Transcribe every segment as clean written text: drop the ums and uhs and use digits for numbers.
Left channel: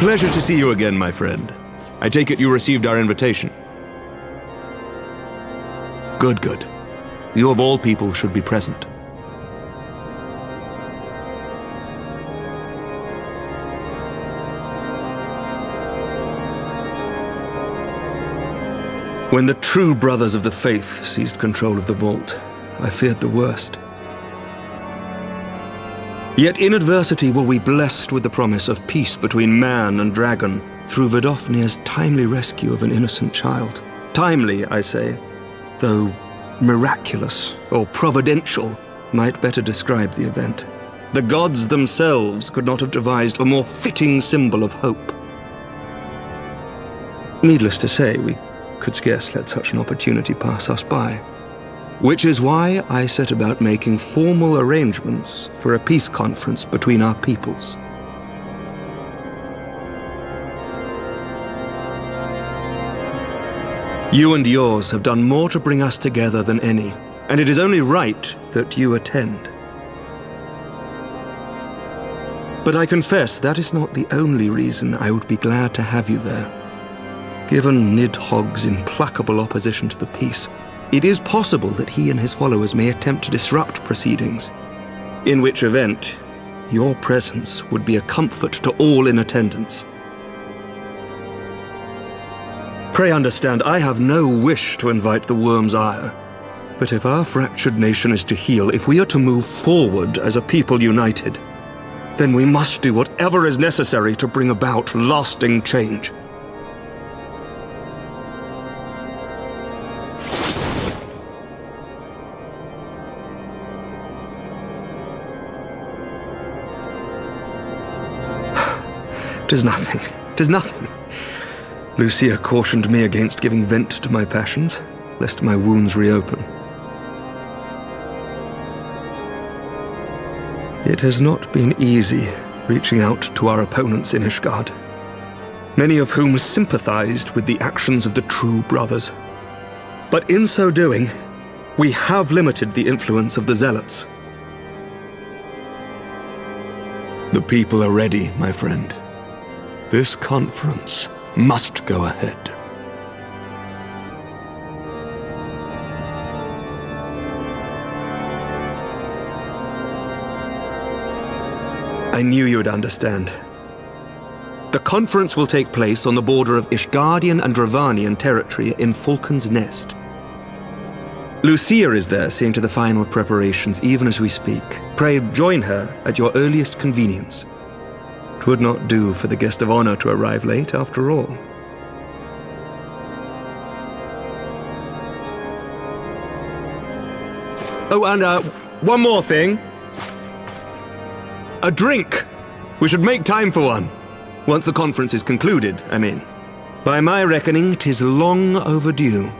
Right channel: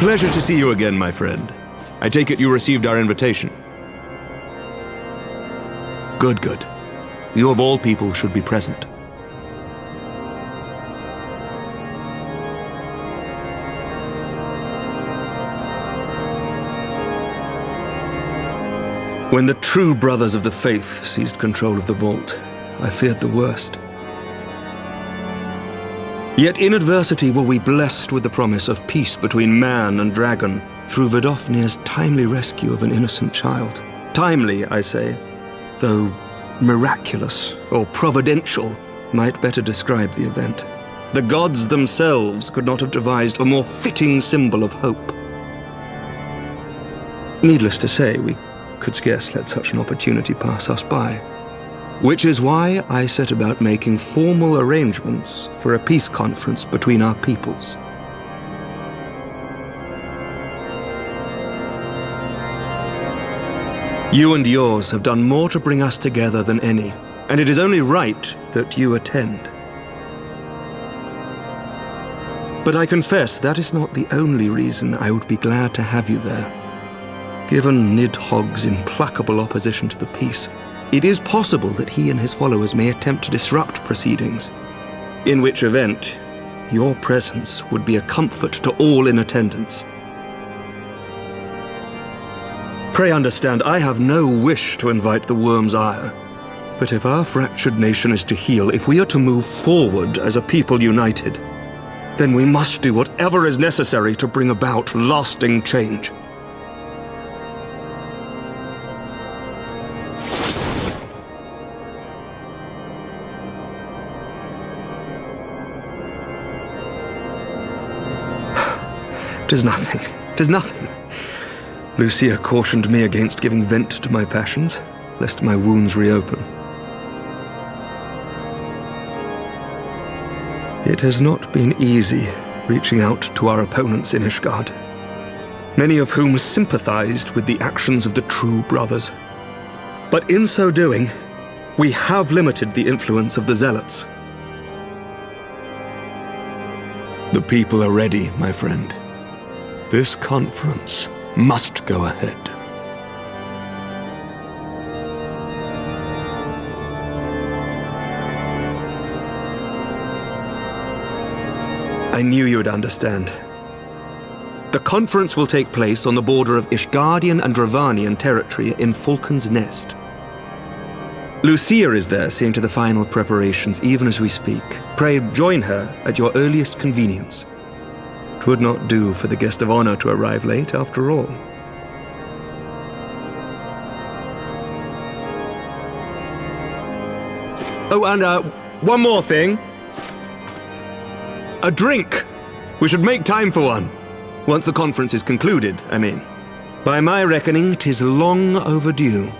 Pleasure to see you again, my friend. I take it you received our invitation. Good, good. You of all people should be present. When the true brothers of the faith seized control of the vault, I feared the worst. Yet in adversity were we blessed with the promise of peace between man and dragon through Vidofnir's timely rescue of an innocent child. Timely, I say, though miraculous or providential might better describe the event. The gods themselves could not have devised a more fitting symbol of hope. Needless to say, we could scarce let such an opportunity pass us by. Which is why I set about making formal arrangements for a peace conference between our peoples. You and yours have done more to bring us together than any, and it is only right that you attend. But I confess that is not the only reason I would be glad to have you there. Given Nidhogg's implacable opposition to the peace, it is possible that he and his followers may attempt to disrupt proceedings, in which event your presence would be a comfort to all in attendance. Pray understand, I have no wish to invite the worm's ire, but if our fractured nation is to heal, if we are to move forward as a people united, then we must do whatever is necessary to bring about lasting change. "'Tis nothing, 'tis nothing." Lucia cautioned me against giving vent to my passions, lest my wounds reopen. It has not been easy reaching out to our opponents in Ishgard, many of whom sympathized with the actions of the true brothers. But in so doing, we have limited the influence of the zealots. The people are ready, my friend. This conference must go ahead. I knew you would understand. The conference will take place on the border of Ishgardian and Dravanian territory in Falcon's Nest. Lucia is there seeing to the final preparations even as we speak. Pray join her at your earliest convenience. 'Twould not do for the guest of honor to arrive late, after all. Oh, and one more thing. A drink! We should make time for one. Once the conference is concluded, I mean. By my reckoning, 'tis long overdue.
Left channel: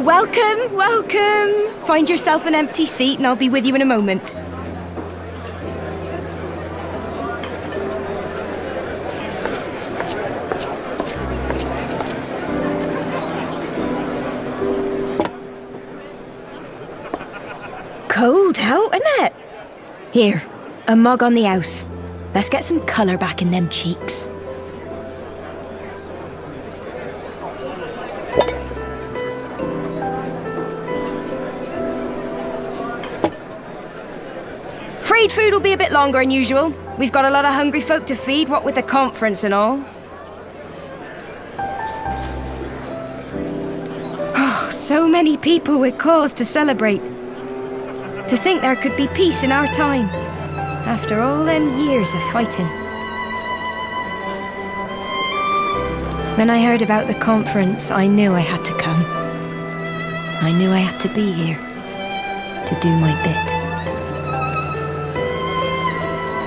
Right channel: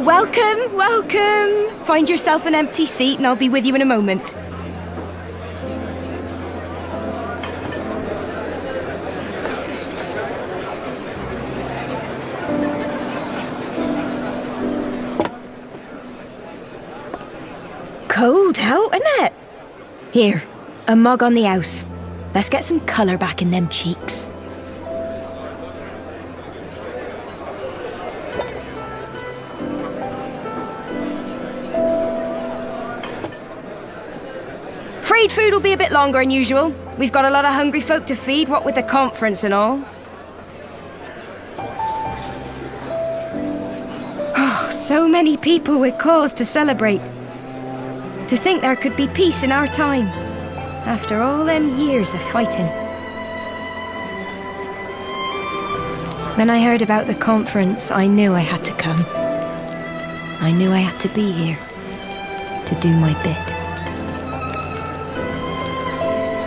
Welcome, welcome. Find yourself an empty seat and I'll be with you in a moment. Cold out, isn't it? Here, a mug on the house. Let's get some colour back in them cheeks. Freed food will be a bit longer than usual. We've got a lot of hungry folk to feed, what with the conference and all. Oh, so many people with cause to celebrate. To think there could be peace in our time, after all them years of fighting. When I heard about the conference, I knew I had to come. I knew I had to be here, to do my bit.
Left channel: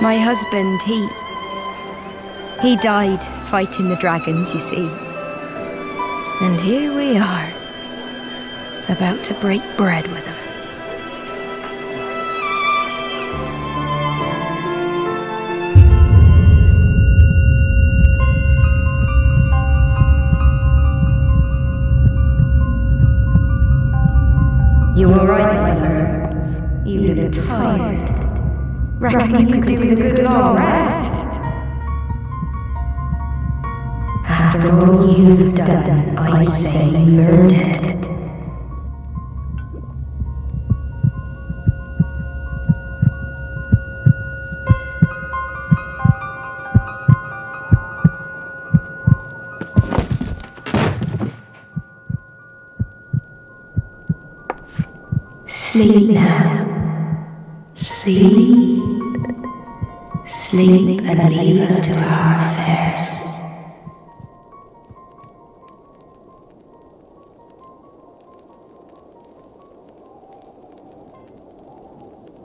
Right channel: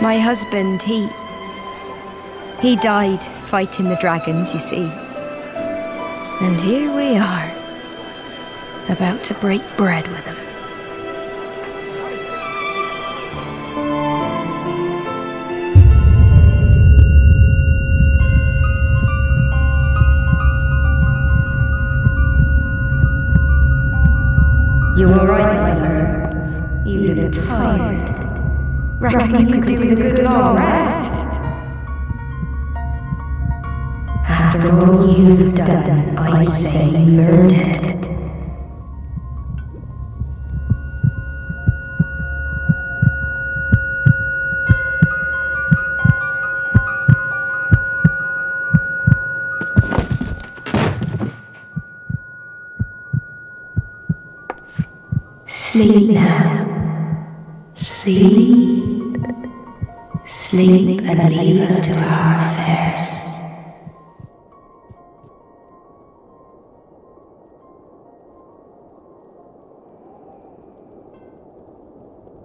My husband, he died fighting the dragons, you see. And here we are, about to break bread with him. You all right, mother? You look tired. Reckon you could do with a good long rest? After all you've done, I'd say you've earned it. Sleep now. Sleep. Sleep and leave us to our affairs.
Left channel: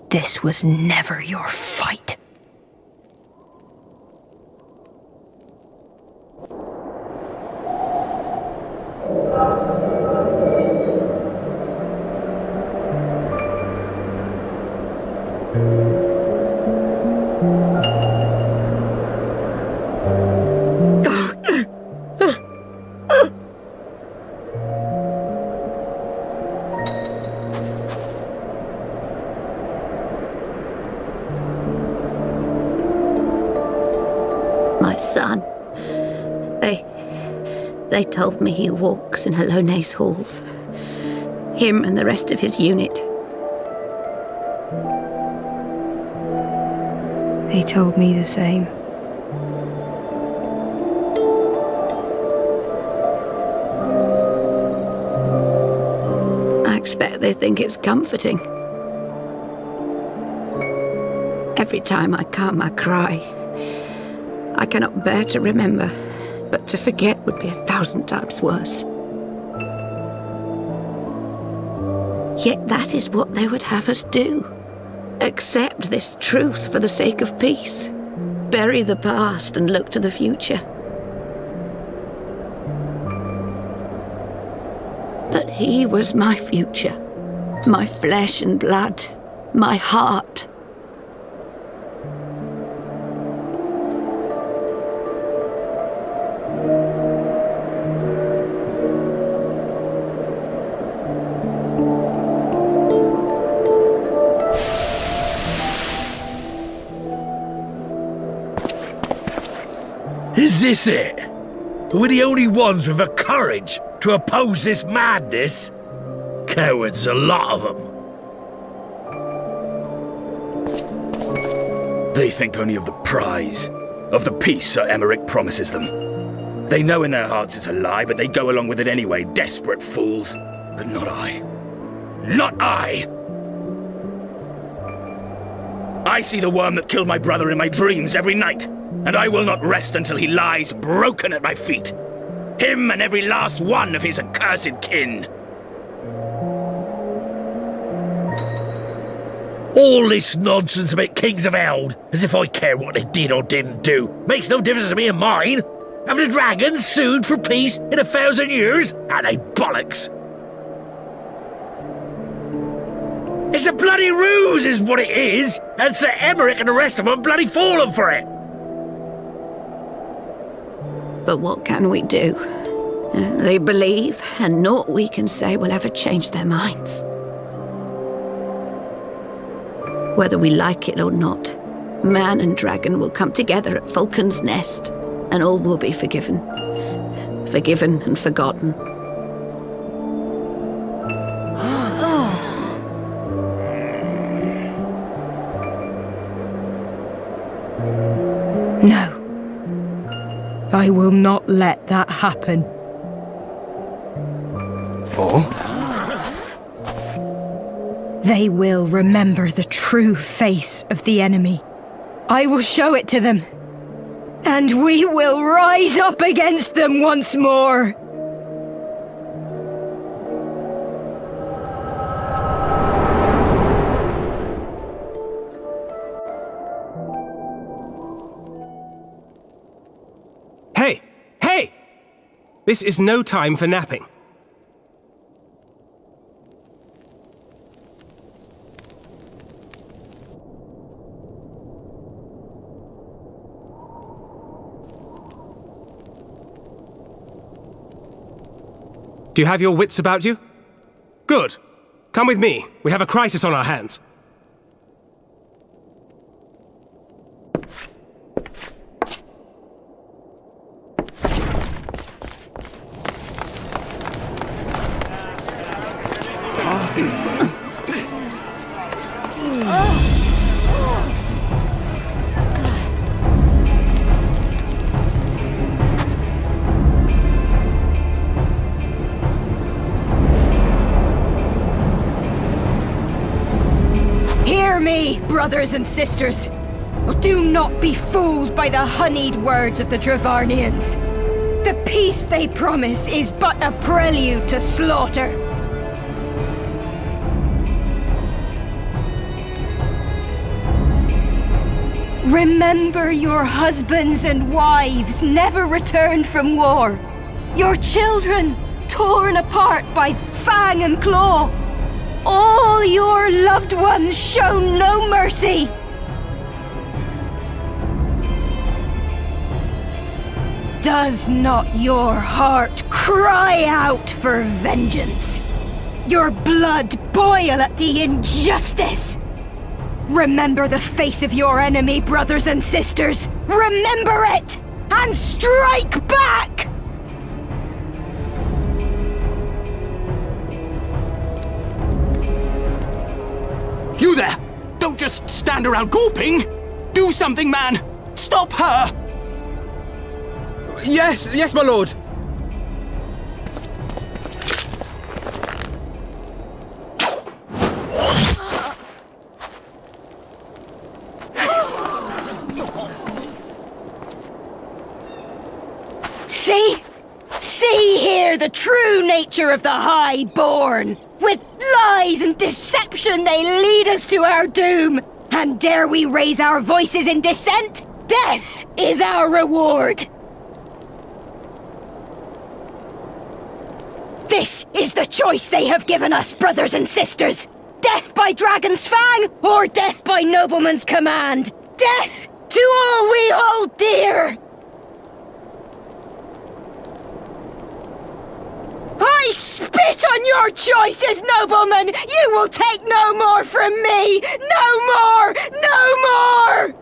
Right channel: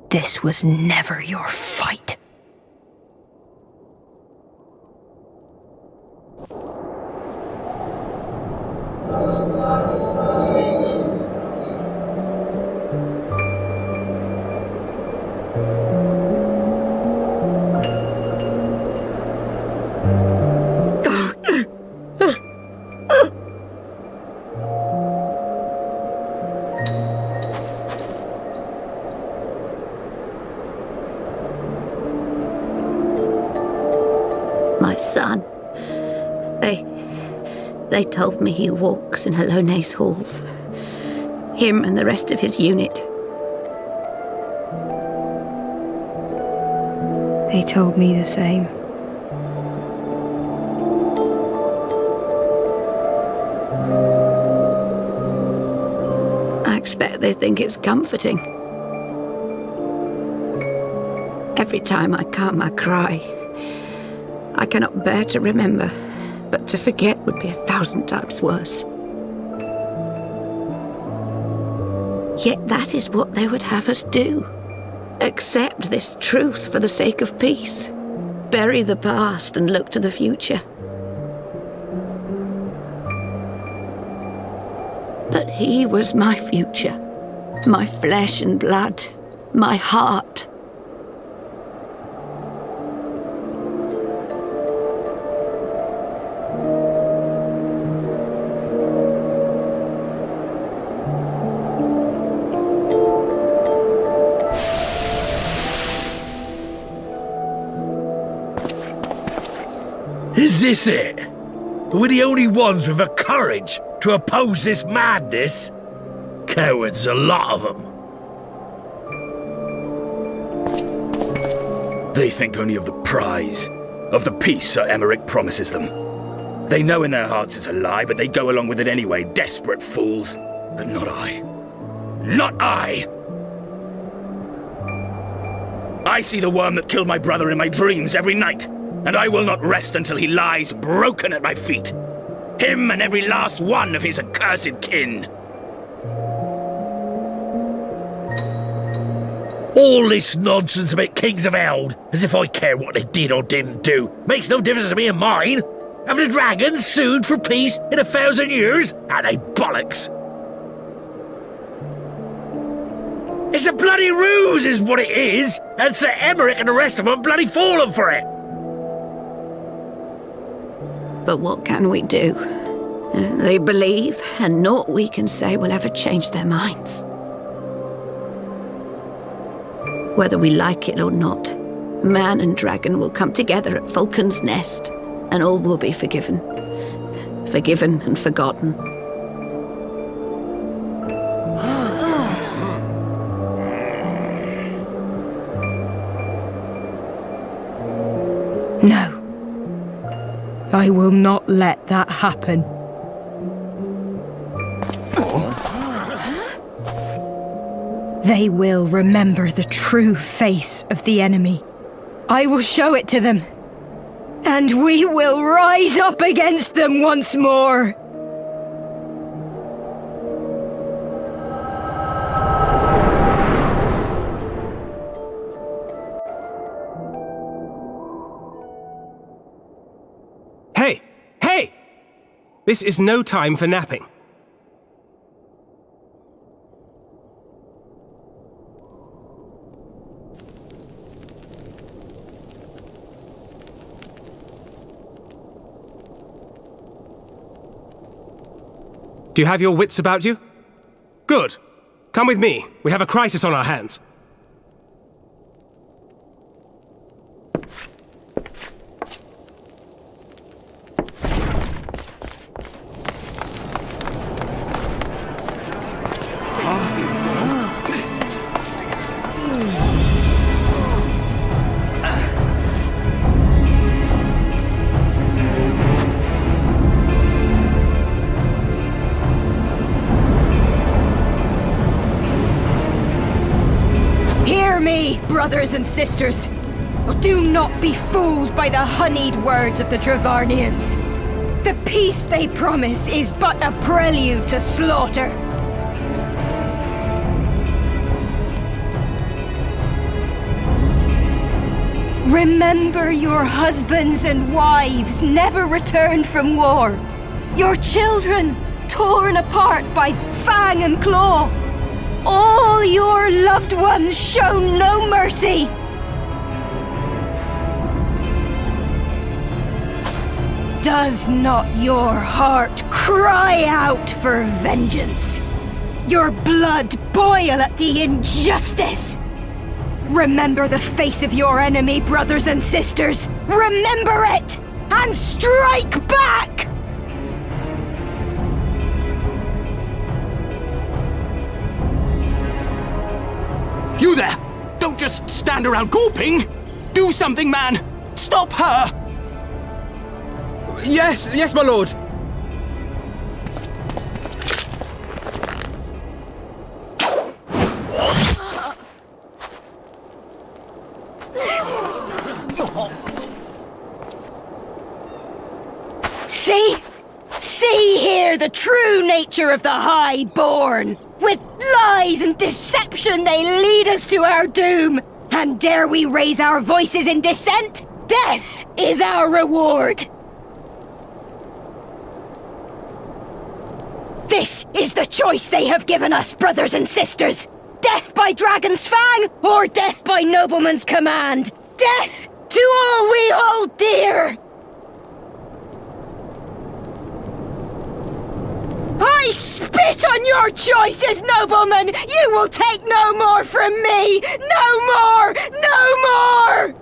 This was never your fight. My son. They told me he walks in Hallone's halls. Him and the rest of his unit. They told me the same. I expect they think it's comforting. Every time I come, I cry. I cannot bear to remember, but to forget would be 1,000 times worse. Yet that is what they would have us do. Accept this truth for the sake of peace. Bury the past and look to the future. But he was my future, my flesh and blood, my heart. Is this it? We're the only ones with the courage to oppose this madness? Cowards, a lot of them. They think only of the prize, of the peace Sir Emmerich promises them. They know in their hearts it's a lie, but they go along with it anyway, desperate fools. But not I. Not I! I see the worm that killed my brother in my dreams every night. And I will not rest until he lies broken at my feet. Him and every last one of his accursed kin. All this nonsense about Kings of Eld, as if I care what they did or didn't do, makes no difference to me and mine. Have the dragons sued for peace in 1,000 years? Are they bollocks? It's a bloody ruse is what it is, and Sir Emmerich and the rest of them bloody fallen for it. But what can we do? They believe, and naught we can say will ever change their minds. Whether we like it or not, man and dragon will come together at Vulcan's Nest, and all will be forgiven. Forgiven and forgotten. No. I will not let that happen. They will remember the true face of the enemy. I will show it to them. And we will rise up against them once more. Hey! Hey! This is no time for napping. Do you have your wits about you? Good. Come with me. We have a crisis on our hands. brothers and sisters. Do not be fooled by the honeyed words of the Dravarnians. The peace they promise is but a prelude to slaughter. Remember, your husbands and wives never returned from war. Your children torn apart by fang and claw. All your loved ones shown no mercy. Does not your heart cry out for vengeance? Your blood boil at the injustice? Remember the face of your enemy, brothers and sisters. Remember it, and strike back! You there! Don't just stand around gawping! Do something, man! Stop her! Yes, my lord. See here the true nature of the Highborn. With lies and deception they lead us to our doom. And dare we raise our voices in dissent? Death is our reward. This is the choice they have given us, brothers and sisters. Death by dragon's fang, or death by nobleman's command. Death to all we hold dear. I spit on your choices, noblemen! You will take no more from me! No more! No more!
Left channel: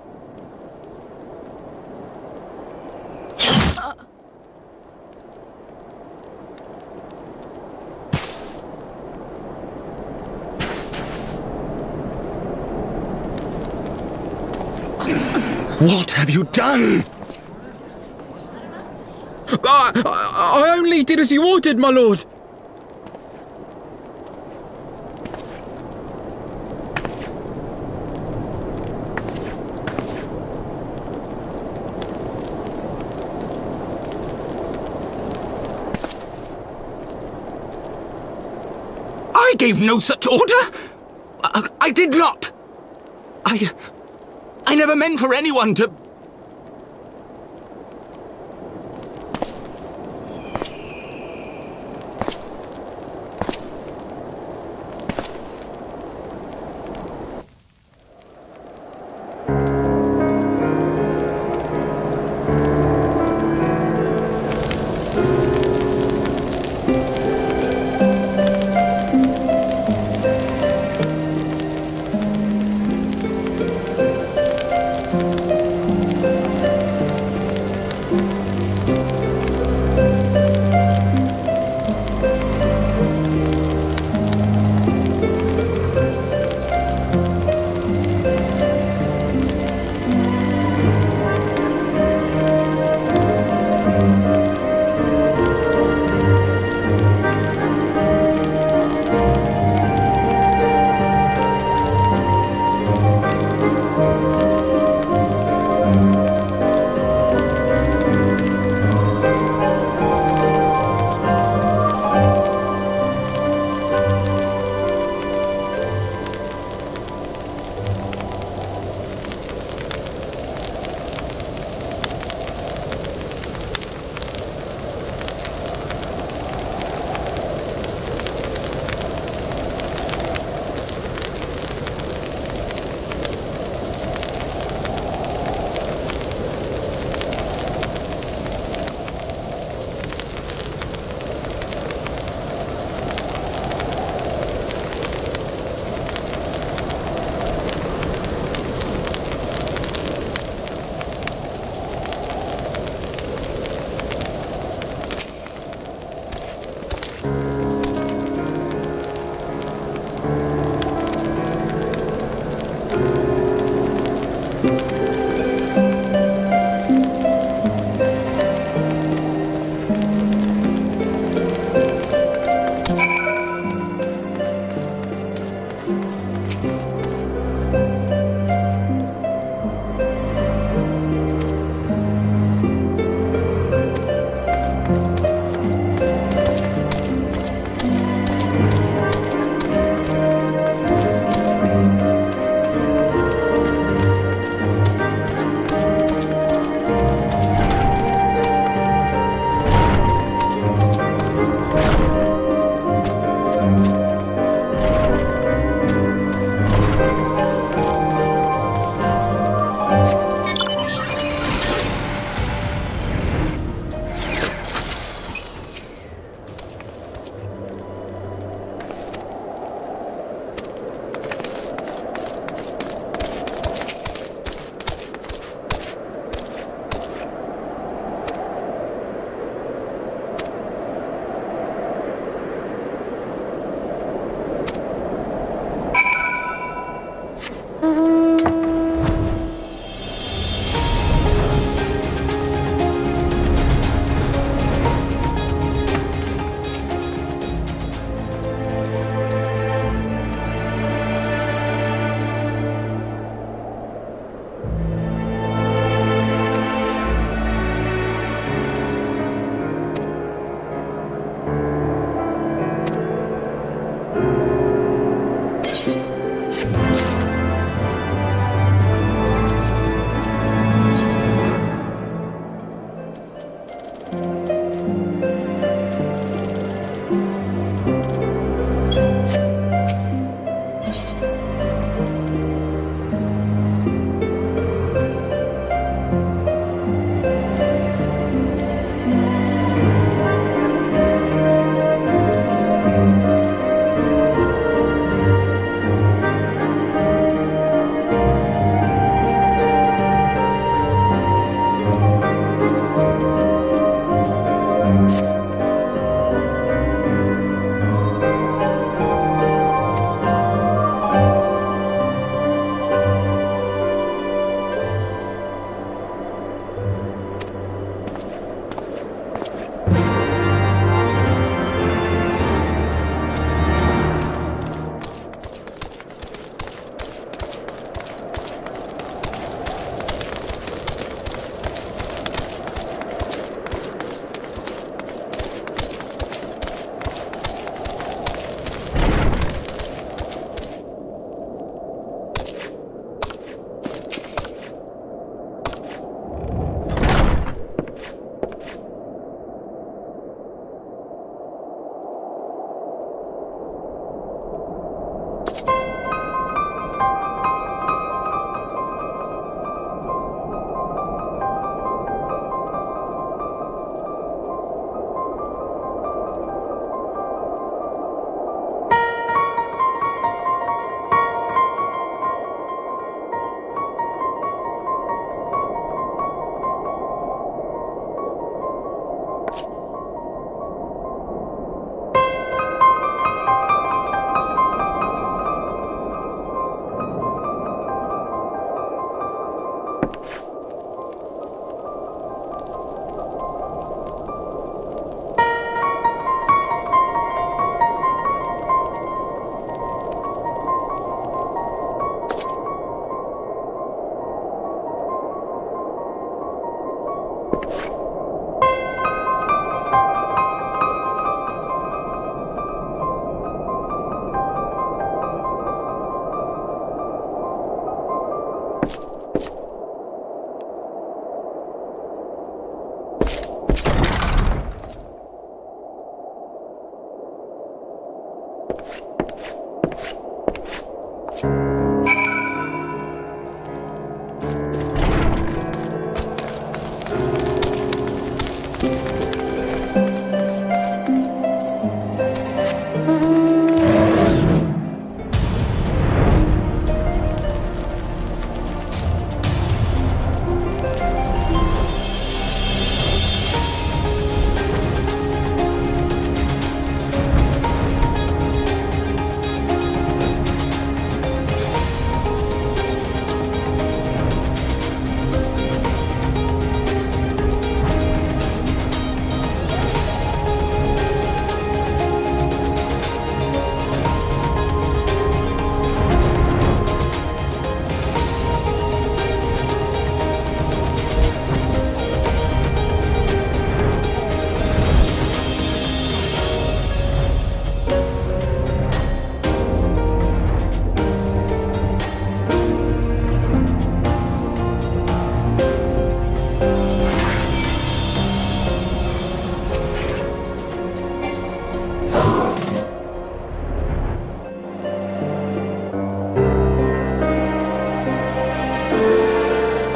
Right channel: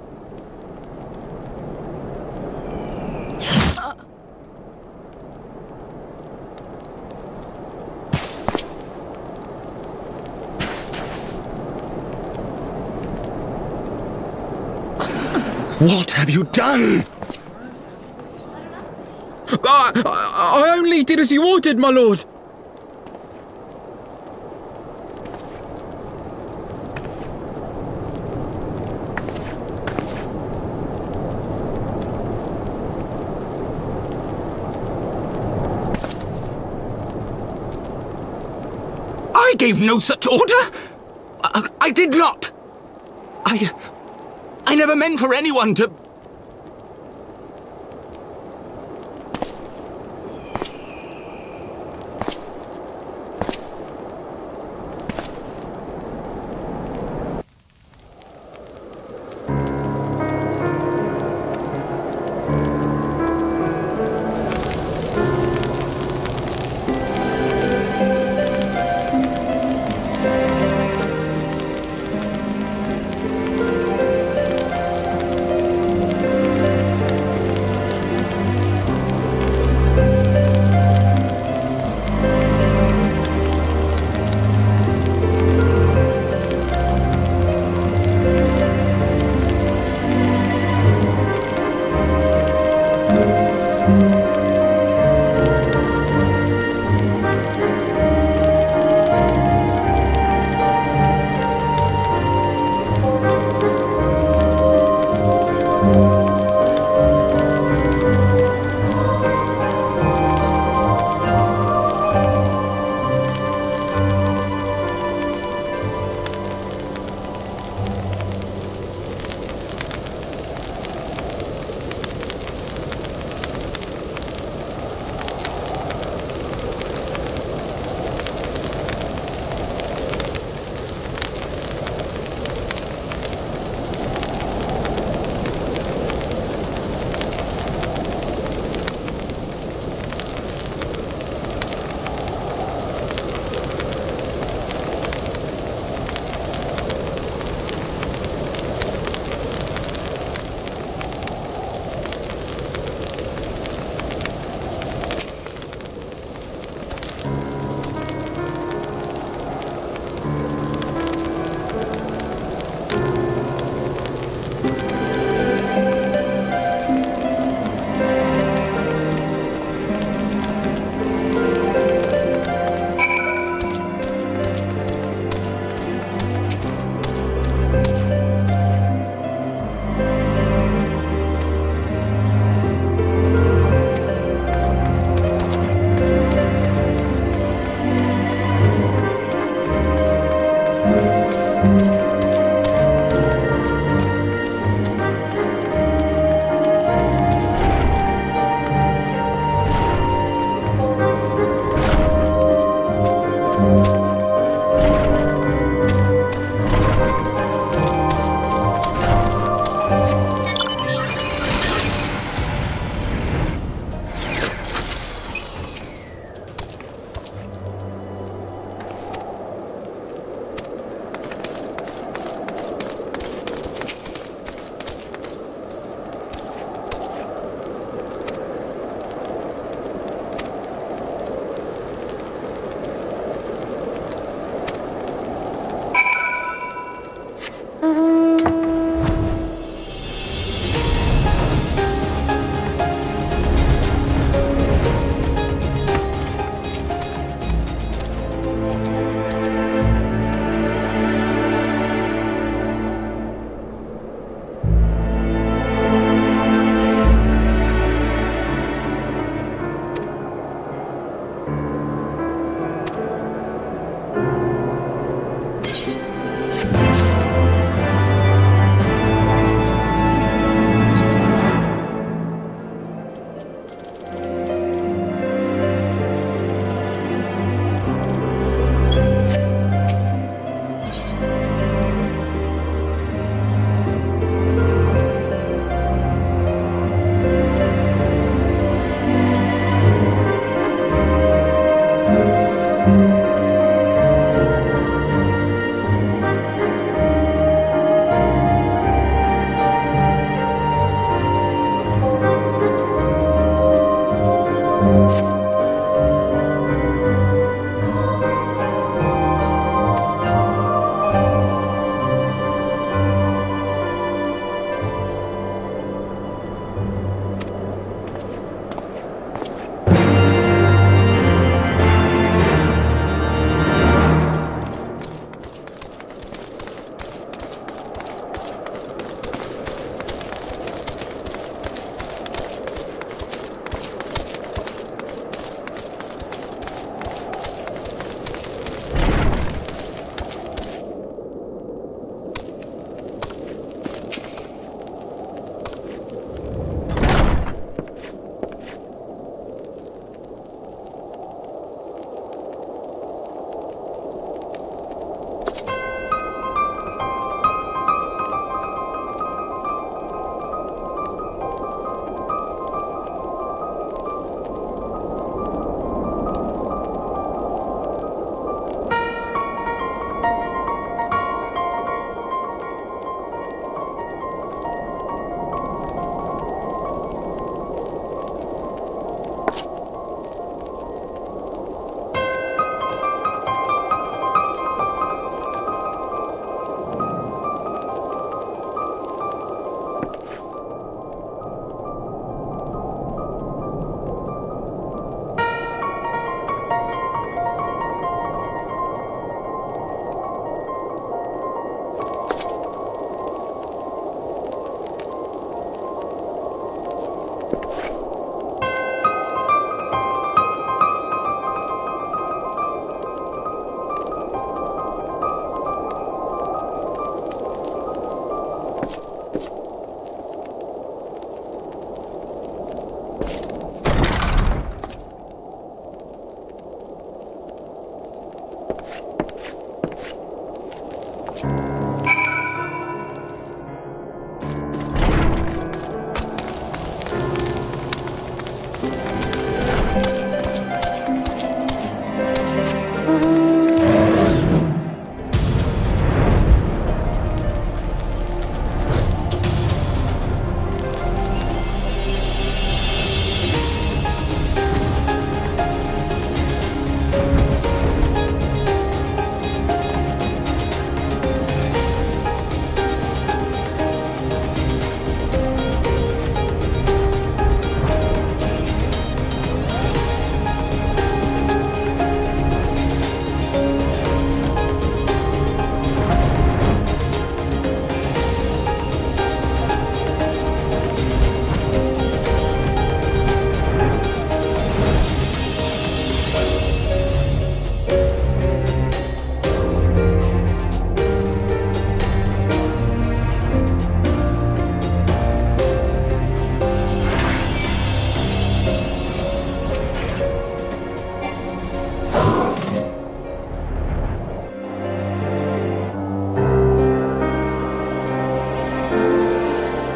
What have you done? I only did as you ordered, my lord. I gave no such order! I did not! I never meant for anyone to...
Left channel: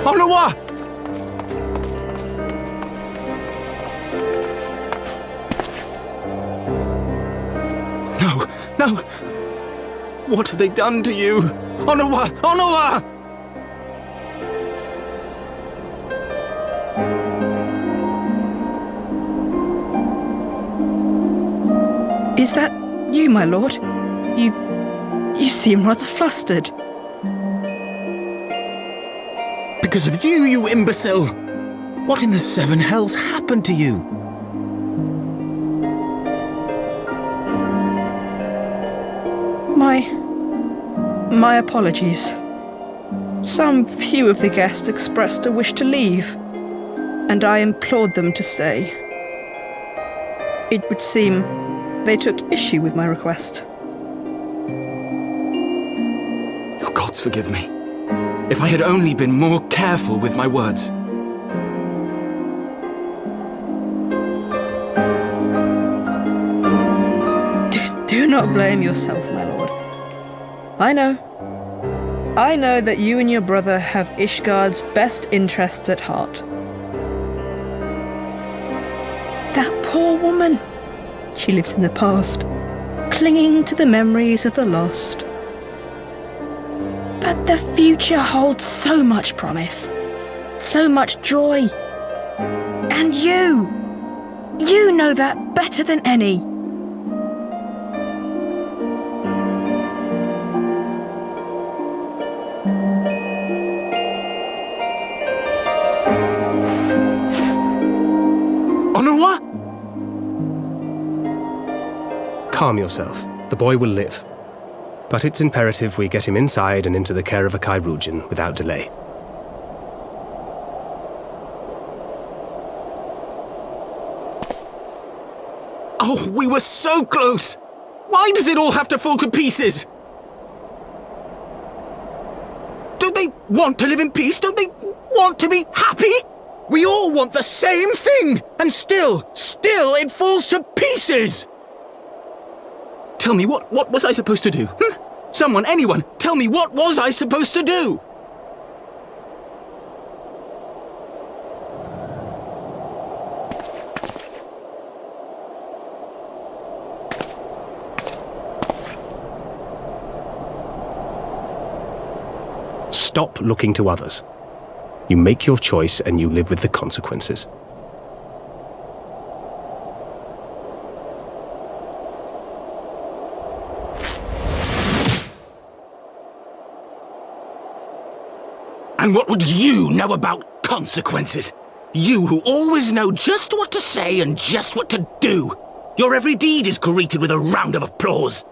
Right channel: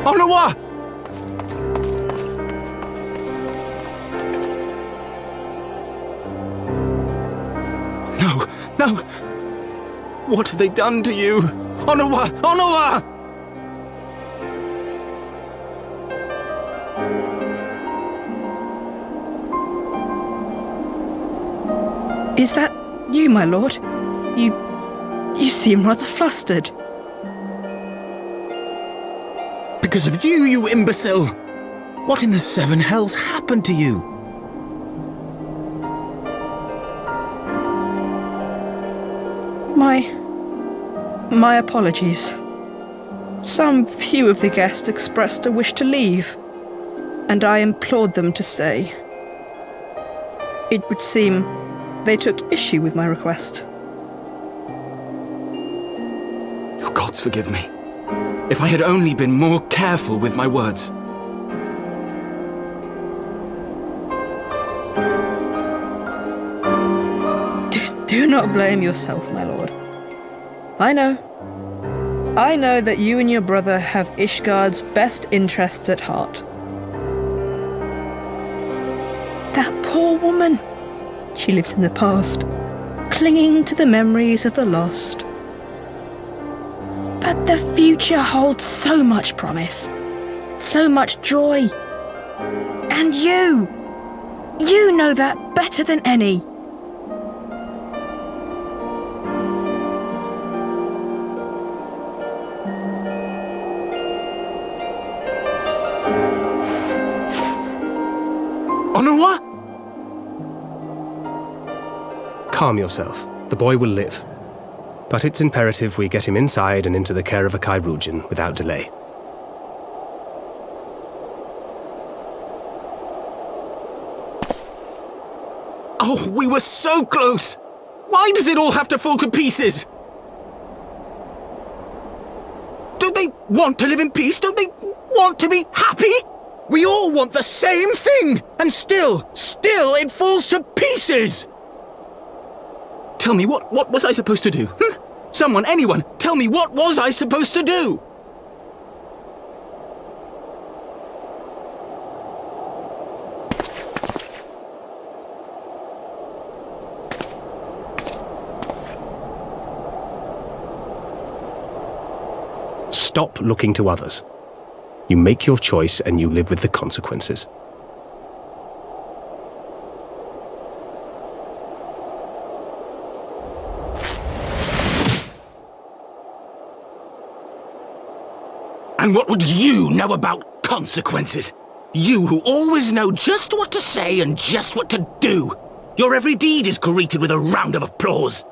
Onawa! No, no! What have they done to you? Onawa! Onawa! Is that you, my lord? You seem rather flustered. Because of you, you imbecile! What in the seven hells happened to you? My apologies. Some few of the guests expressed a wish to leave, and I implored them to stay. It would seem they took issue with my request. Your gods forgive me. If I had only been more careful with my words. Do not blame yourself, my lord. I know that you and your brother have Ishgard's best interests at heart. That poor woman. She lives in the past, clinging to the memories of the lost. But the future holds so much promise, so much joy. And you know that better than any. Onawa? Calm yourself. The boy will live. But it's imperative we get him inside and into the care of a Kairoujian without delay. Oh, we were so close! Why does it all have to fall to pieces? Don't they want to live in peace? Don't they want to be happy? We all want the same thing! And still it falls to pieces! Tell me, what was I supposed to do? Someone, anyone, tell me, what was I supposed to do? Stop looking to others. You make your choice and you live with the consequences. And what would you know about consequences? You who always know just what to say and just what to do. Your every deed is greeted with a round of applause.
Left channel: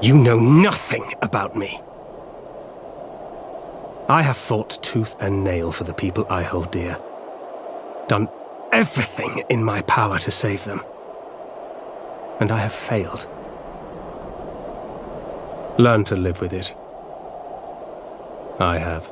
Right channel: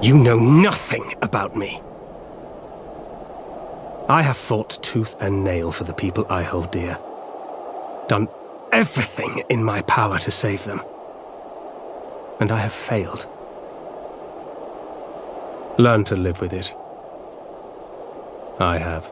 You know nothing about me. I have fought tooth and nail for the people I hold dear. Done everything in my power to save them. And I have failed. Learn to live with it. I have.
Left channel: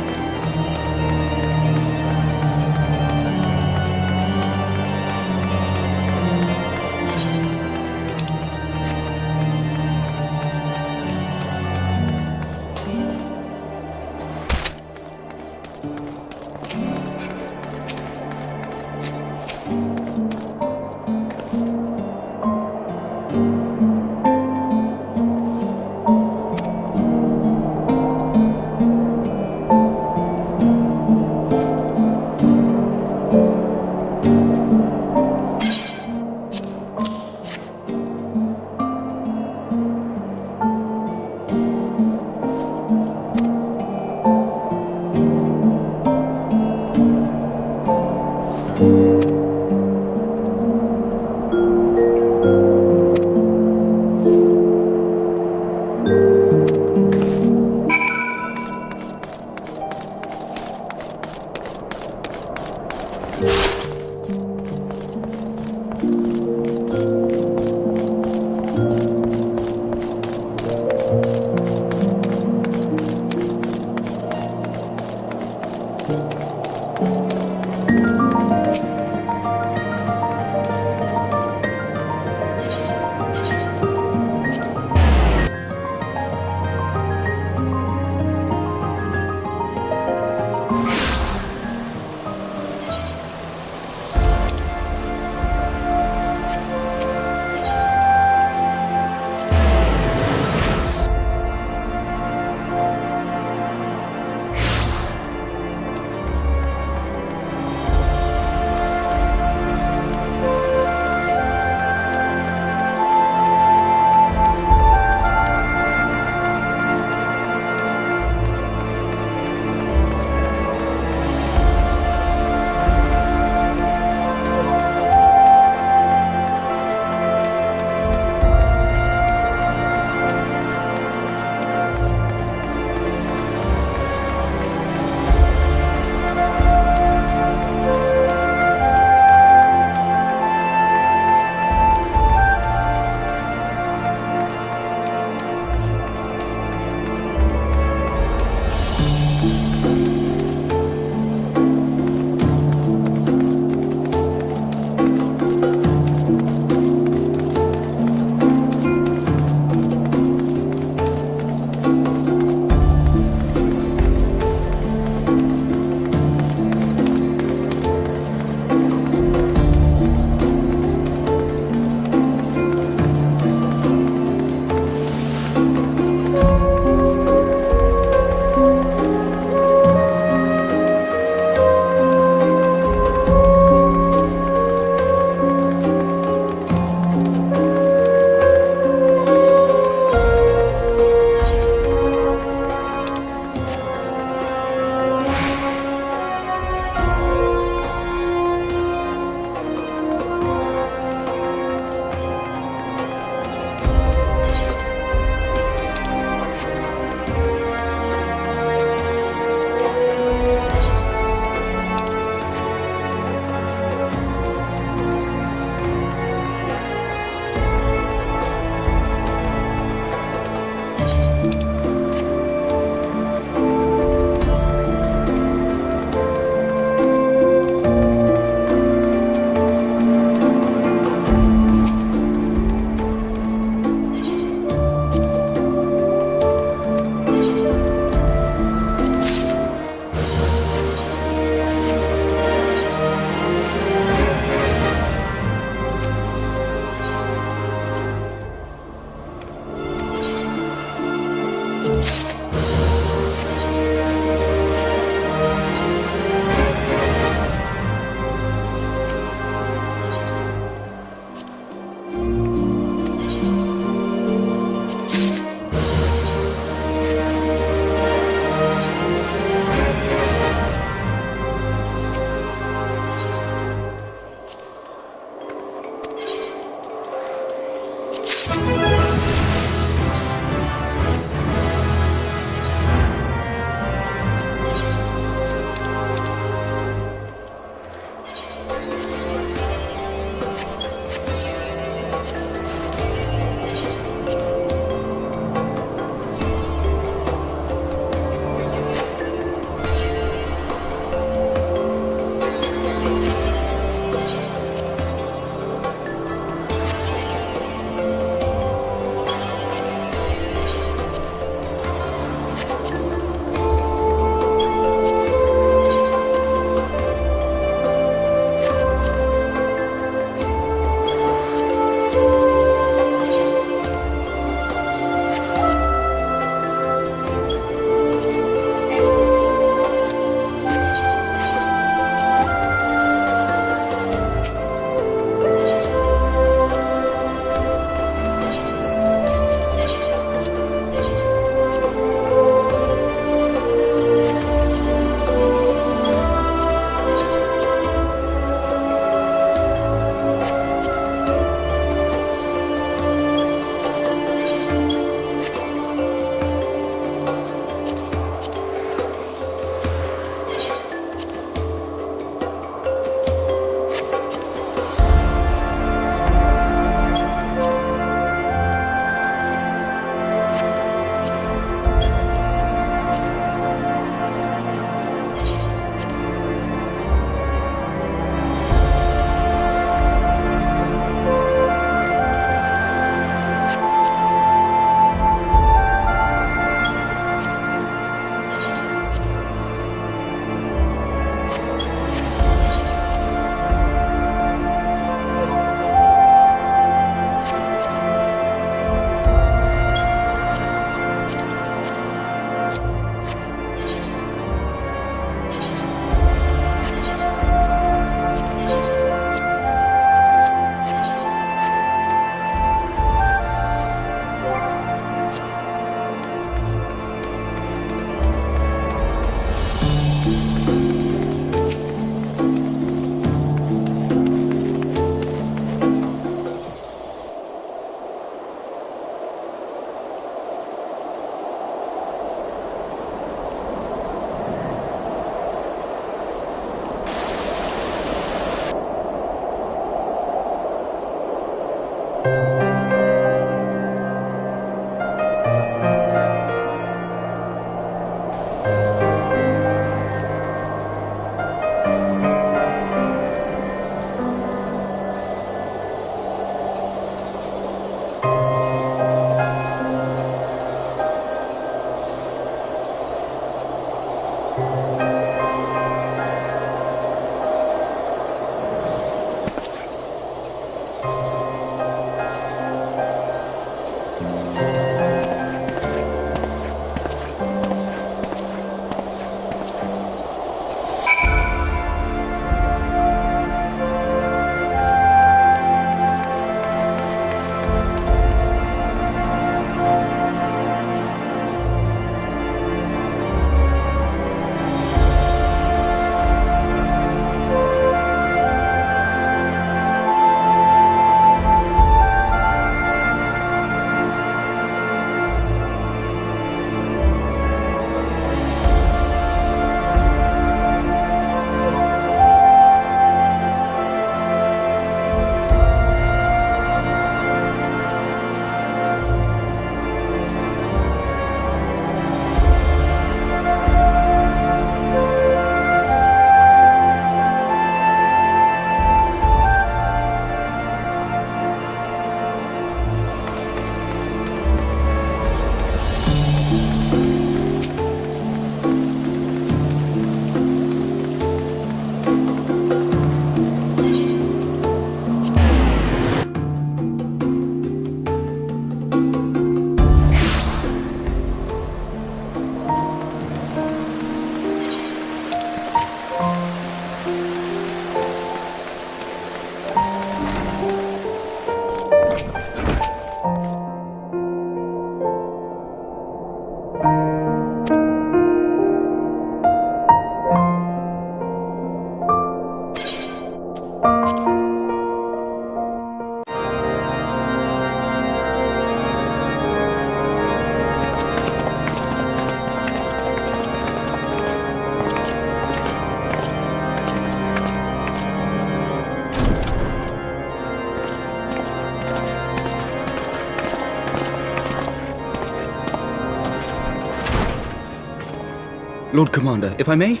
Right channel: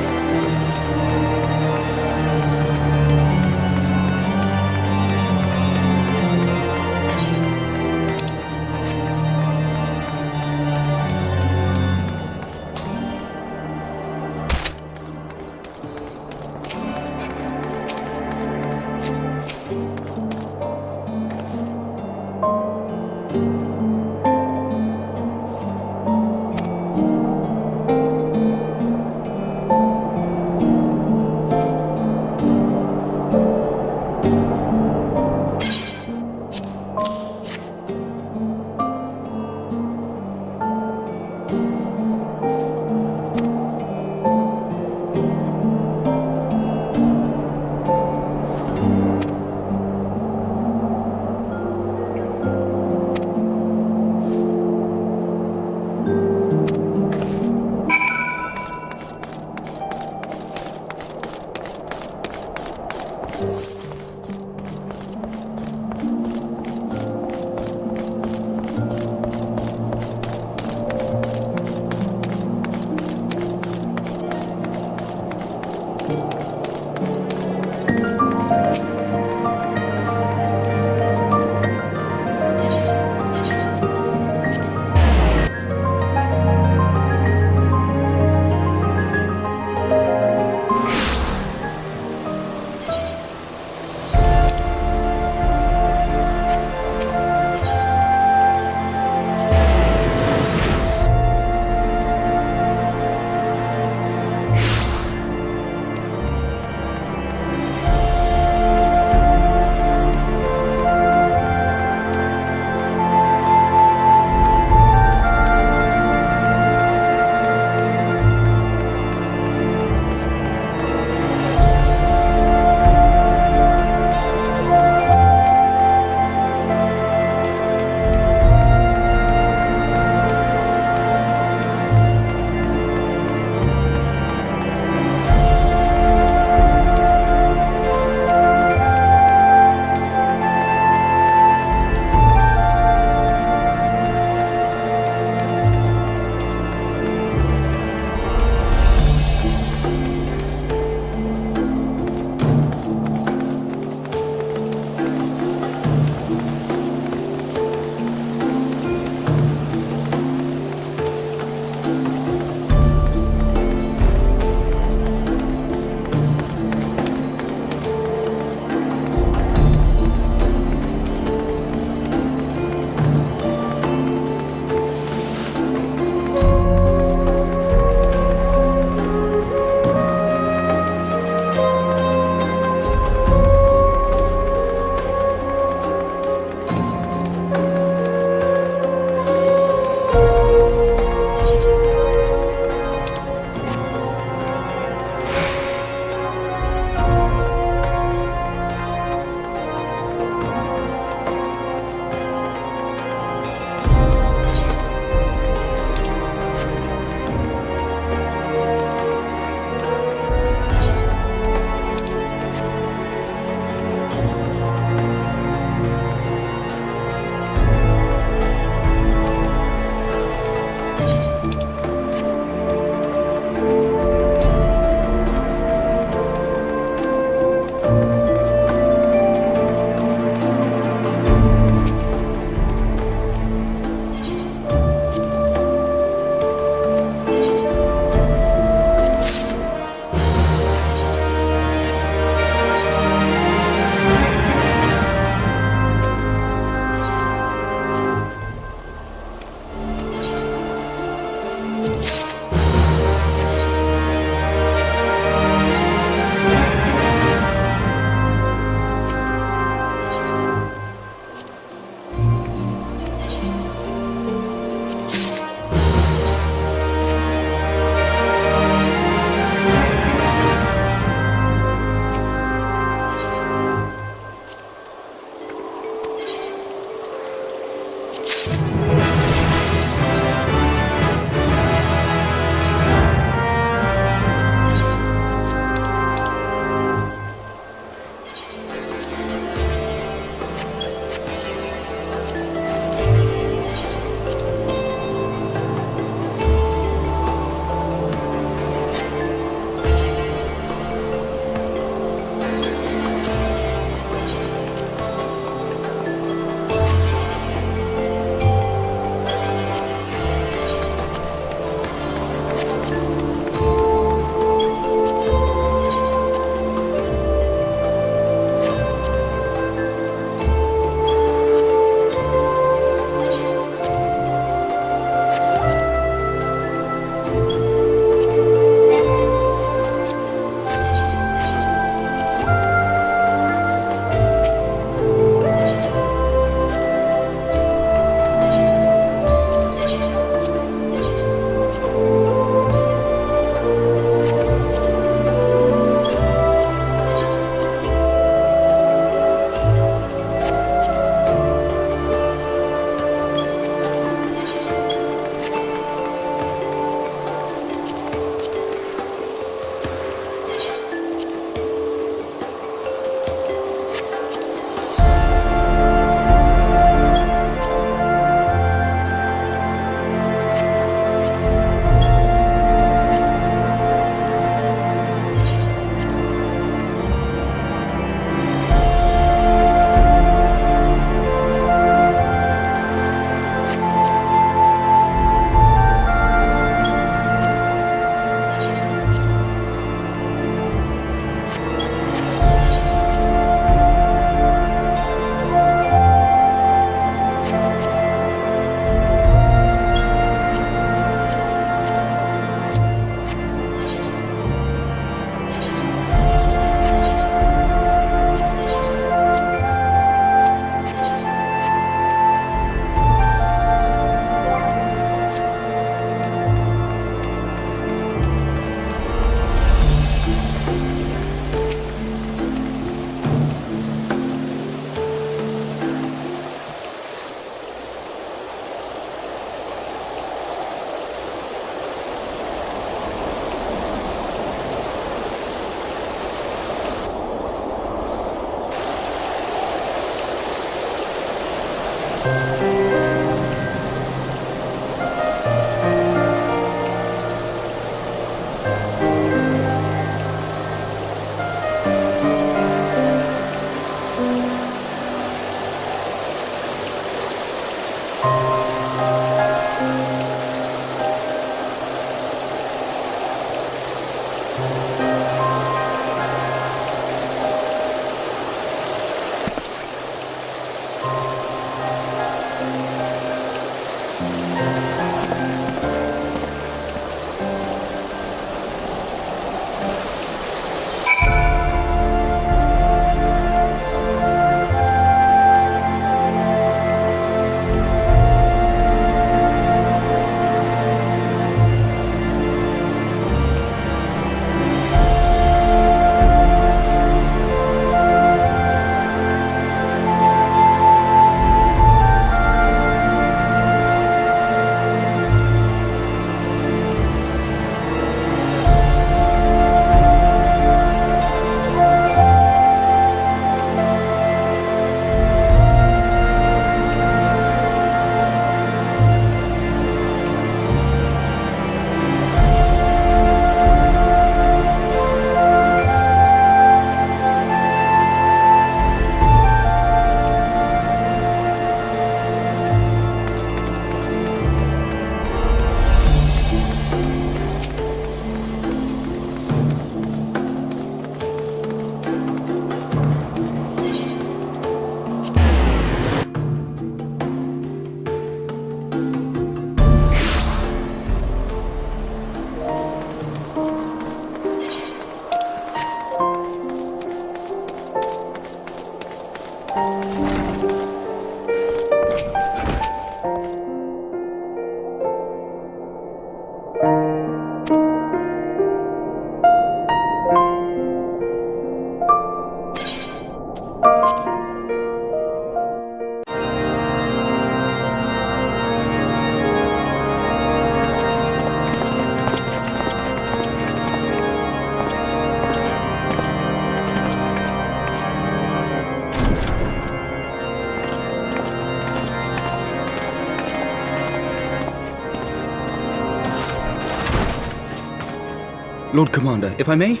Lord Commander, if I may?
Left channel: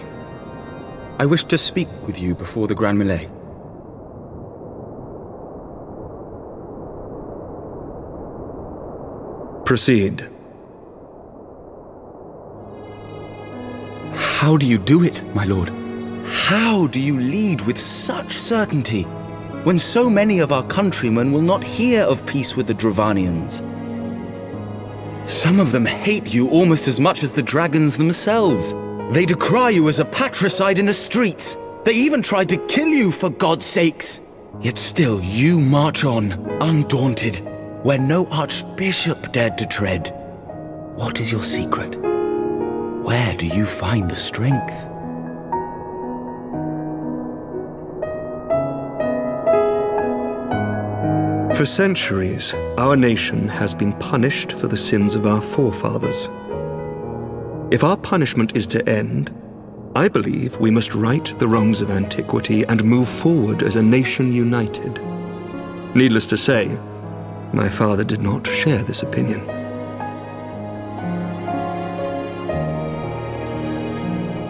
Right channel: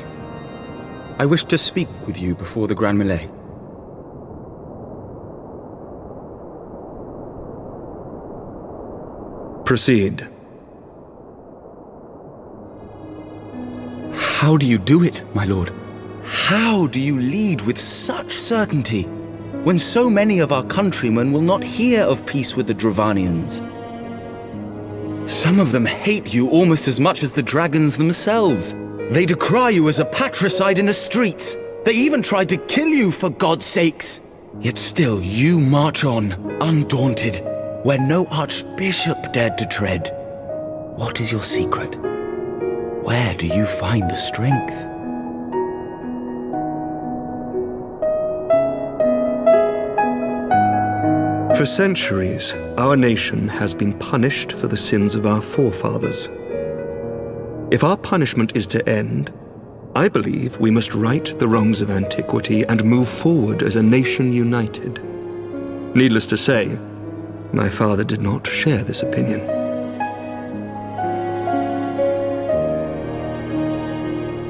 I wish to speak with you before the Grand Melee. Proceed. How do you do it, my lord? How do you lead with such certainty, when so many of our countrymen will not hear of peace with the Dravanians? Some of them hate you almost as much as the dragons themselves. They decry you as a patricide in the streets. They even tried to kill you, for God's sakes. Yet still you march on, undaunted, where no archbishop dared to tread. What is your secret? Where do you find the strength? For centuries, our nation has been punished for the sins of our forefathers. If our punishment is to end, I believe we must right the wrongs of antiquity and move forward as a nation united. Needless to say, my father did not share this opinion.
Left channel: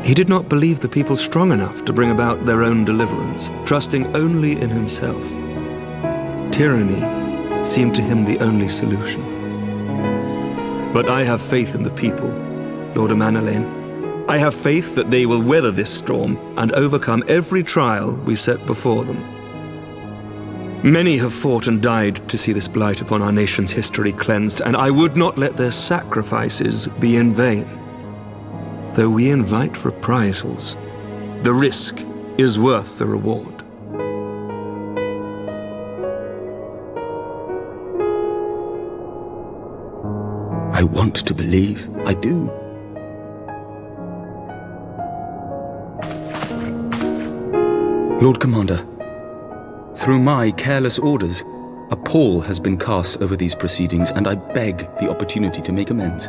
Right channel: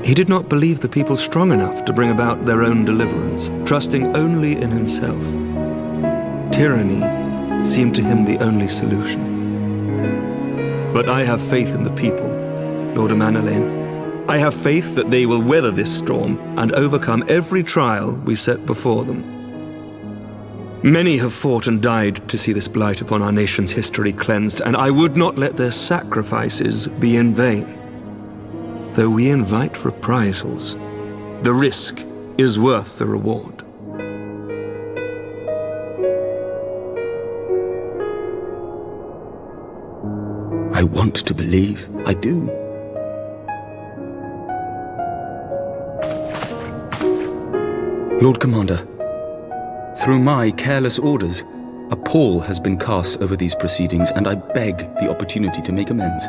He did not believe the people strong enough to bring about their own deliverance, trusting only in himself. Tyranny seemed to him the only solution. But I have faith in the people, Lord Amanalain. I have faith that they will weather this storm and overcome every trial we set before them. Many have fought and died to see this blight upon our nation's history cleansed, and I would not let their sacrifices be in vain. Though we invite reprisals, the risk is worth the reward. I want to believe. I do. Lord Commander, through my careless orders, a pall has been cast over these proceedings, and I beg the opportunity to make amends.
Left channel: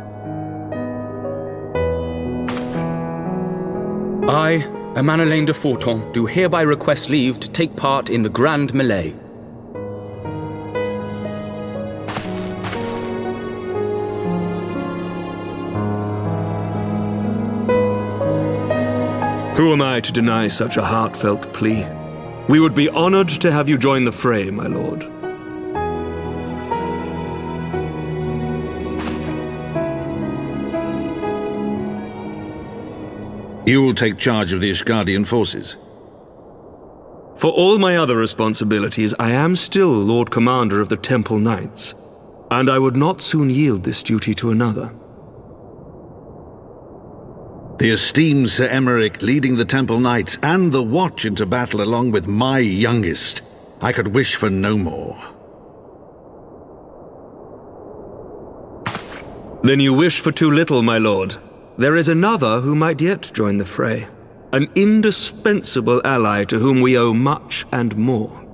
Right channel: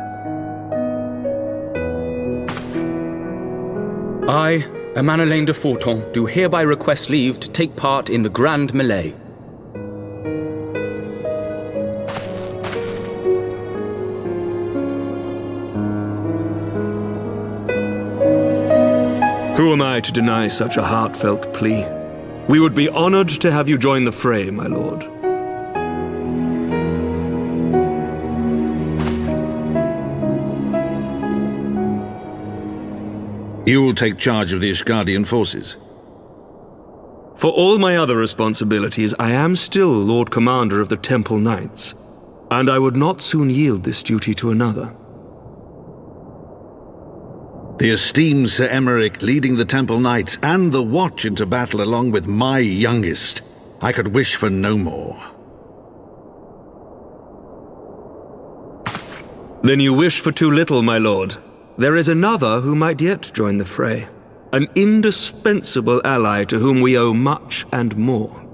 I, Amanalain de Forton, do hereby request leave to take part in the Grand Melee. Who am I to deny such a heartfelt plea? We would be honored to have you join the fray, my lord. You will take charge of the Ishgardian forces. For all my other responsibilities, I am still Lord Commander of the Temple Knights, and I would not soon yield this duty to another. The esteemed Sir Emeric leading the Temple Knights and the Watch into battle along with my youngest. I could wish for no more. Then you wish for too little, my lord. There is another who might yet join the fray. An indispensable ally to whom we owe much and more.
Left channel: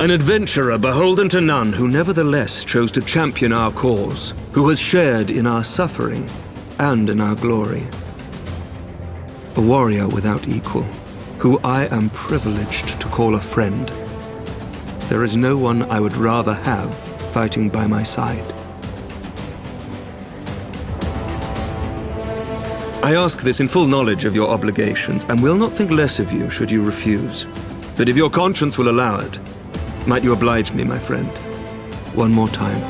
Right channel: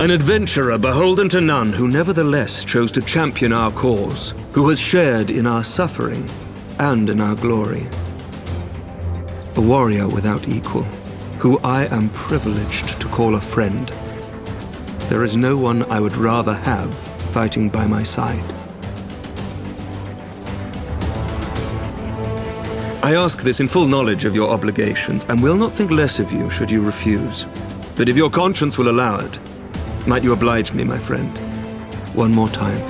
An adventurer beholden to none who nevertheless chose to champion our cause, who has shared in our suffering and in our glory. A warrior without equal, who I am privileged to call a friend. There is no one I would rather have fighting by my side. I ask this in full knowledge of your obligations, and will not think less of you should you refuse. But if your conscience will allow it, might you oblige me, my friend, one more time?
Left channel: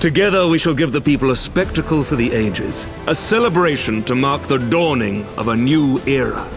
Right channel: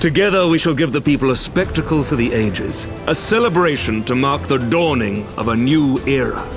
Together we shall give the people a spectacle for the ages, a celebration to mark the dawning of a new era.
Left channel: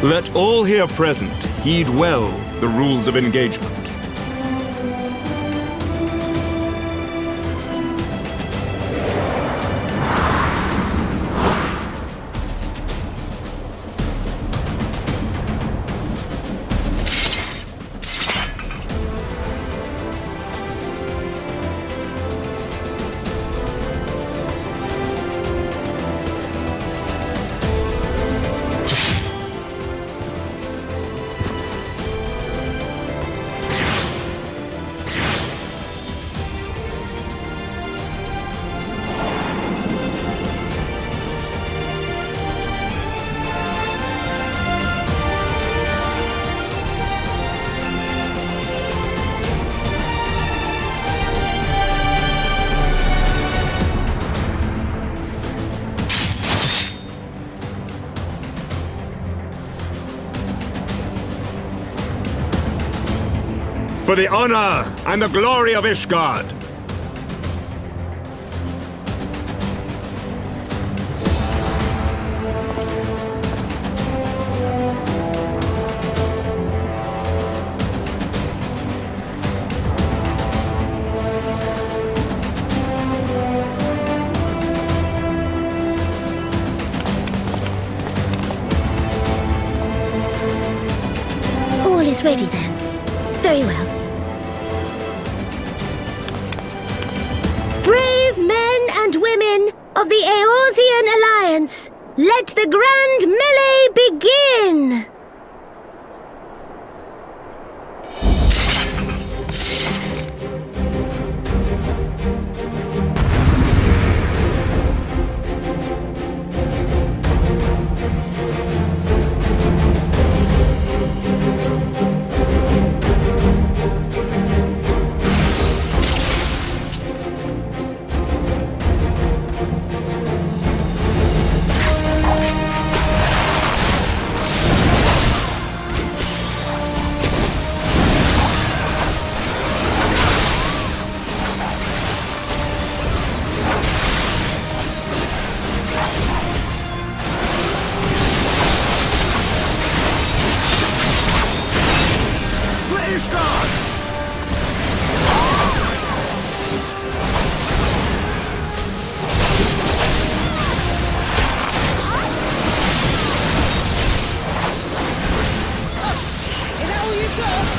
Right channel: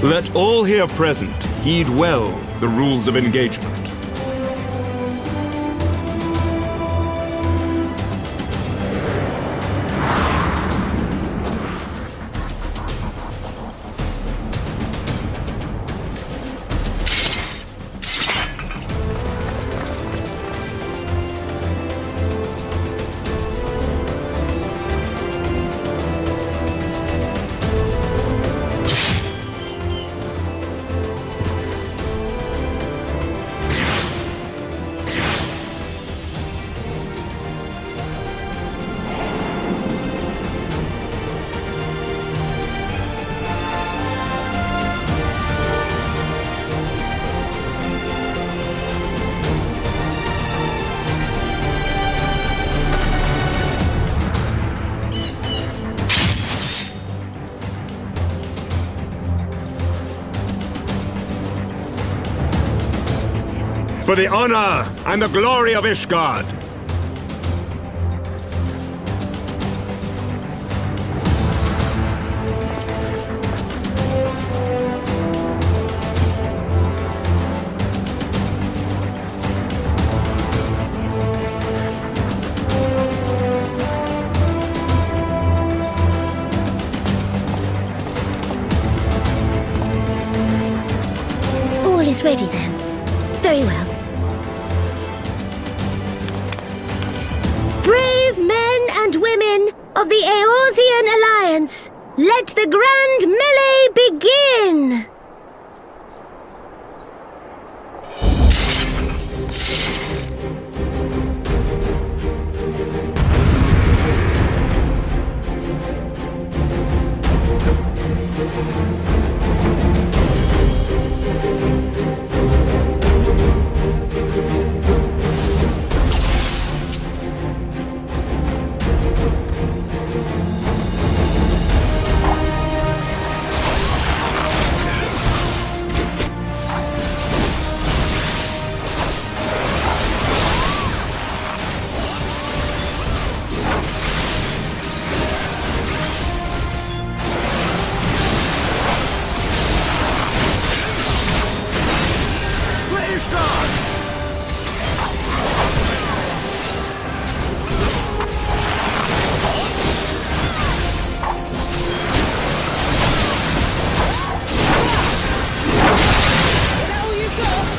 Let all here present heed well the rules of engagement. For the honor and the glory of Ishgard! All is ready then. Very well. Brave men and women of the Eorzean Alliance, let the grand melee begin! Ishgard! Is that all you've got?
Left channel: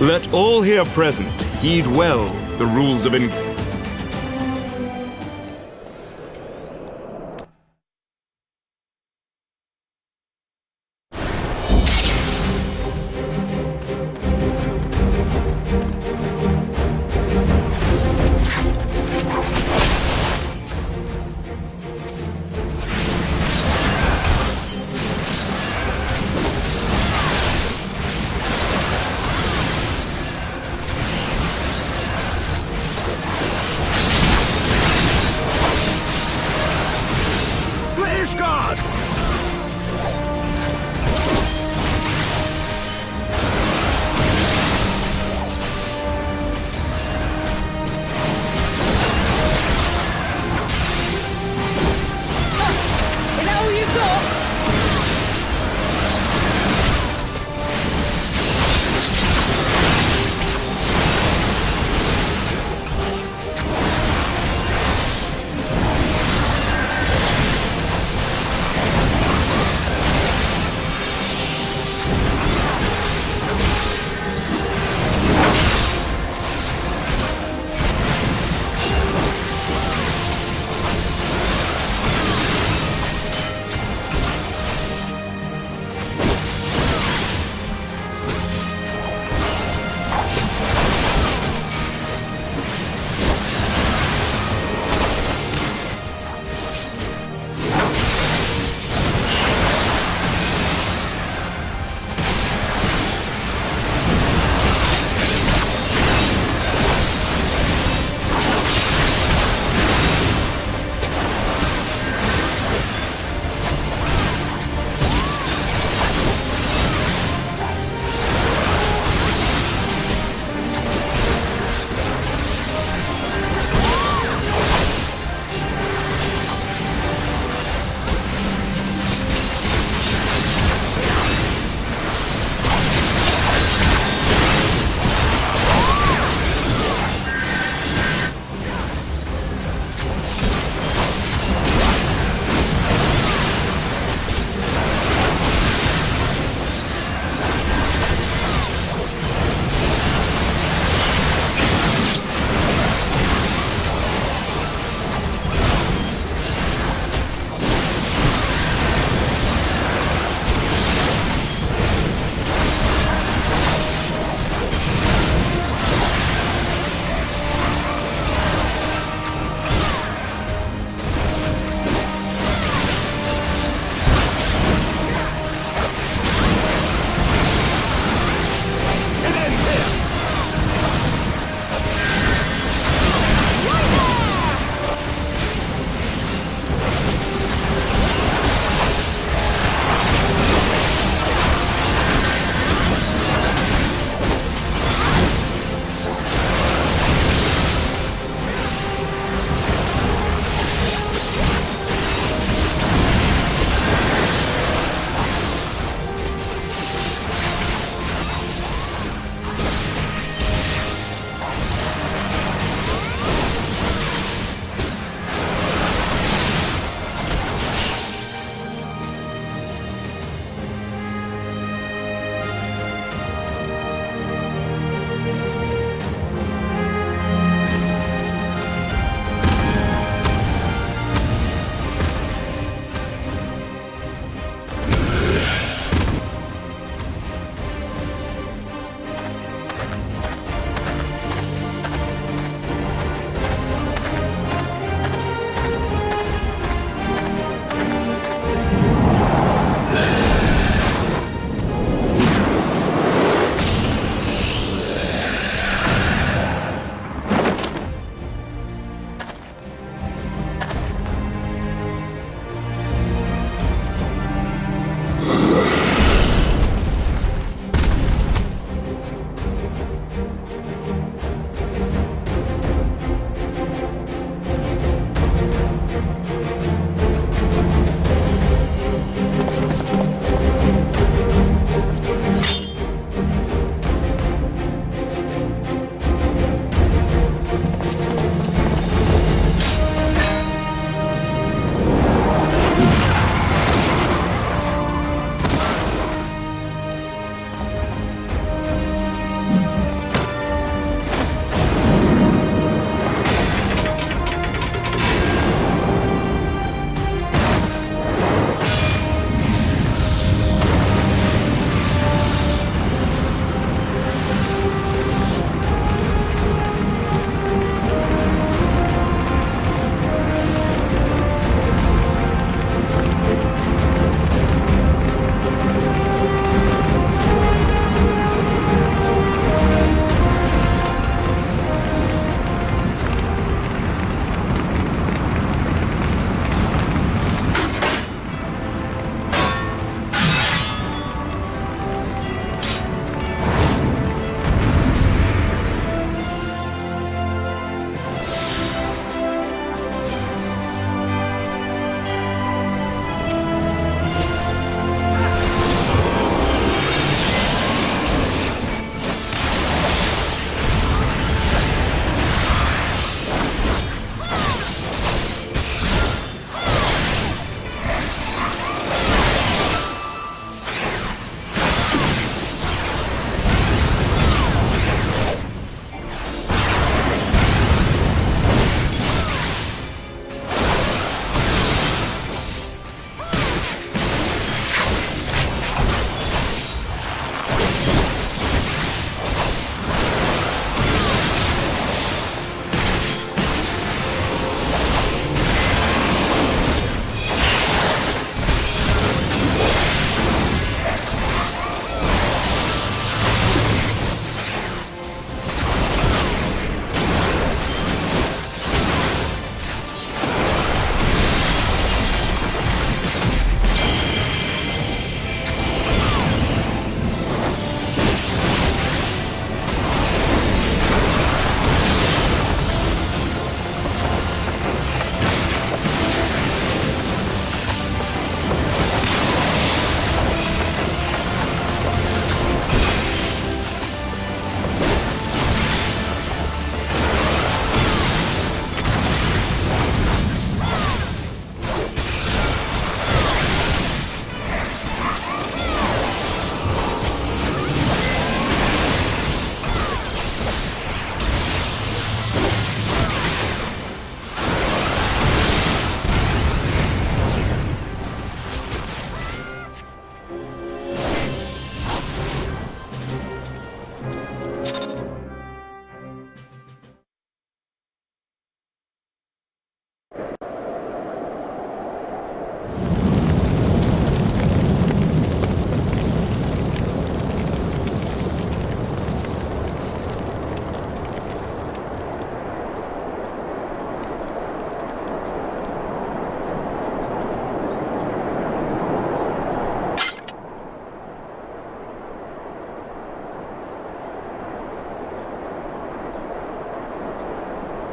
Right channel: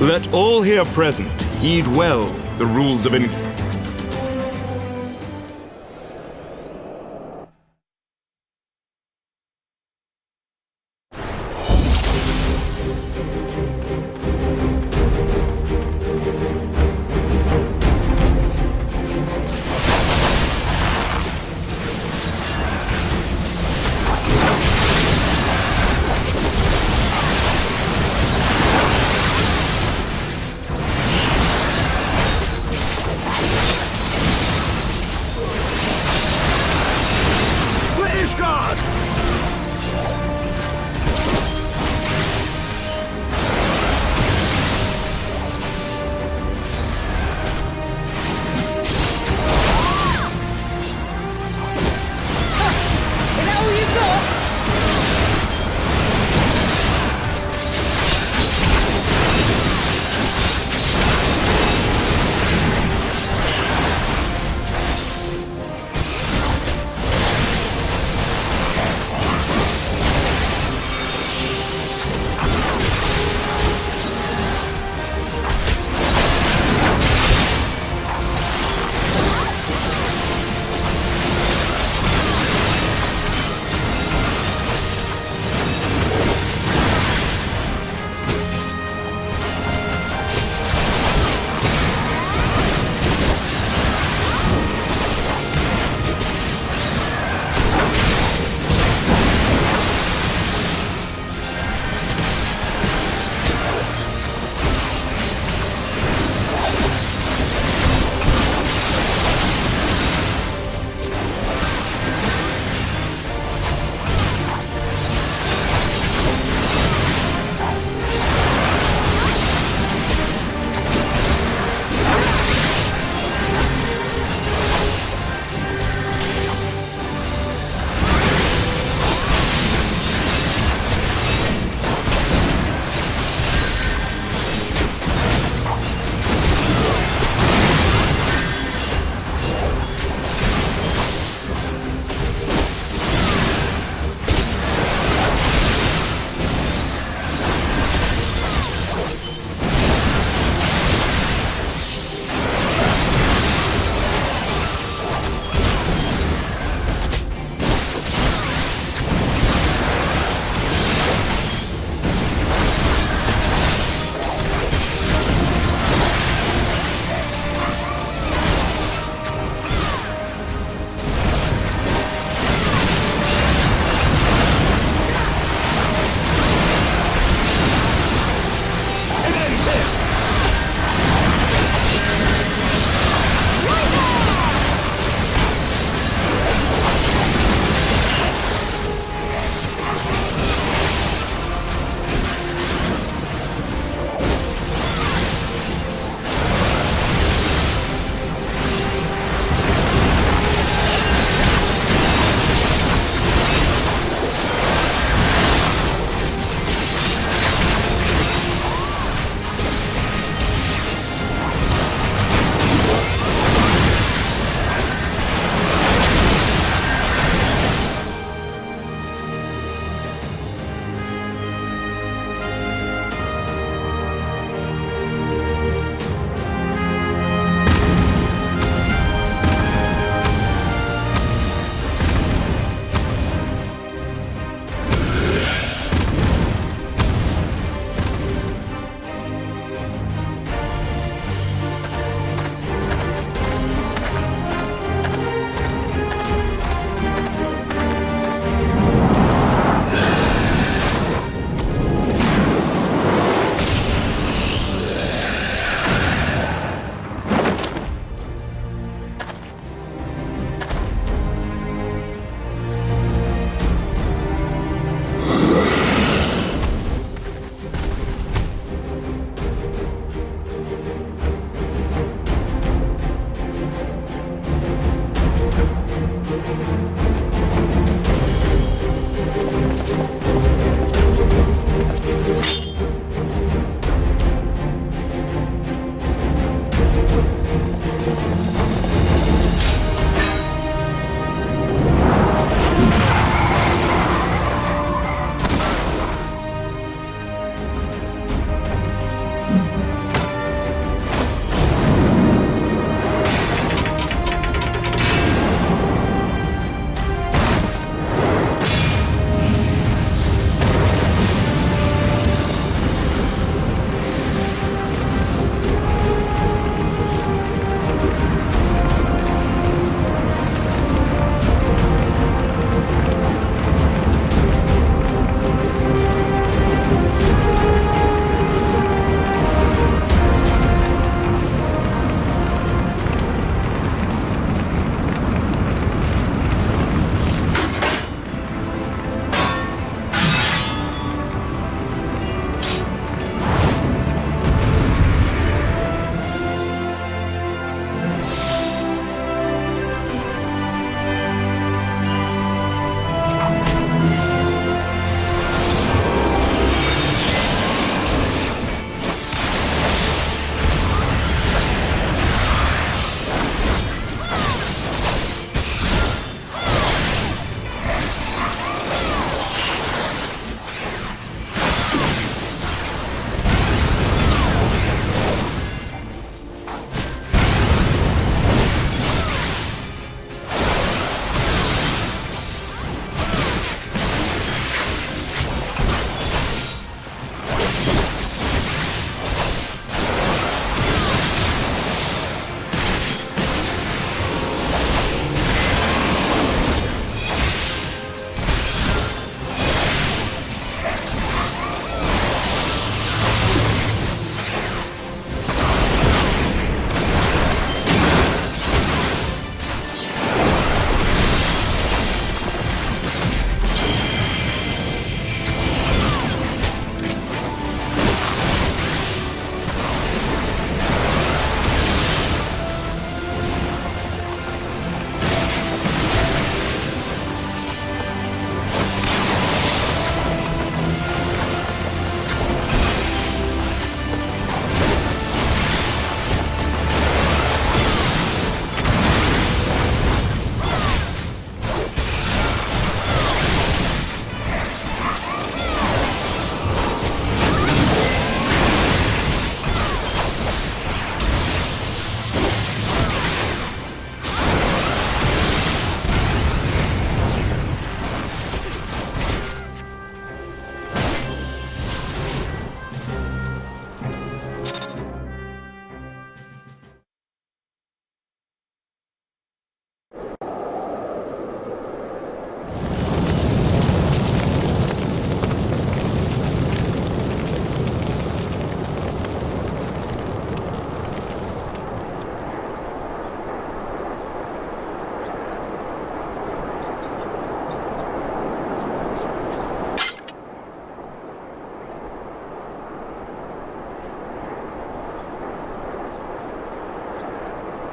Let all here present heed well the rules of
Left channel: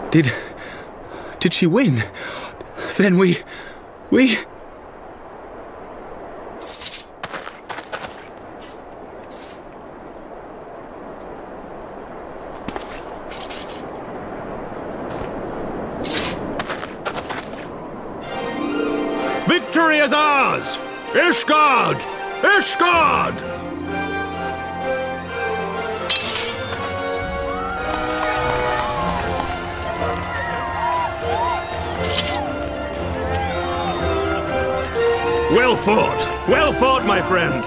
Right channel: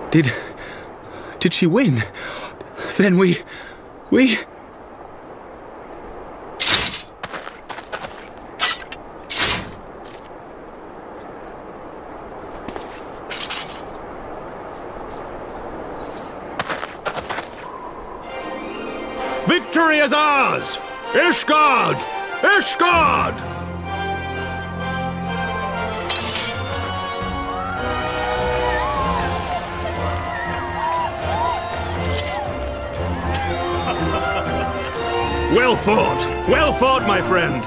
Did she win? Then we... Victory is ours! Ishgard! Ishgard! Well fought, my friend.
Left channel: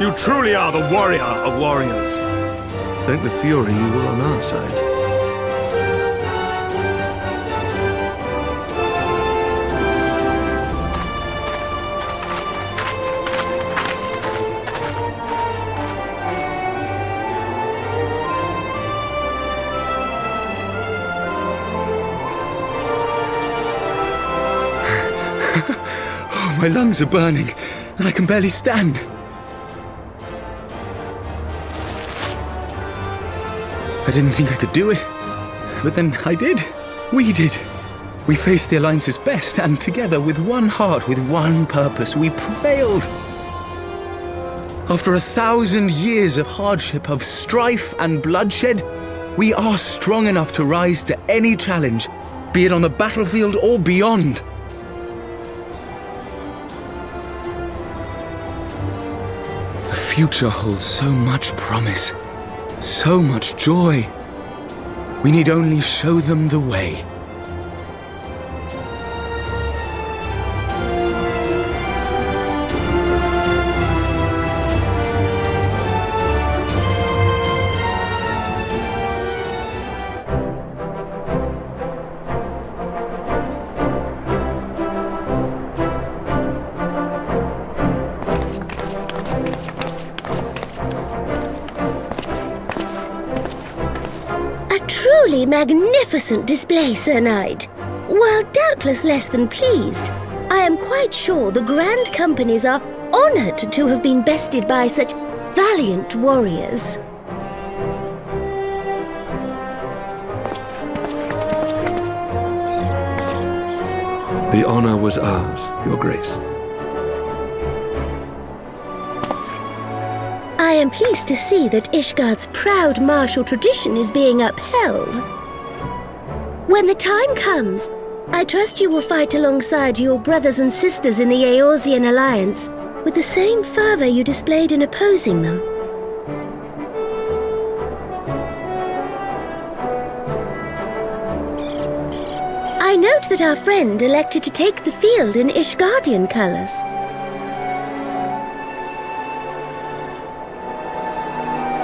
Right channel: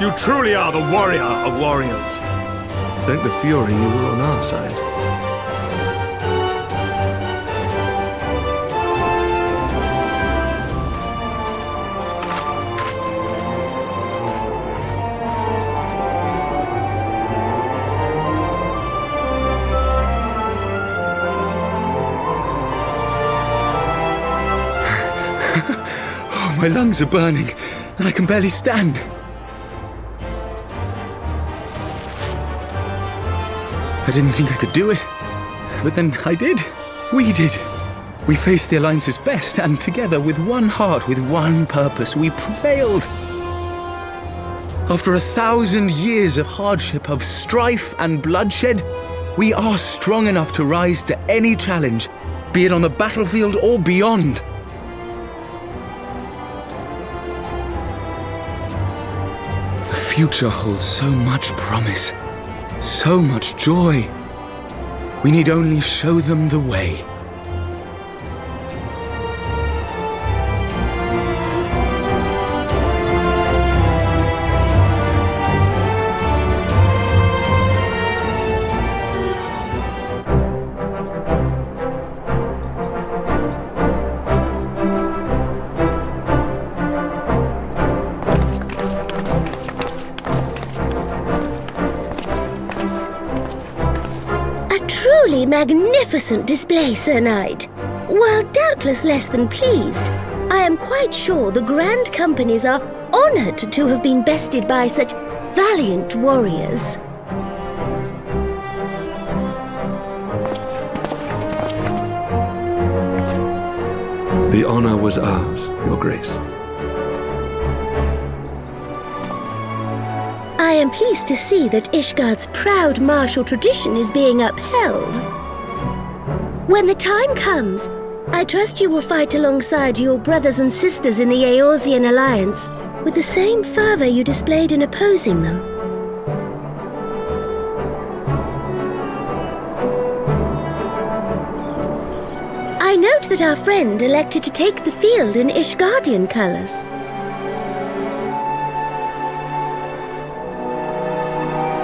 You truly are the warrior of warriors. Thank the Fury you were on our side. My lungs are burning, and I can barely stand. I didn't think I could do it, but then I did. We did. We faced the Alliance's best, and together, with one heart, with one purpose, we prevailed. After 1,000 years of hardship, of strife and bloodshed, we are strong enough to rise to any challenge, be it on the battlefield or beyond. The future holds so much promise, so much joy. We need only show them the way. Truly magnificent display, Sir Knight. While doubtless less than pleased, I am quite sure the Grand Companies are honoured to have been bested by such valiant warriors. The honor was ours, Your Grace. I am pleased to see that Ishgard's proud martial tradition is being upheld. When the time comes, I trust you will fight alongside your brothers and sisters in the Eorzean Alliance with the same fervor you displayed in opposing them. I note that our friend elected to take the field in Ishgardian colors.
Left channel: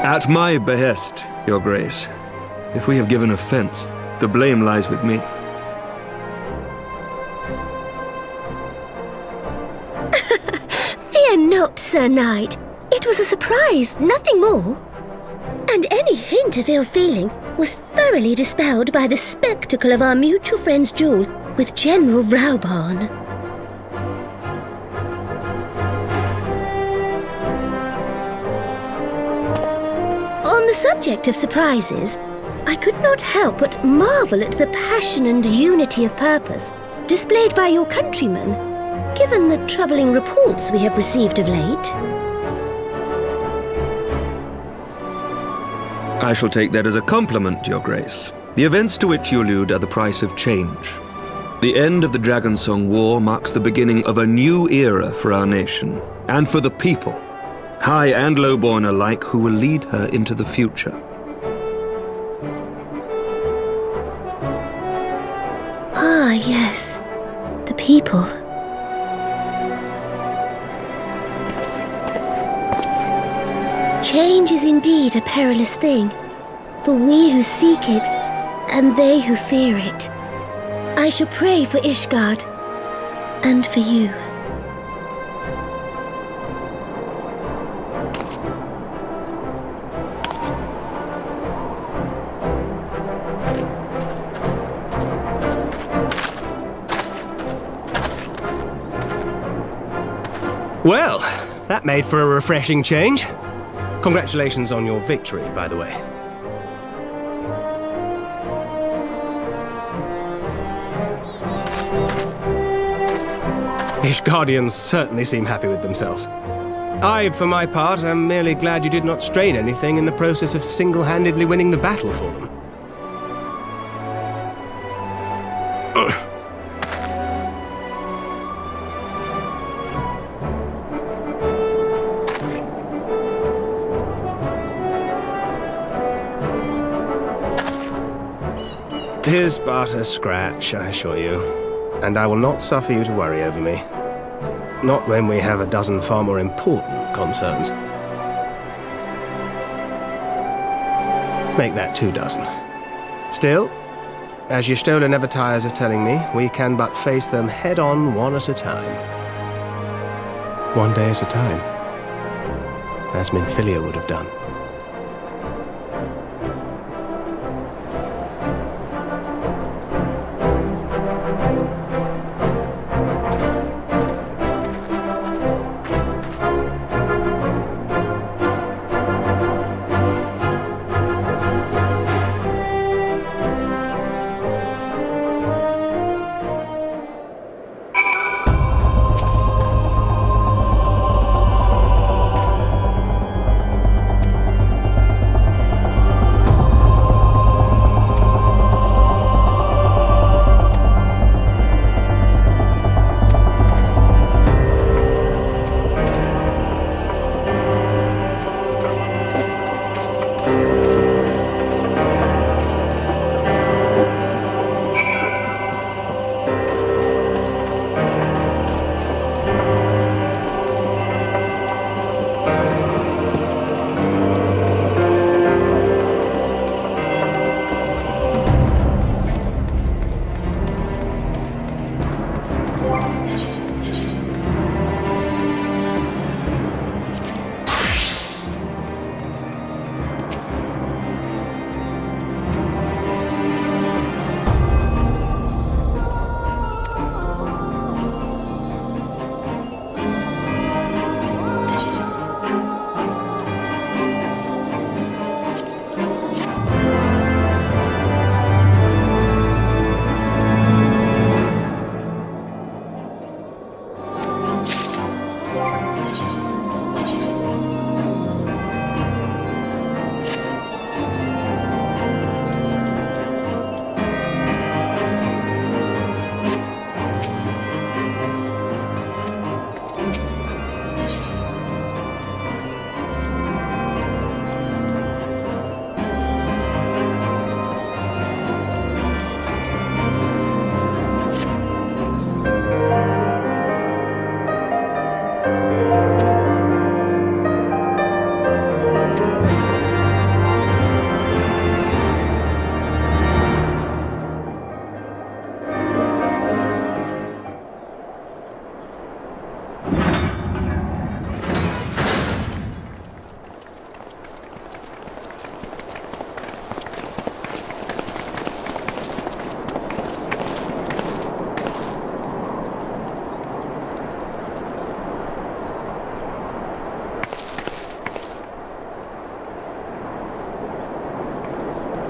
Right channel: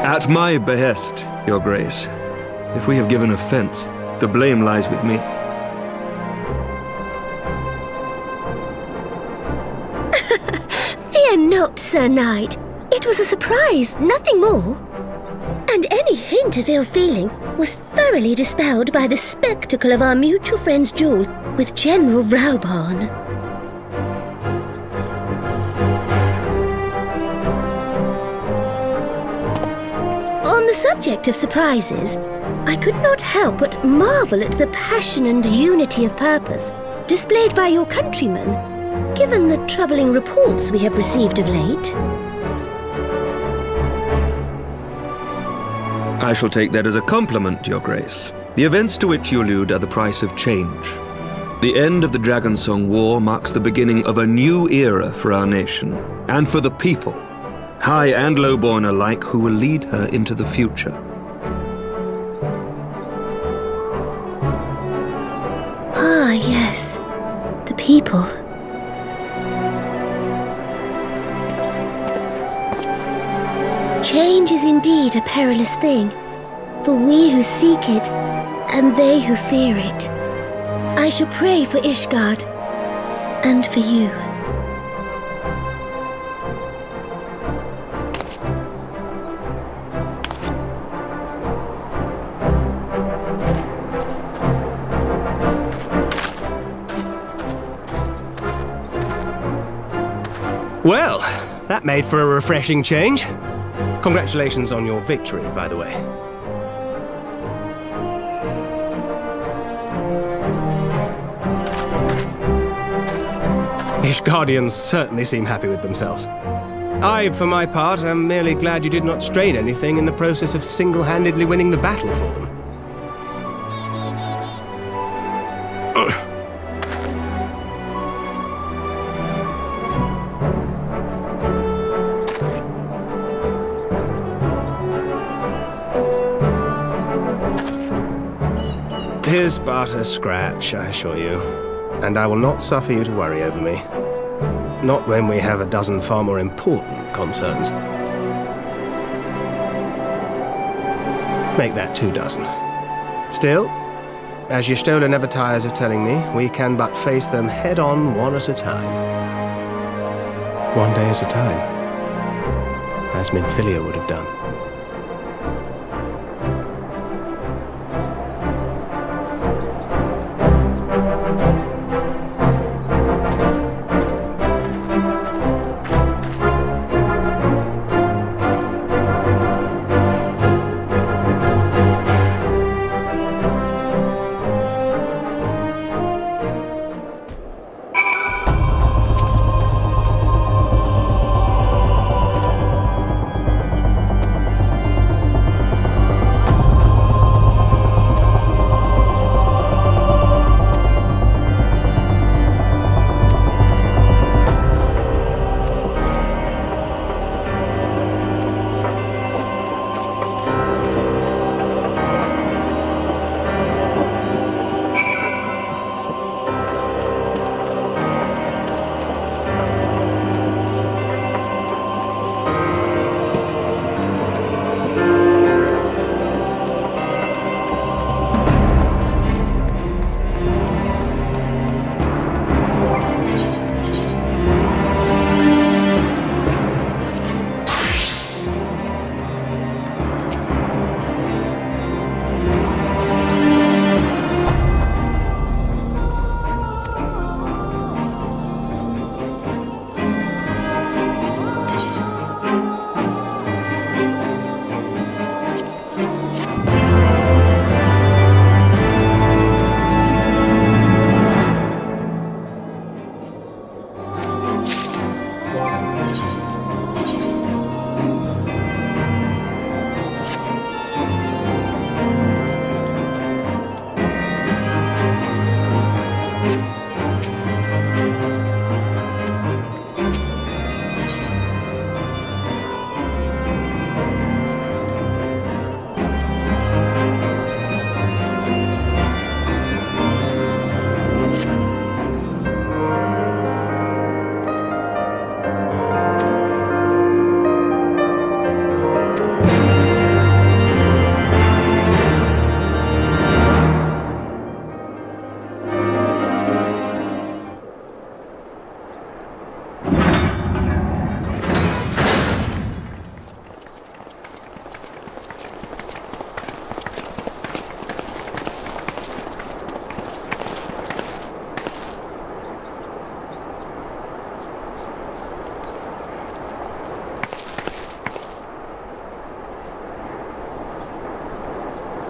At my behest, Your Grace. If we have given offense, the blame lies with me. Fear not, Sir Knight. It was a surprise, nothing more. And any hint of ill feeling was thoroughly dispelled by the spectacle of our mutual friend's duel with General Raubarn. On the subject of surprises, I could not help but marvel at the passion and unity of purpose displayed by your countrymen, given the troubling reports we have received of late. I shall take that as a compliment, Your Grace. The events to which you allude are the price of change. The end of the Dragonsong War marks the beginning of a new era for our nation, and for the people, high and lowborn alike, who will lead her into the future. Ah, yes. The people. Change is indeed a perilous thing, for we who seek it, and they who fear it. I shall pray for Ishgard, and for you. Well, that made for a refreshing change. Congratulations on your victory, by the way. Ishgardians certainly seem happy with themselves. I, for my part, am merely glad you did not strain anything in the process of single-handedly winning the battle for them. Tis but a scratch, I assure you, and I will not suffer you to worry over me. Not when we have a dozen far more important concerns. Make that 2 dozen. Still, as Y'shtola never tires of telling me, we can but face them head-on one at a time. One day at a time. As Minfilia would have done.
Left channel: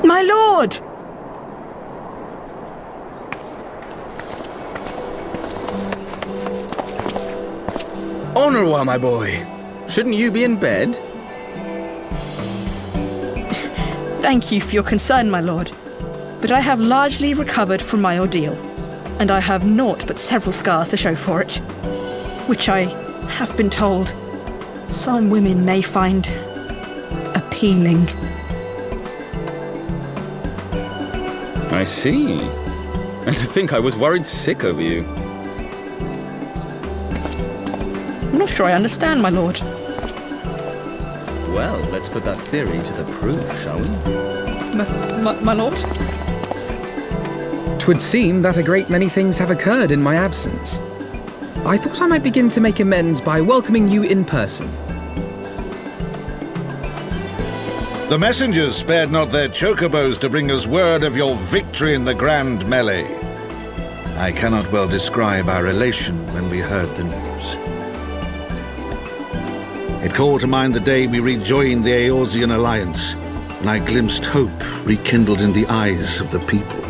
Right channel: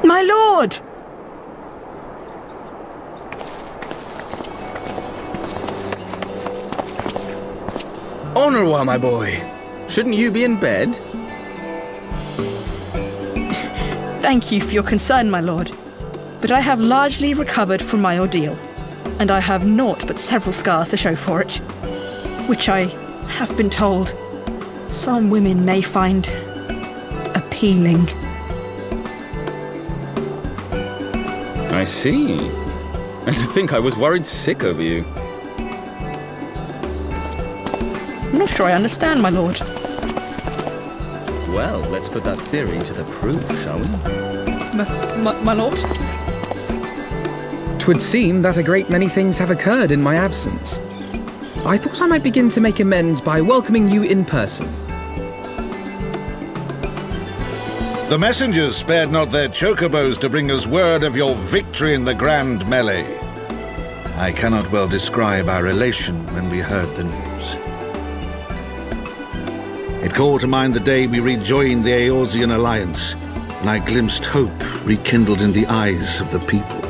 My lord! Honorwa, my boy. Shouldn't you be in bed? Thank you for your concern, my lord. But I have largely recovered from my ordeal, and I have naught but several scars to show for it, which I have been told some women may find appealing. I see. And to think I was worried sick over you. I'm not sure I understand, my lord. Well, let's put that theory to the proof, shall we? My lord? 'Twould seem that a great many things have occurred in my absence. I thought I might begin to make amends by welcoming you in person. The messengers spared not their chocobos to bring us word of your victory in the grand melee. I cannot well describe our elation when we heard the news. It called to mind the day we rejoined the Eorzean alliance, and I glimpsed hope rekindled in the eyes of the people.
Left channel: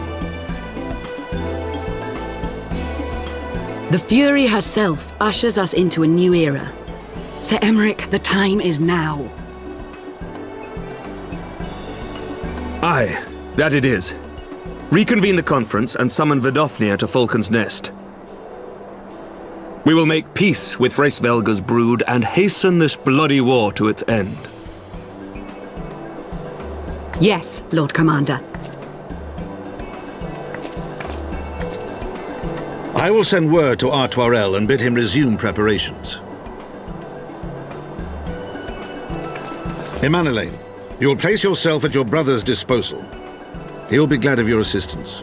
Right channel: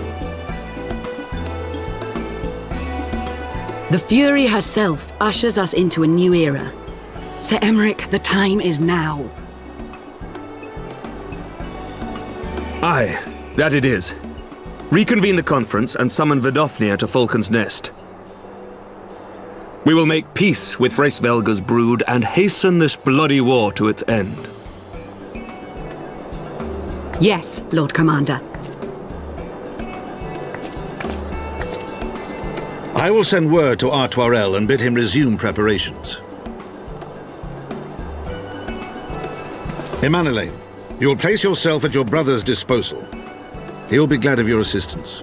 The Fury herself ushers us into a new era. Sir Emmerich, the time is now. Aye, that it is. Reconvene the conference and summon Vidofnir to Falcon's Nest. We will make peace with Hraesvelga's brood and hasten this bloody war to its end. Yes, Lord Commander. I will send word to Artoirel and bid him resume preparations. Emanelaine, you will place yourself at your brother's disposal. He'll be glad of your assistance.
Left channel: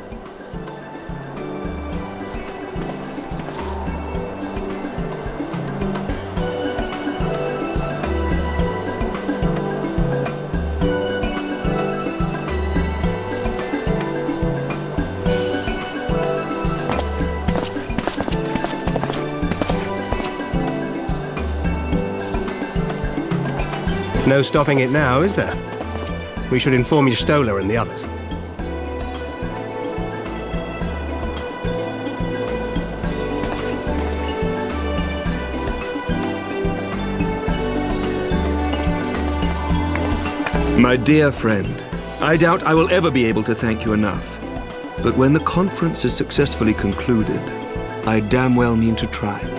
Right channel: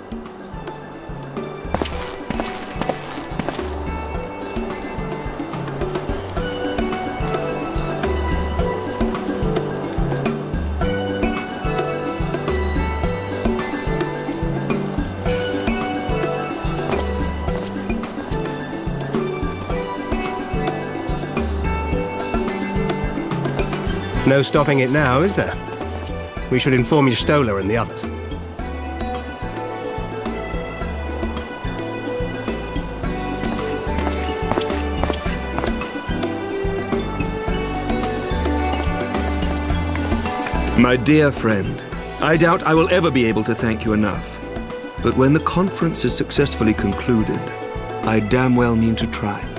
No stopping it now, is there? We should inform Stola and the others. My dear friend, I doubt I will ever be able to thank you enough. But when the conference is successfully concluded, I damn well mean to try.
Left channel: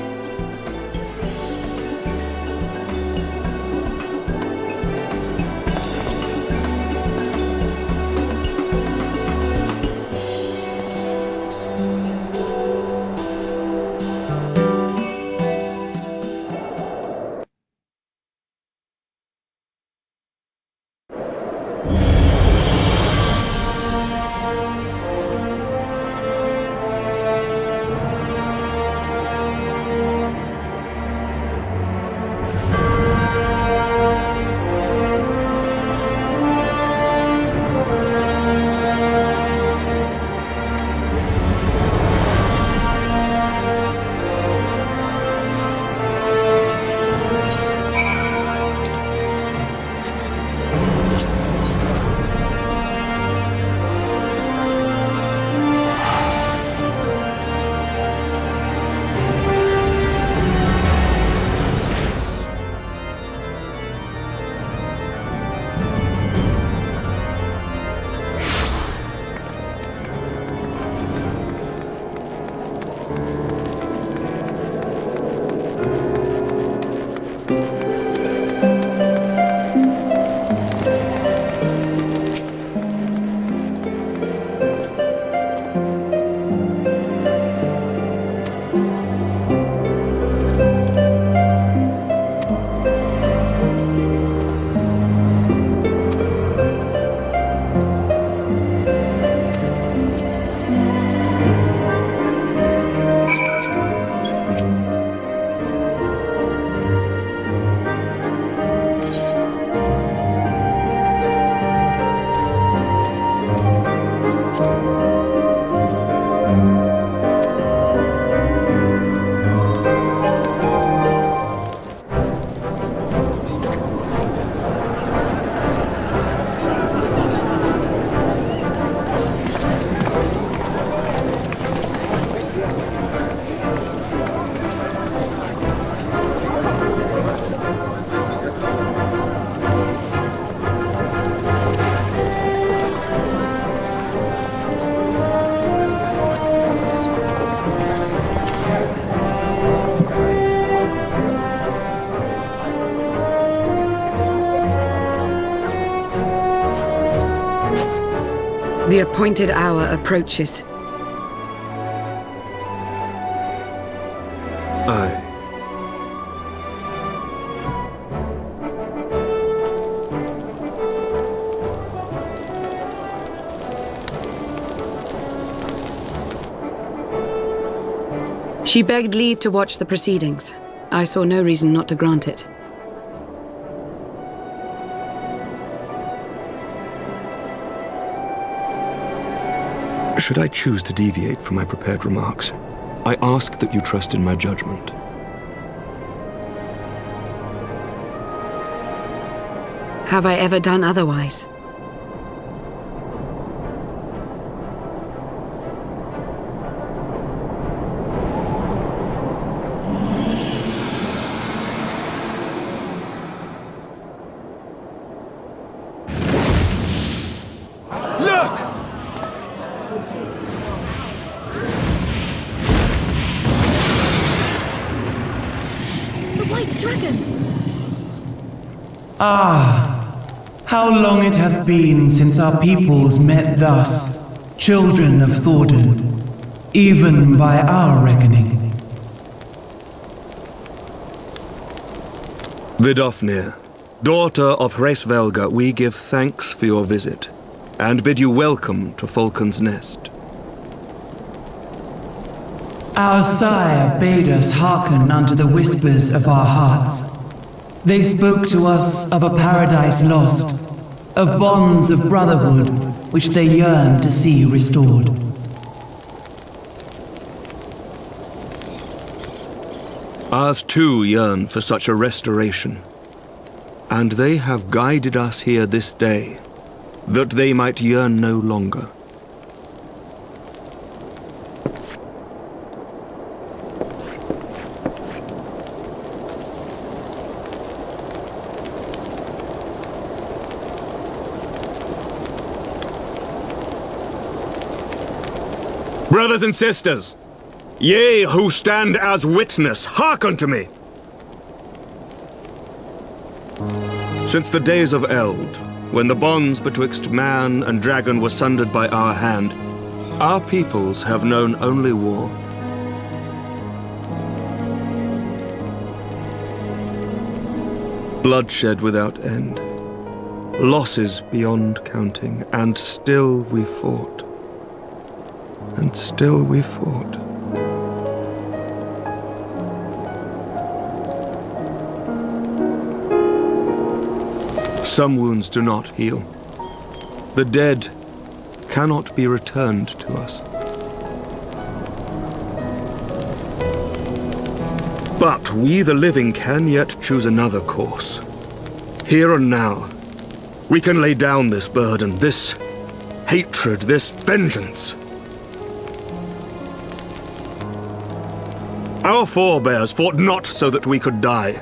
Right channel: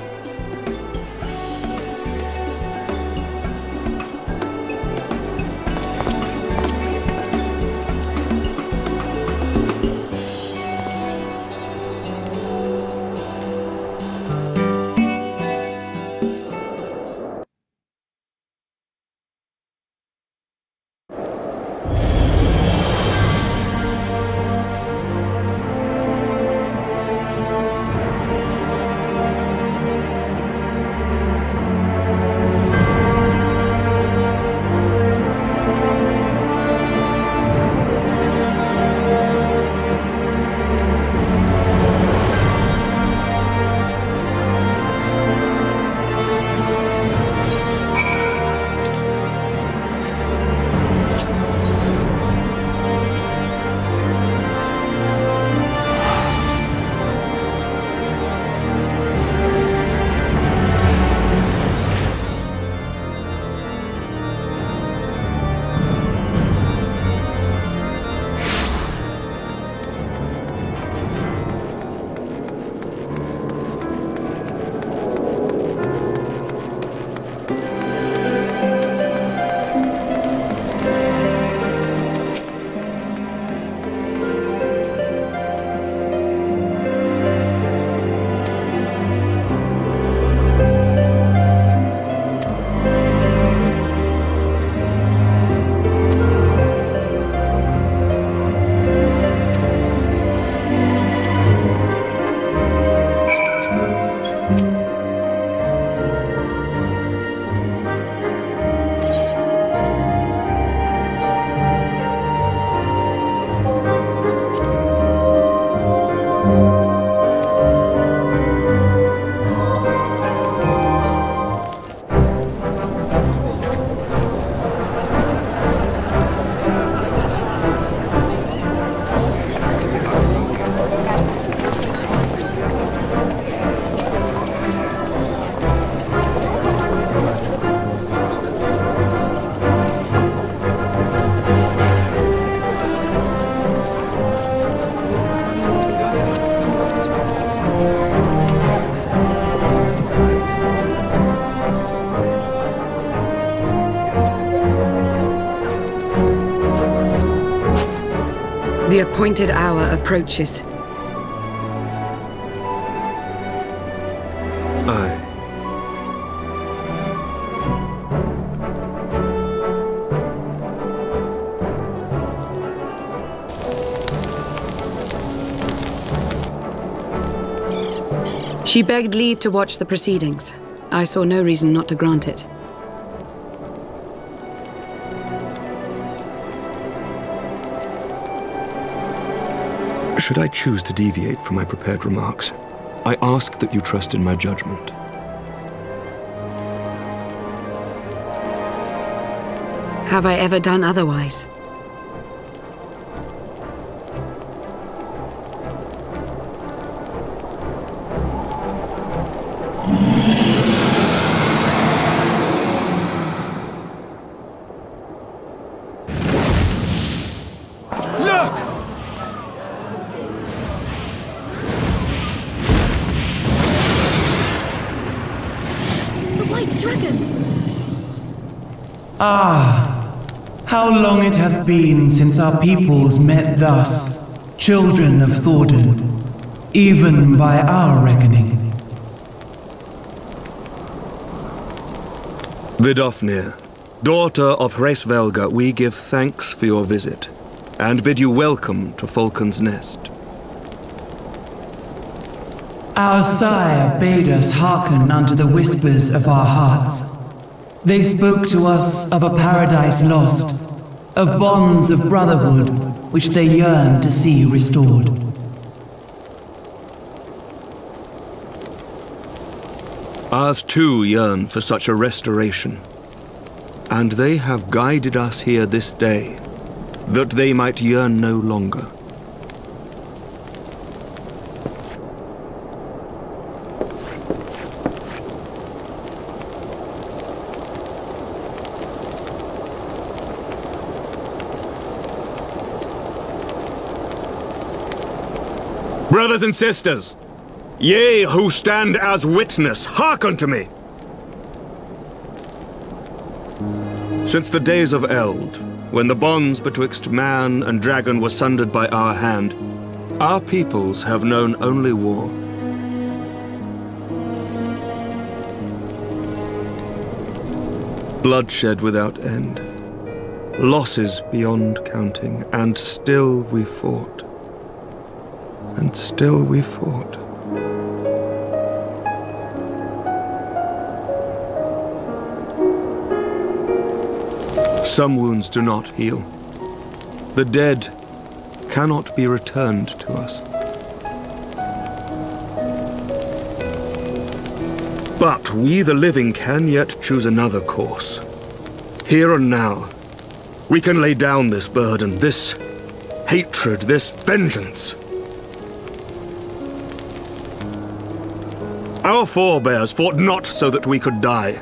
The appointed hour approaches. Aye. She begged leave to watch the proceedings. I saw no reason not to grant it. Should I choose to deviate from my prepared remarks, I ask that you trust in my judgment. Have I ever done otherwise? Look! The White Dragon! Ah, how long it hath been since our peoples met thus, children of Thordan, even by our reckoning. Vidofnir, daughter of Hraesvelga, we give thanks for your visit, and bid you welcome to Falcon's Nest. Our sire bade us hearken unto the whispers of our hearts. They spoke to us of a paradise lost, of bonds of brotherhood which they yearned to see restored. Ours too yearn for such a restoration, and they have guided us here this day, that they might yearn no longer. Brothers and sisters, ye who stand as witness, hearken to me. Since the days of Eld, when the bonds betwixt man and dragon were sundered by our hand, our peoples have known only war. Bloodshed without end, losses beyond counting, and still we fought. And still we fought. Some wounds do not heal. The dead cannot be returned to us. But we, the living, can yet choose another course. Here and now, we can lay down this burden, this hatred, this vengeance. Our forebears fought not so that we could die,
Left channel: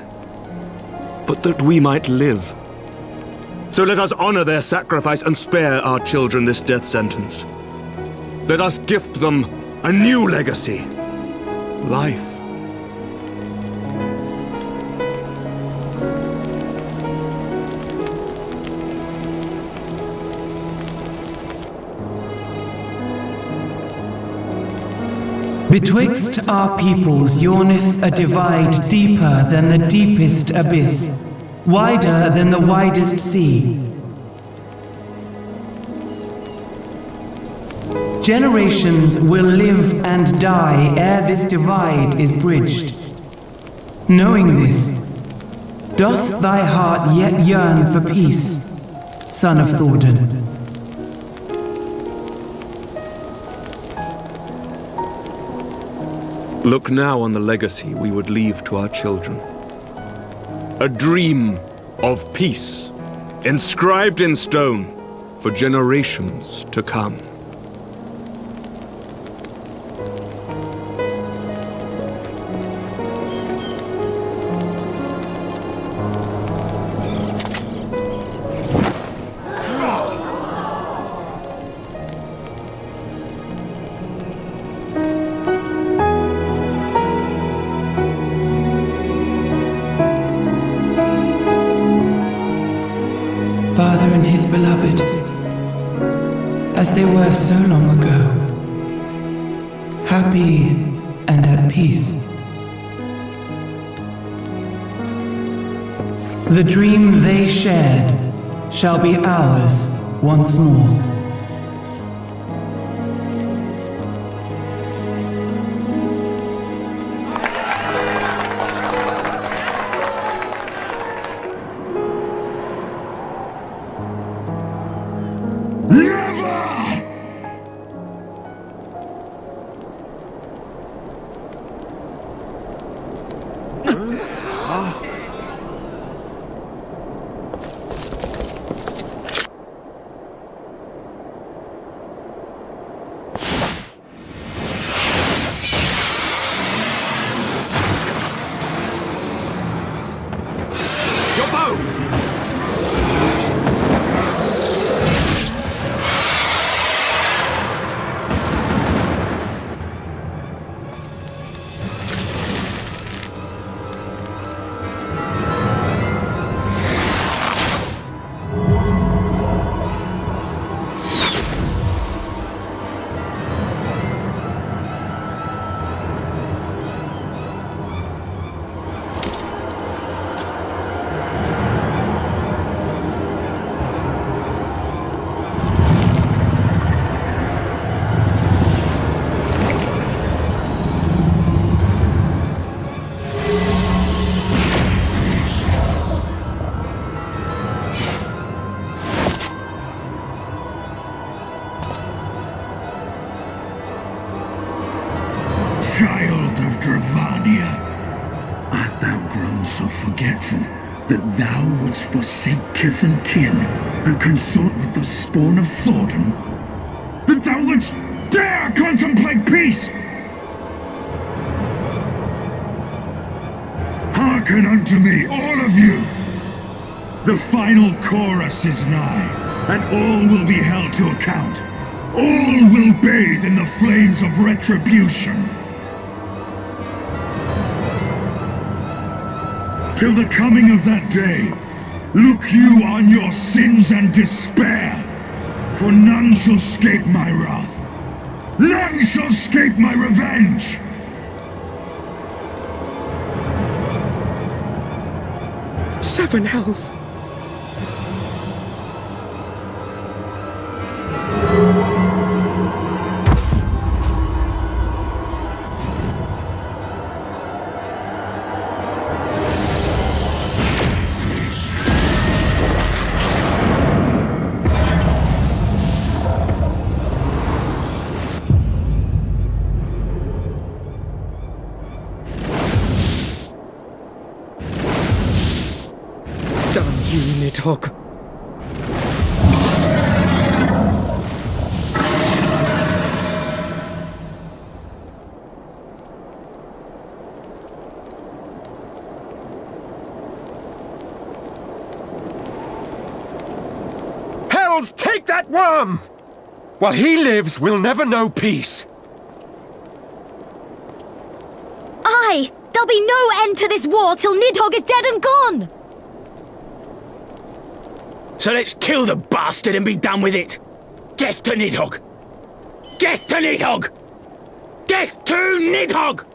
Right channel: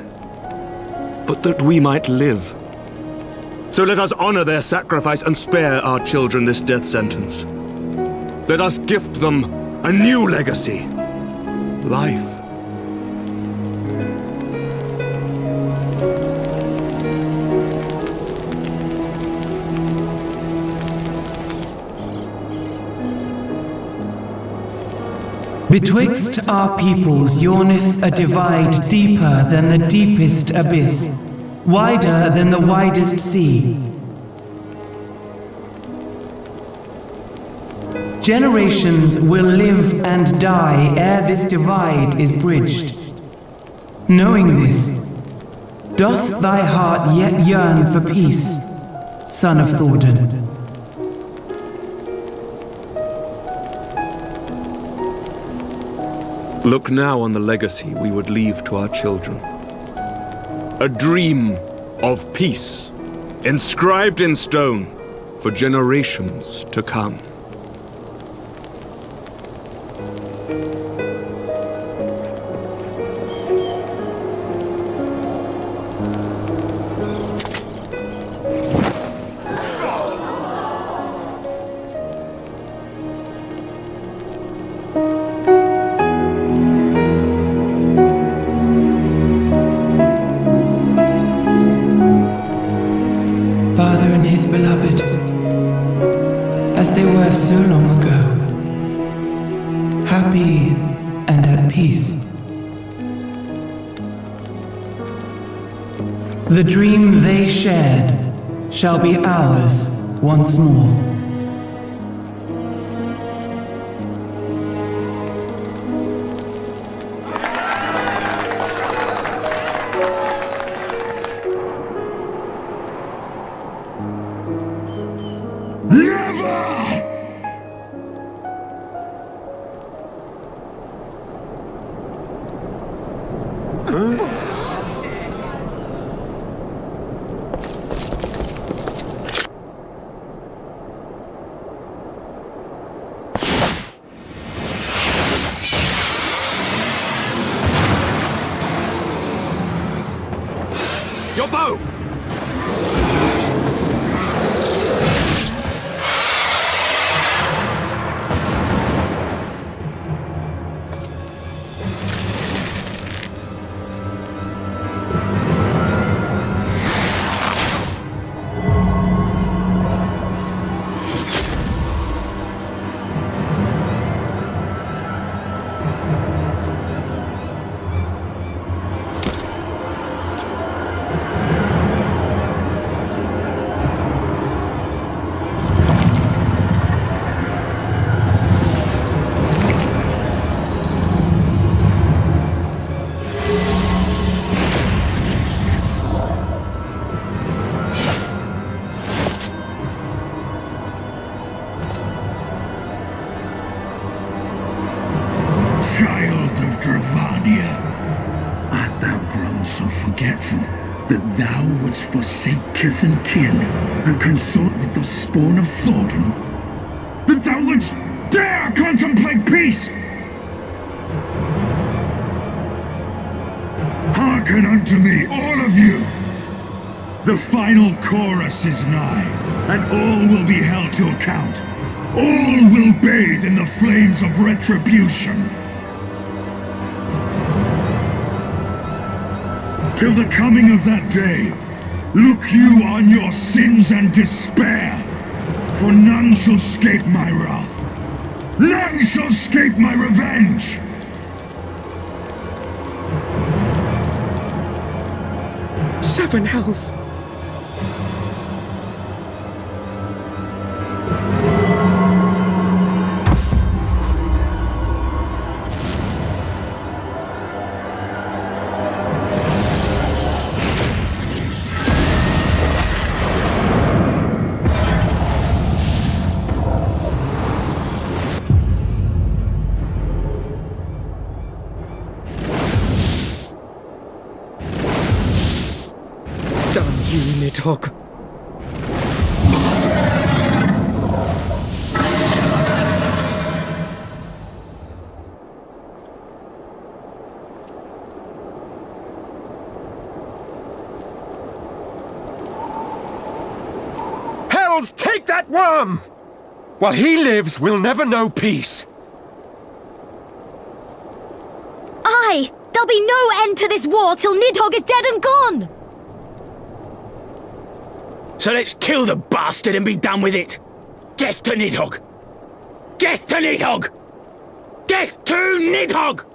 but that we might live. So let us honor their sacrifice and spare our children this death sentence. Let us gift them a new legacy, life. Betwixt our peoples yawneth a divide deeper than the deepest abyss, wider than the widest sea. Generations will live and die ere this divide is bridged. Knowing this, doth thy heart yet yearn for peace, son of Thordan? Look now on the legacy we would leave to our children. A dream of peace, inscribed in stone for generations to come. Father and his beloved, as they were so long ago, happy and at peace. The dream they shared shall be ours once more. Child of Dravania, art thou grown so forgetful that thou wouldst forsake kith and kin and consort with the spawn of Thornton? That thou wouldst dare contemplate peace? Hearken unto me, all of you! The final chorus is nigh, and all will be held to account. All will bathe in the flames of retribution. Till the coming of that day, look you on your sins and despair, for none shall escape my wrath. None shall escape my revenge! Seven hells! Damn you, Nidhogg! Hells, take that worm! While he lives, we'll never know peace. Aye! There'll be no end to this war till Nidhogg is dead and gone! So let's kill the bastard and be done with it! Death to Nidhogg! Death to Nidhogg! Death to Nidhogg!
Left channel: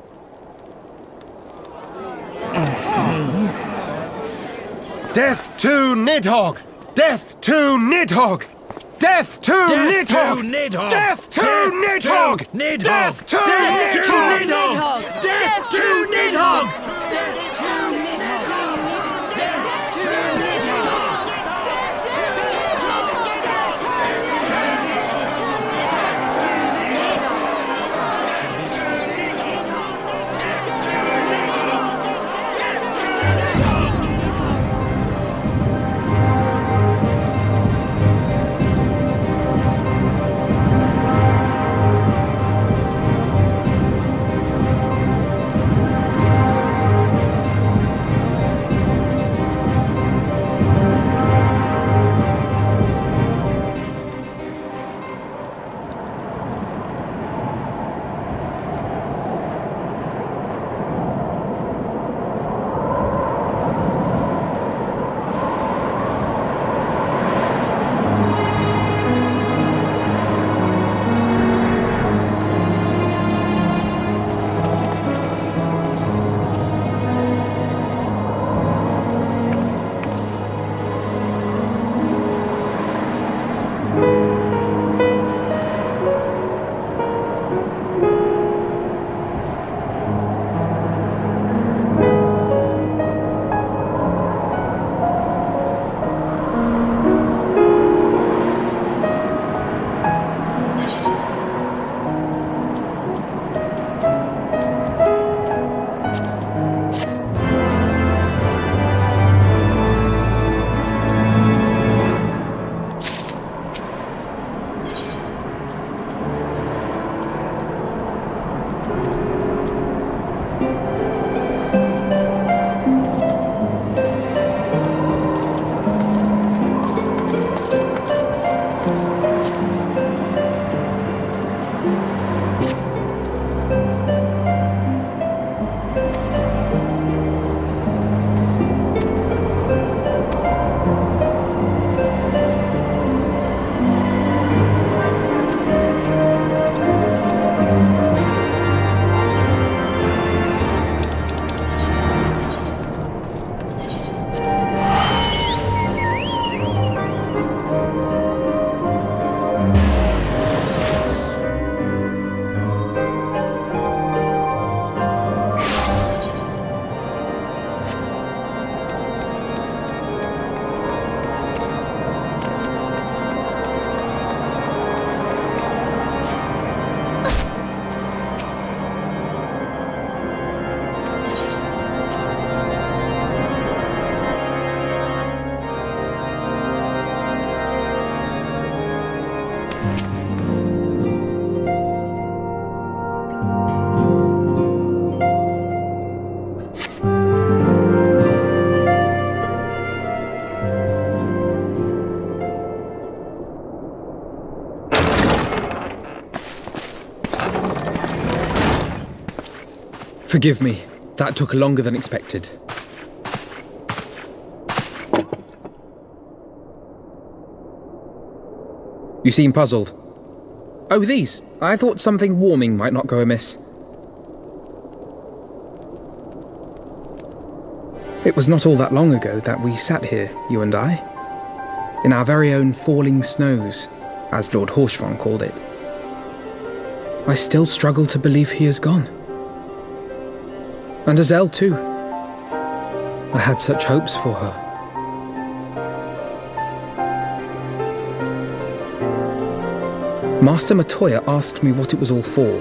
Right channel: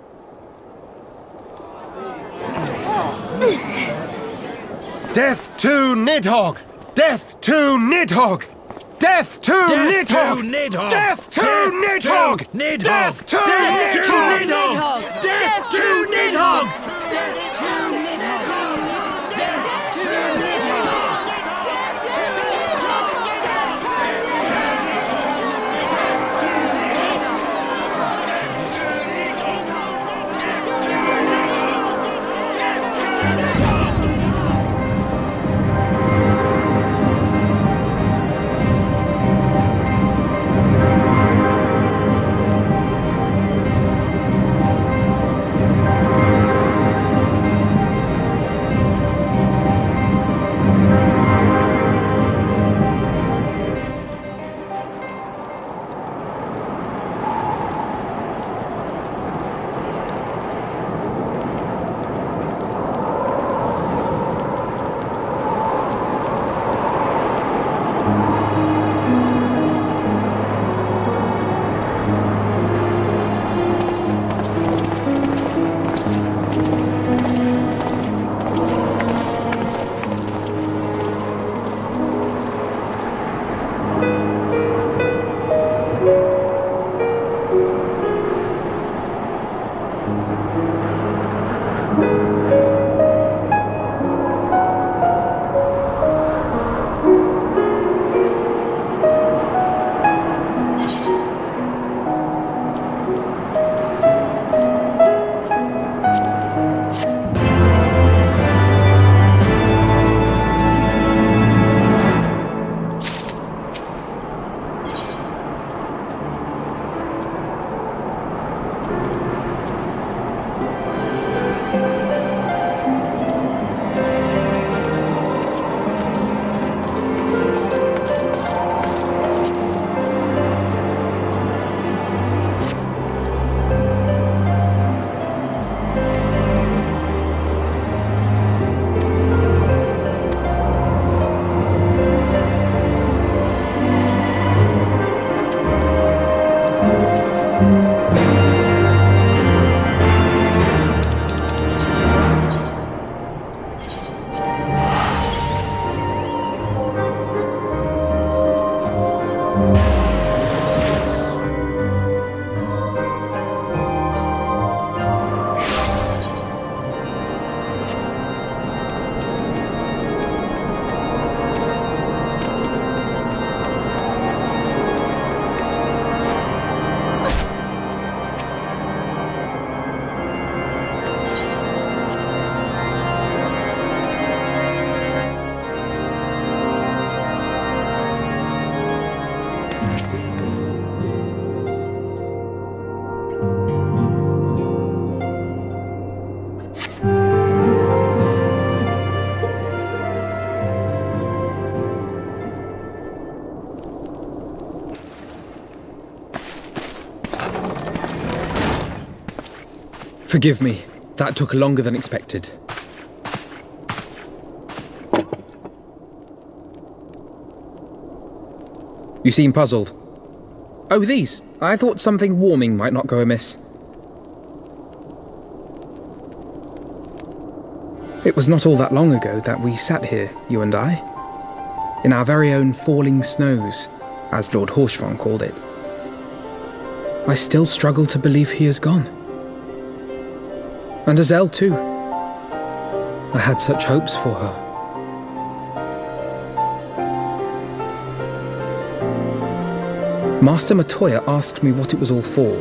Death to Nidhogg! Death to Nidhogg! Death to Nidhogg! Death to Nidhogg! Death to Nidhogg! Death to Nidhogg! Forgive me. That took longer than expected. You seem puzzled. Oh, these. I thought something warming might not go amiss. It was not all that long ago that we sat here, you and I, in our very own falling snows, as Lord Horshvon called it. I still struggle to believe he is gone. And Azelle too. I had such hopes for her. Master Matoya asked me what it was all for.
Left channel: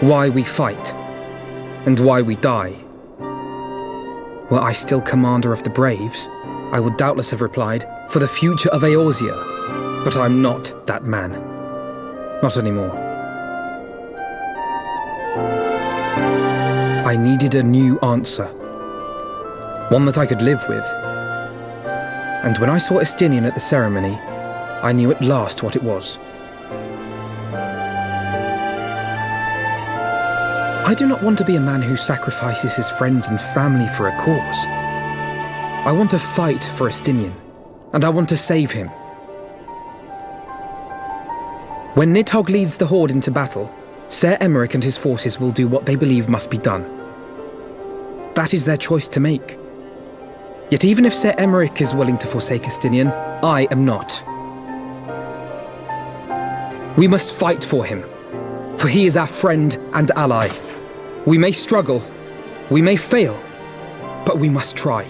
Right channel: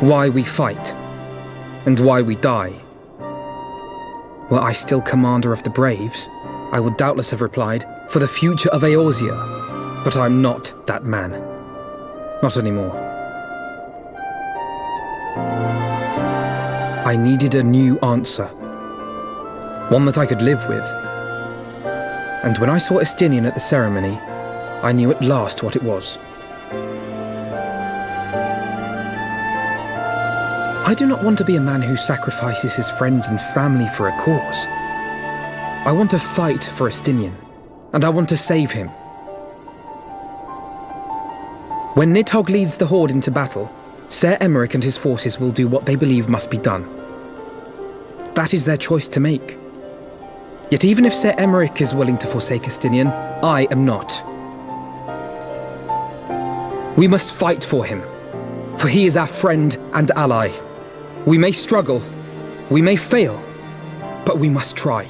Why we fight. And why we die. Were I still commander of the Braves, I would doubtless have replied, for the future of Eorzea. But I'm not that man. Not anymore. I needed a new answer. One that I could live with. And when I saw Estinian at the ceremony, I knew at last what it was. I do not want to be a man who sacrifices his friends and family for a cause. I want to fight for Estinian, and I want to save him. When Nidhogg leads the Horde into battle, Ser Emeric and his forces will do what they believe must be done. That is their choice to make. Yet even if Ser Emeric is willing to forsake Estinian, I am not. We must fight for him, for he is our friend and ally. We may struggle, we may fail, but we must try.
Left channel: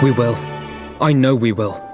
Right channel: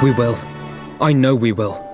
We will. I know we will.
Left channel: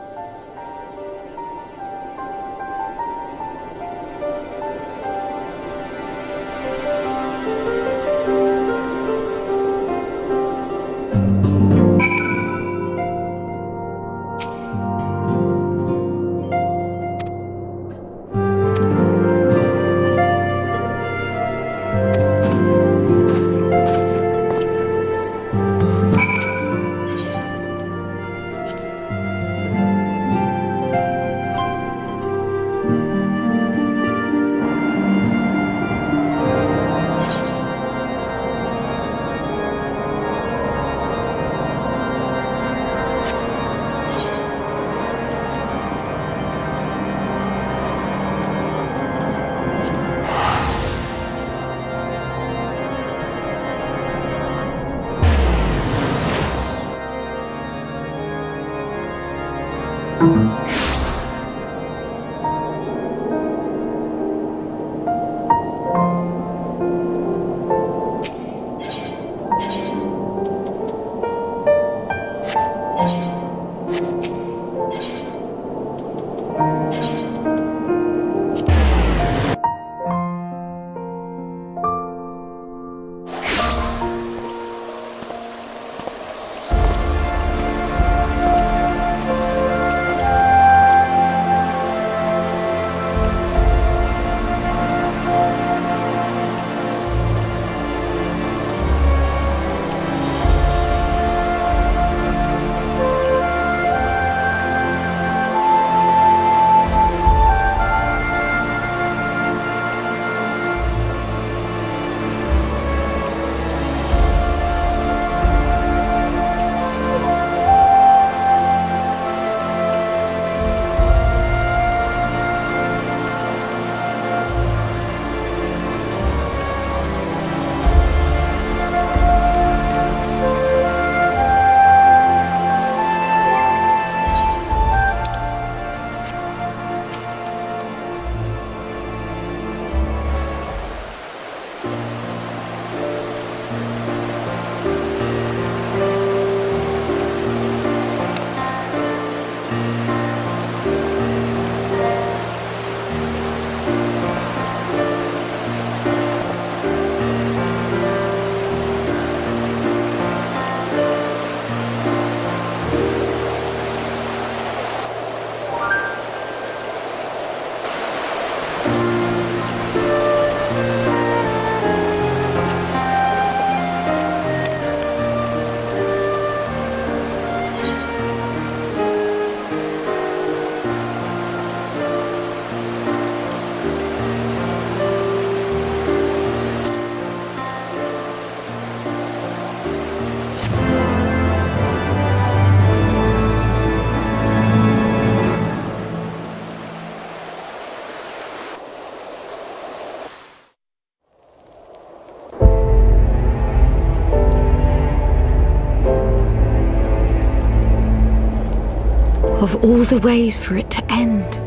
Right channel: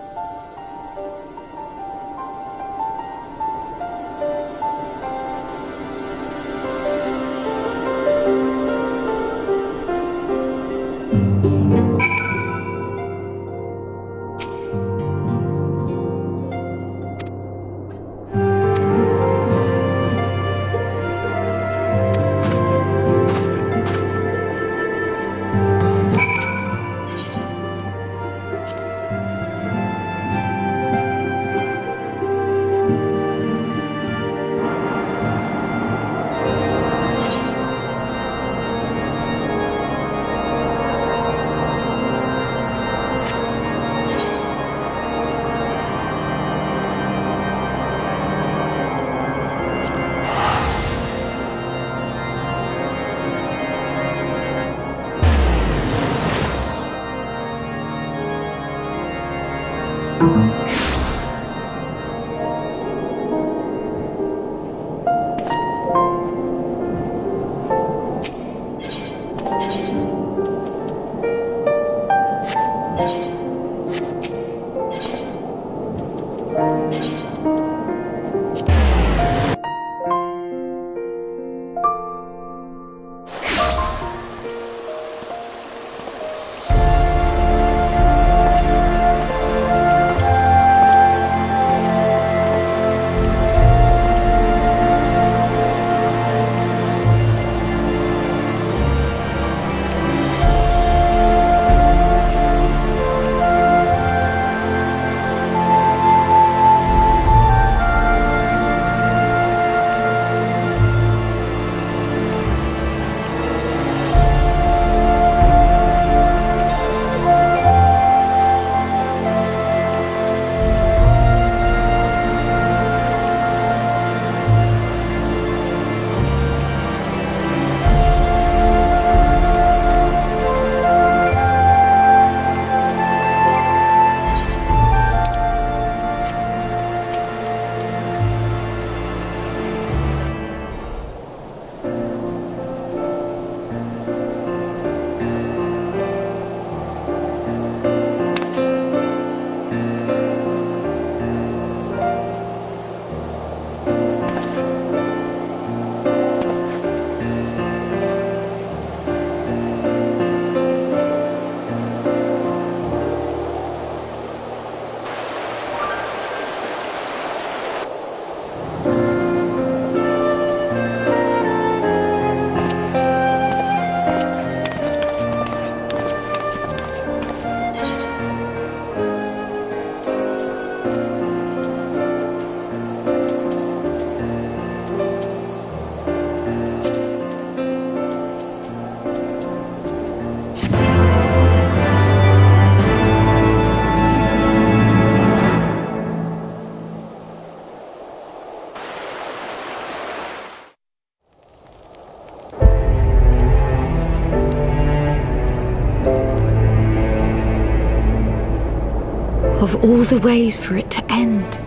of all the ways for it to end.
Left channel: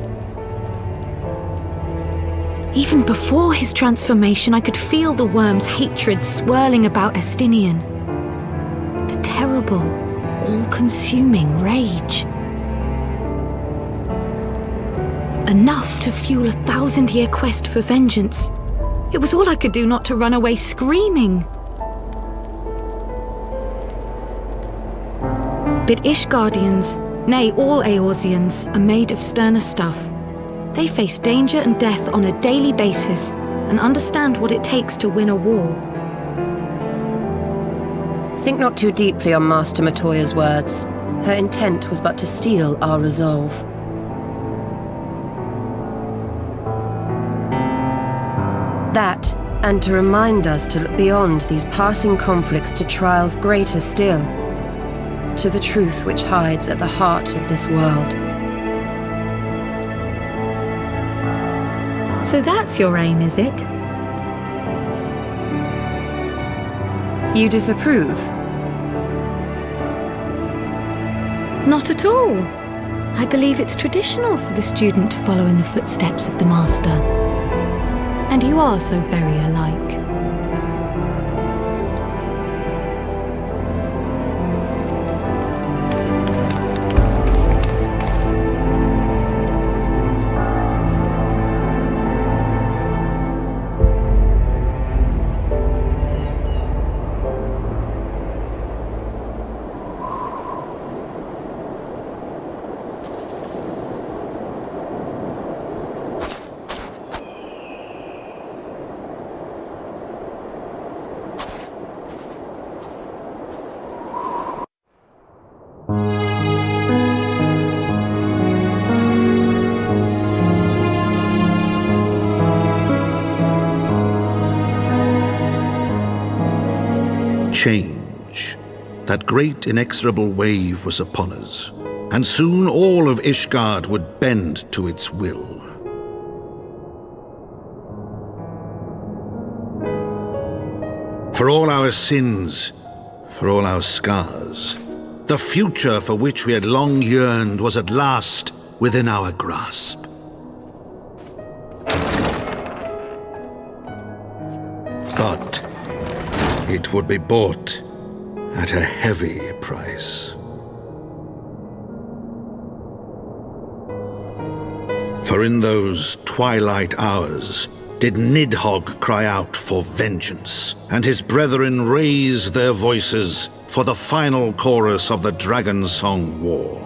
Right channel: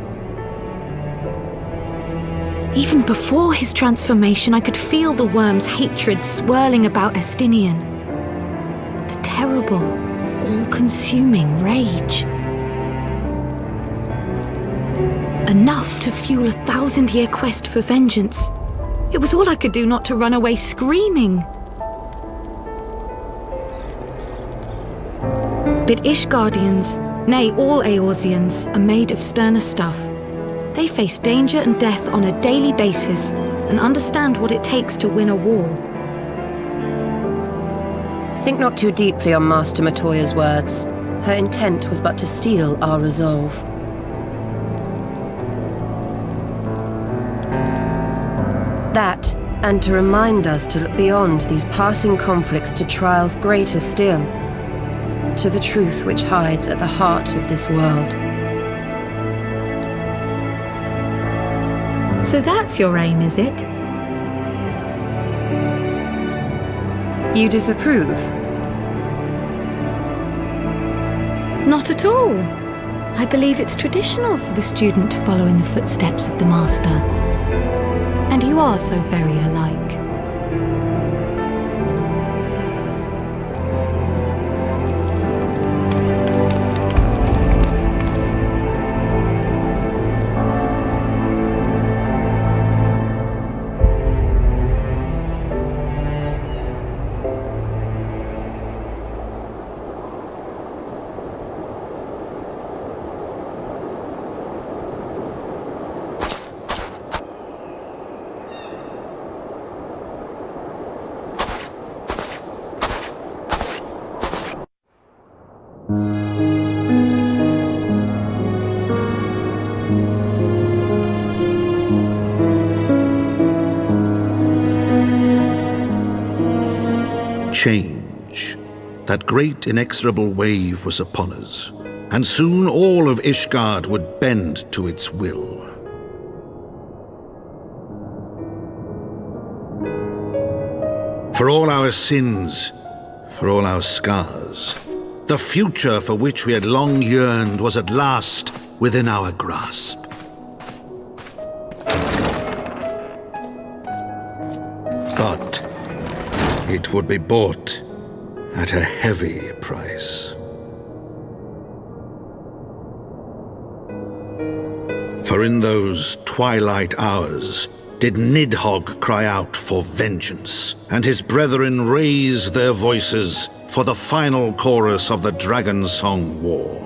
Even before his transformation, I could feel the worm's hatred swirling about Estinian. The terrible, all-consuming rage. Enough to fuel a 1,000-year quest for vengeance. It was all I could do not to run away screaming. But Ishgardians, nay, all Eorzeans, are made of sterner stuff. They face danger and death on a daily basis and understand what it takes to win a war. Think not too deeply on Master Matoya's words. Her intent was but to steal our resolve. That, and to remind us to look beyond these passing conflicts to trials greater still, to the truth which hides at the heart of this world. So that's your aim, is it? You disapprove? Not at all. I believe it's traditional for the student to follow in the footsteps of the master. And you are so very alike. Change. That great inexorable wave was upon us, and soon all of Ishgard would bend to its will. For all our sins, for all our scars, the future for which we had long yearned was at last within our grasp. But it would be bought at a heavy price. For in those twilight hours did Nidhogg cry out for vengeance, and his brethren raise their voices for the final chorus of the Dragon Song War.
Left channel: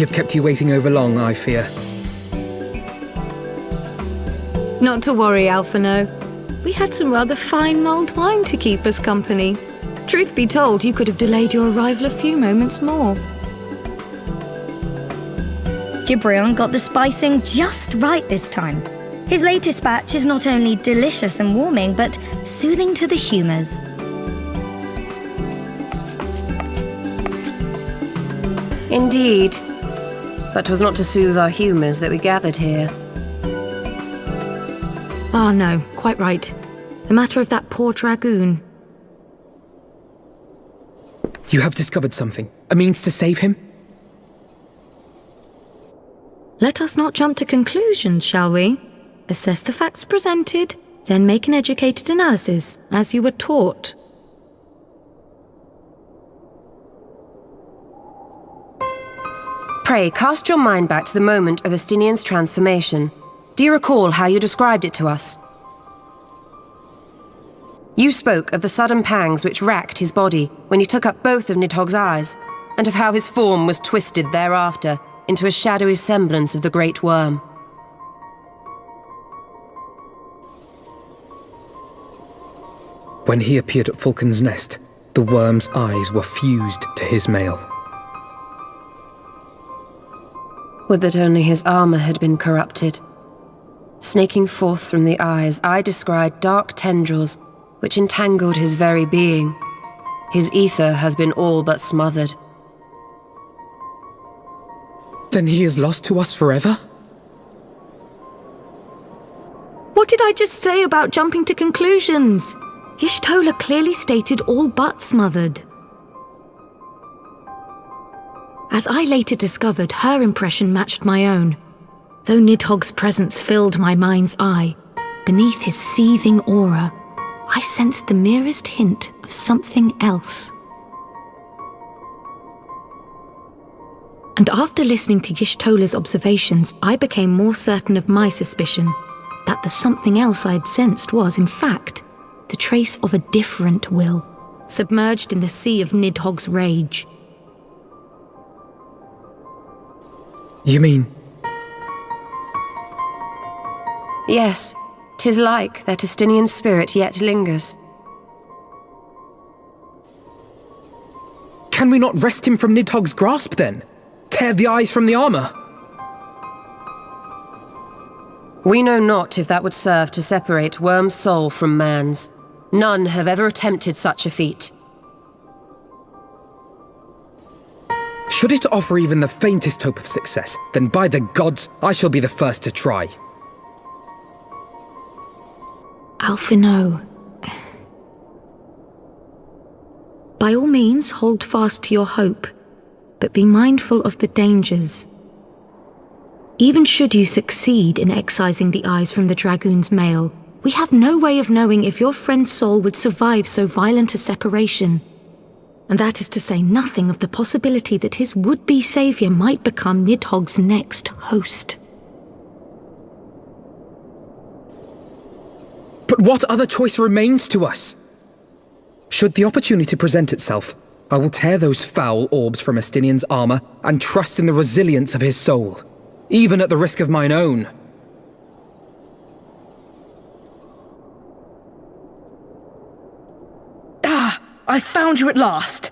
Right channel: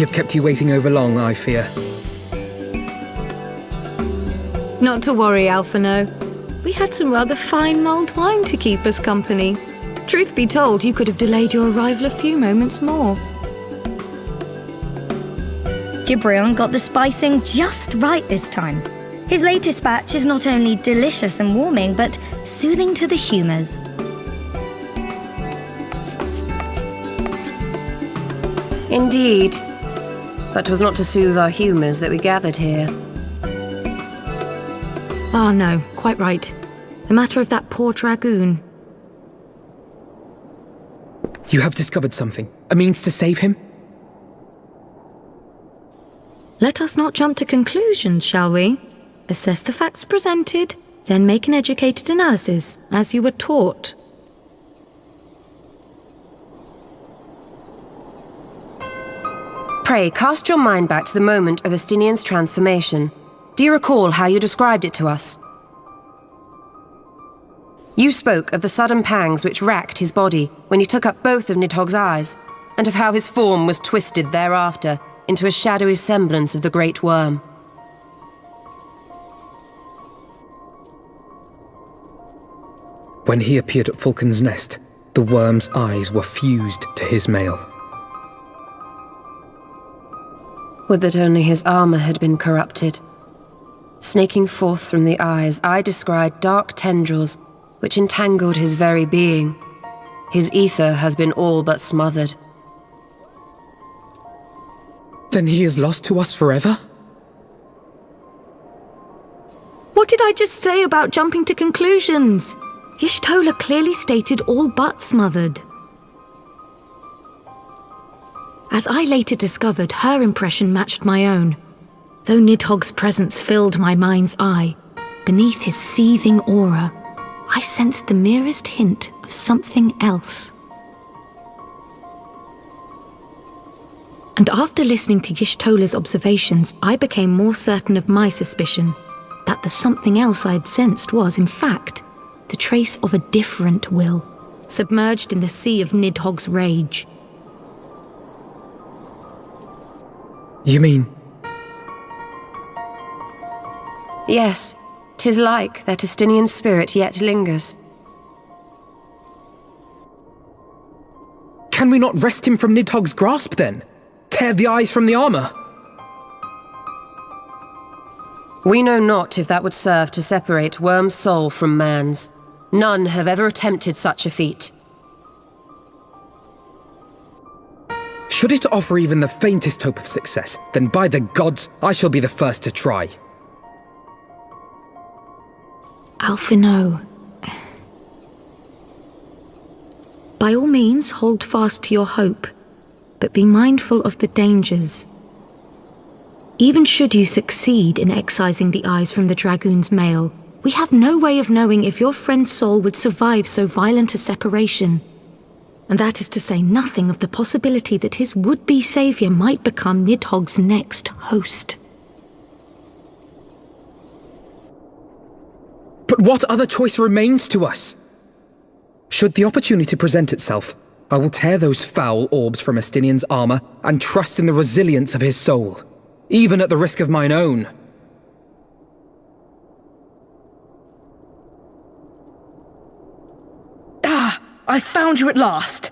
have kept you waiting over long, I fear. Not to worry, Alphino. We had some rather fine mulled wine to keep us company. Truth be told, you could have delayed your arrival a few moments more. Gibrion got the spicing just right this time. His latest batch is not only delicious and warming, but soothing to the humours. Indeed. But 'twas not to soothe our humours that we gathered here. Ah, no, quite right. The matter of that poor dragoon. You have discovered something. A means to save him? Let us not jump to conclusions, shall we? Assess the facts presented, then make an educated analysis, as you were taught. Pray, cast your mind back to the moment of Estinian's transformation. Do you recall how you described it to us? You spoke of the sudden pangs which racked his body when he took up both of Nidhogg's eyes, and of how his form was twisted thereafter into a shadowy semblance of the Great Worm. When he appeared at Falcon's Nest, the worm's eyes were fused to his mail. Would that only his armor had been corrupted. Snaking forth from the eyes, I descried dark tendrils which entangled his very being. His ether has been all but smothered. Then he is lost to us forever? What did I just say about jumping to conclusions? Y'shtola clearly stated all but smothered. As I later discovered, her impression matched my own. Though Nidhogg's presence filled my mind's eye, beneath his seething aura, I sensed the merest hint of something else. And after listening to Y'shtola's observations, I became more certain of my suspicion that the something else I'd sensed was, in fact, the trace of a different will, submerged in the sea of Nidhogg's rage. You mean? Yes, 'tis like that Estinian spirit yet lingers. Can we not wrest him from Nidhogg's grasp, then? Tear the eyes from the armor? We know not if that would serve to separate Worm's soul from man's. None have ever attempted such a feat. Should it offer even the faintest hope of success, then by the gods, I shall be the first to try. Alphino. By all means, hold fast to your hope, but be mindful of the dangers. Even should you succeed in excising the eyes from the Dragoon's mail, we have no way of knowing if your friend's soul would survive so violent a separation. And that is to say nothing of the possibility that his would-be savior might become Nidhogg's next host. But what other choice remains to us? Should the opportunity present itself, I will tear those foul orbs from Estinian's armor and trust in the resilience of his soul, even at the risk of mine own. Ah! I found you at last!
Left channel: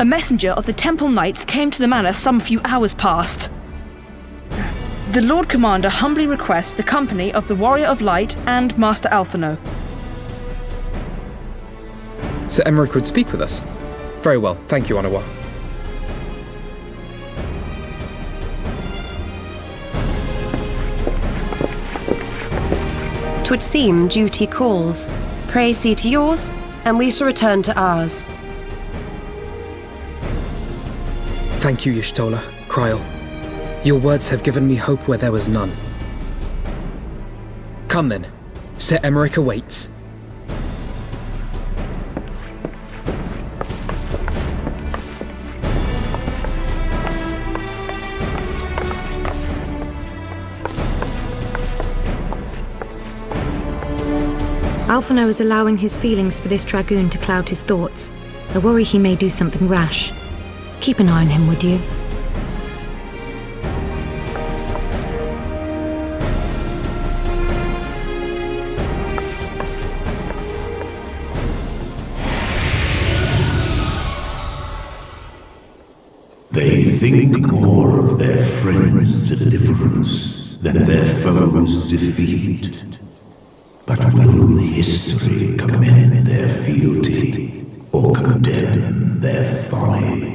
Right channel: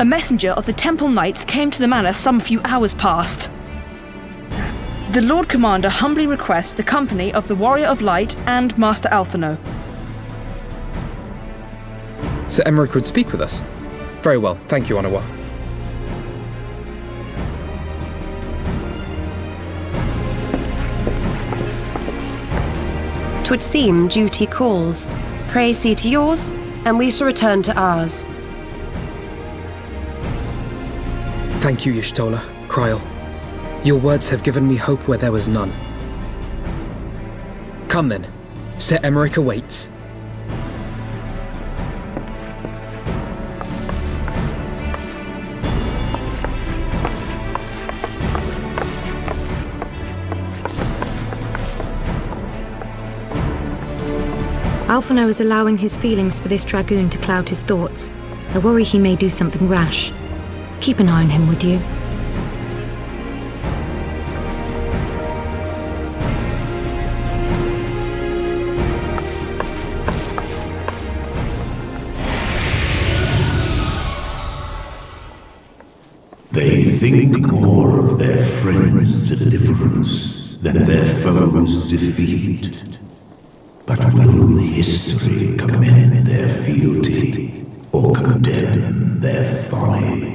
A messenger of the Temple Knights came to the manor some few hours past. The Lord Commander humbly requests the company of the Warrior of Light and Master Alphino. Sir Emmerich would speak with us. Very well, thank you, Anawa. 'Twould seem duty calls. Pray see to yours, and we shall return to ours. Thank you, Y'shtola, Kryl. Your words have given me hope where there was none. Come then. Sir Emmerich awaits. Alphino is allowing his feelings for this dragoon to cloud his thoughts. I worry he may do something rash. Keep an eye on him, would you? They think more of their friends' deliverance than their foes' defeat. But will history commend their fealty or condemn their folly?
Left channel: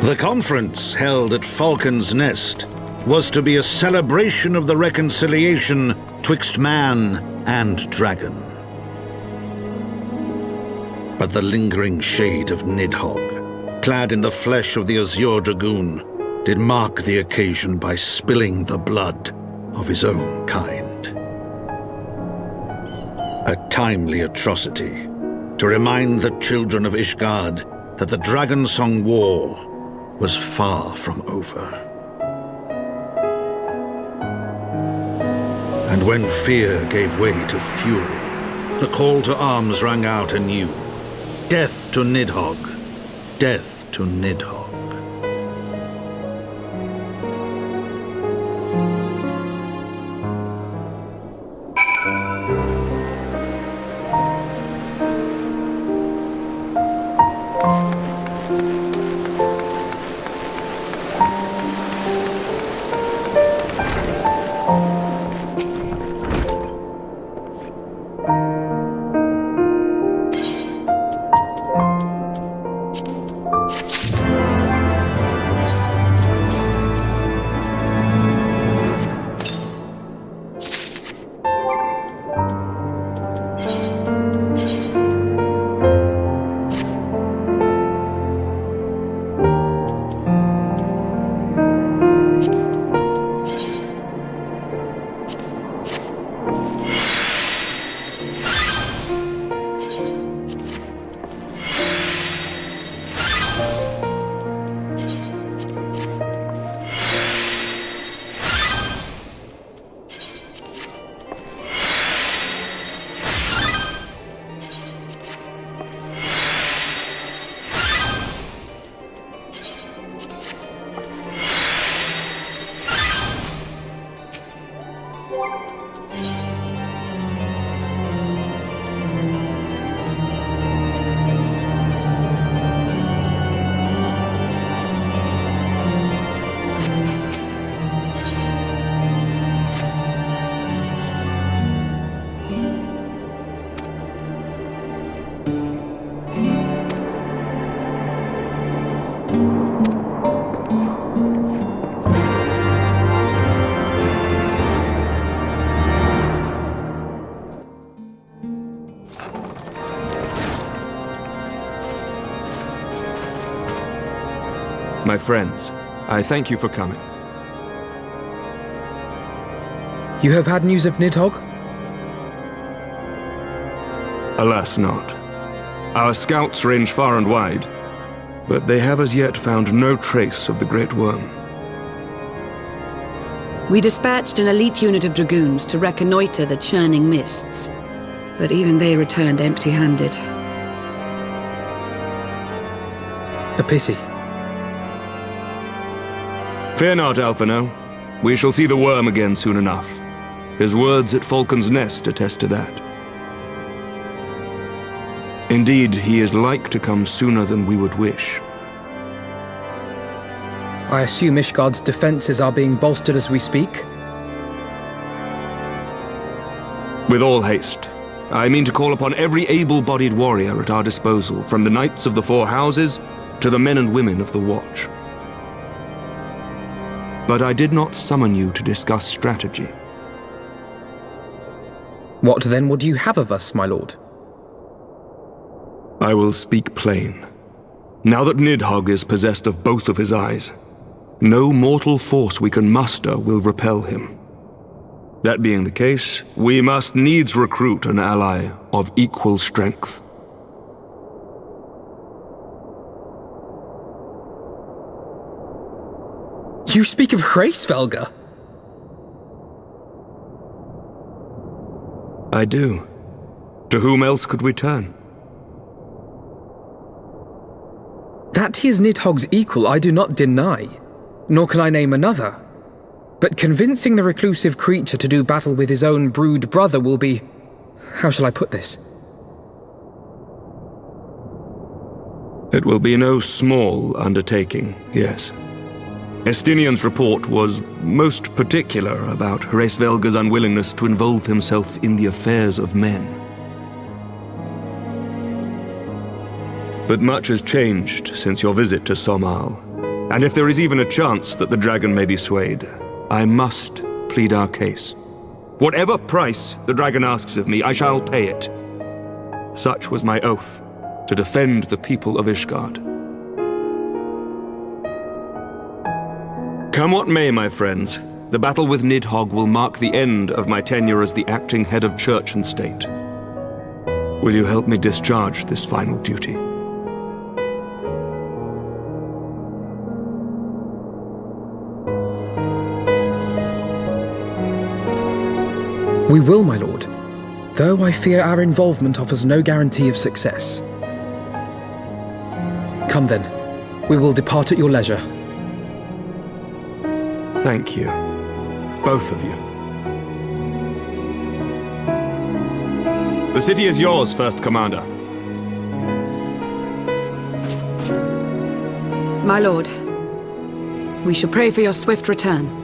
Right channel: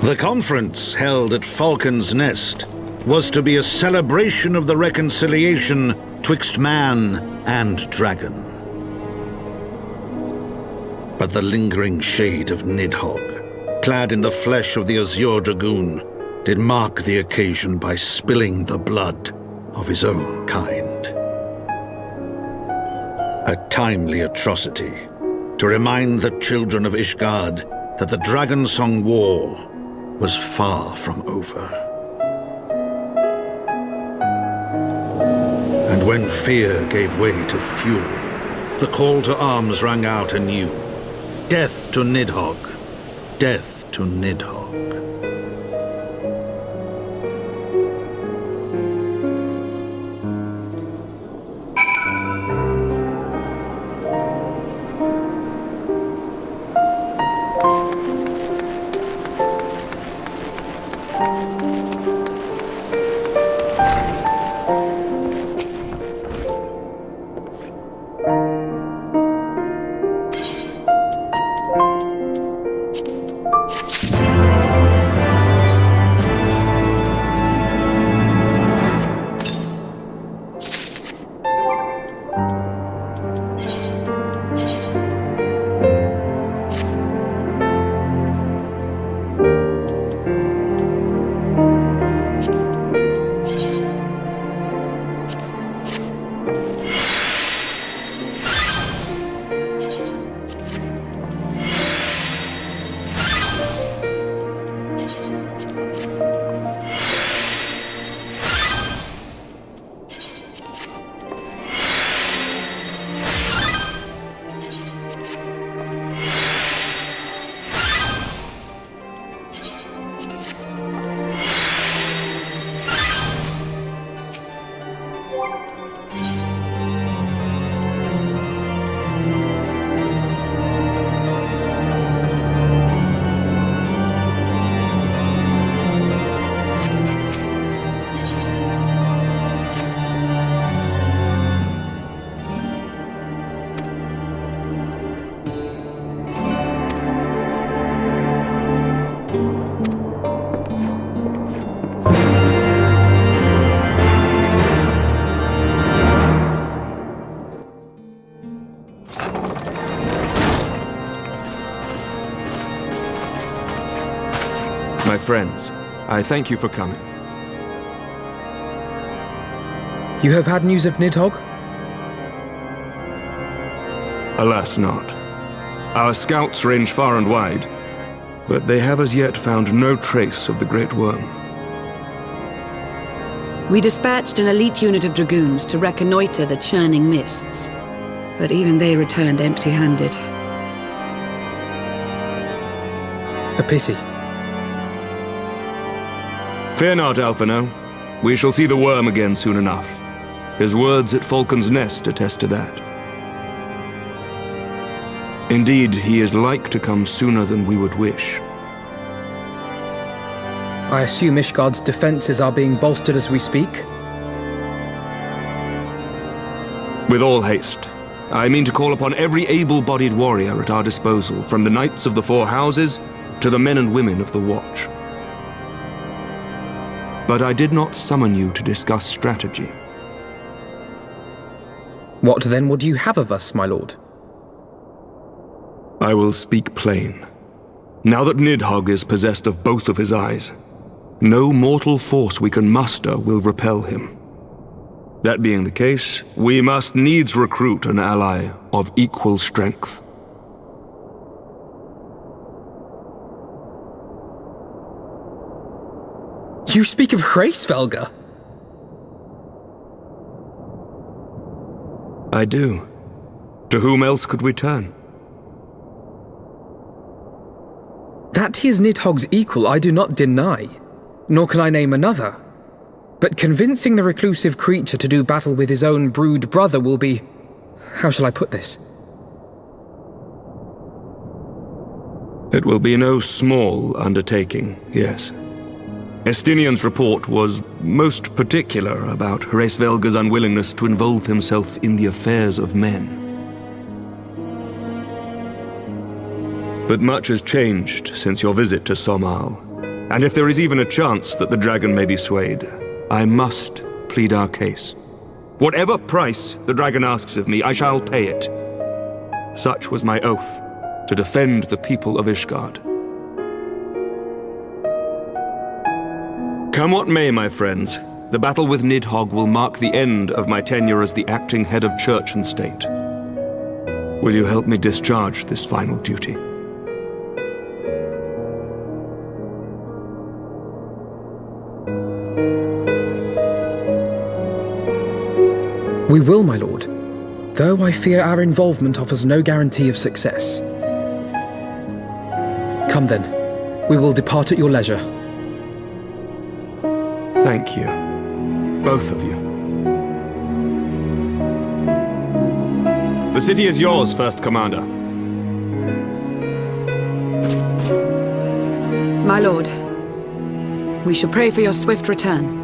The conference held at Falcon's Nest was to be a celebration of the reconciliation twixt man and dragon. But the lingering shade of Nidhogg, clad in the flesh of the Yue Dragoon, did mark the occasion by spilling the blood of his own kind. A timely atrocity to remind the children of Ishgard that the Dragonsong War was far from over. And when fear gave way to fury, the call to arms rang out anew. Death to Nidhogg! Death to Nidhogg! My friends, I thank you for coming. You have had news of Nidhogg? Alas not. Our scouts range far and wide, but they have as yet found no trace of the Great Worm. We dispatched an elite unit of dragoons to reconnoiter the churning mists, but even they returned empty-handed. A pity. Fear not, Alphino. We shall see the worm again soon enough. His words at Falcon's Nest attest to that. Indeed, he is like to come sooner than we would wish. I assume Ishgard's defenses are being bolstered as we speak? With all haste. I mean to call upon every able-bodied warrior at our disposal, from the Knights of the Four Houses to the men and women of the Watch. But I did not summon you to discuss strategy. What then would you have of us, my lord? I will speak plain. Now that Nidhogg is possessed of both of his eyes, no mortal force we can muster will repel him. That being the case, we must needs recruit an ally of equal strength. You speak of Hraesvelga? I do. To whom else could we turn? That he is Nidhogg's equal I do not deny, nor can I name another. But convincing the reclusive creature to do battle with his own brood brother will be... how shall I put this? It will be no small undertaking, yes. Estinian's report was most particular about Hraesvelga's unwillingness to involve himself in the affairs of men. But much has changed since your visit to Somal, and if there is even a chance that the dragon may be swayed, I must plead our case. Whatever price the dragon asks of me, I shall pay it. Such was my oath, to defend the people of Ishgard. Come what may, my friends, the battle with Nidhogg will mark the end of my tenure as the acting head of church and state. Will you help me discharge this final duty? We will, my lord, though I fear our involvement offers no guarantee of success. Come then, we will depart at your leisure. Thank you, both of you. The city is yours, First Commander. My lord, we shall pray for your swift return.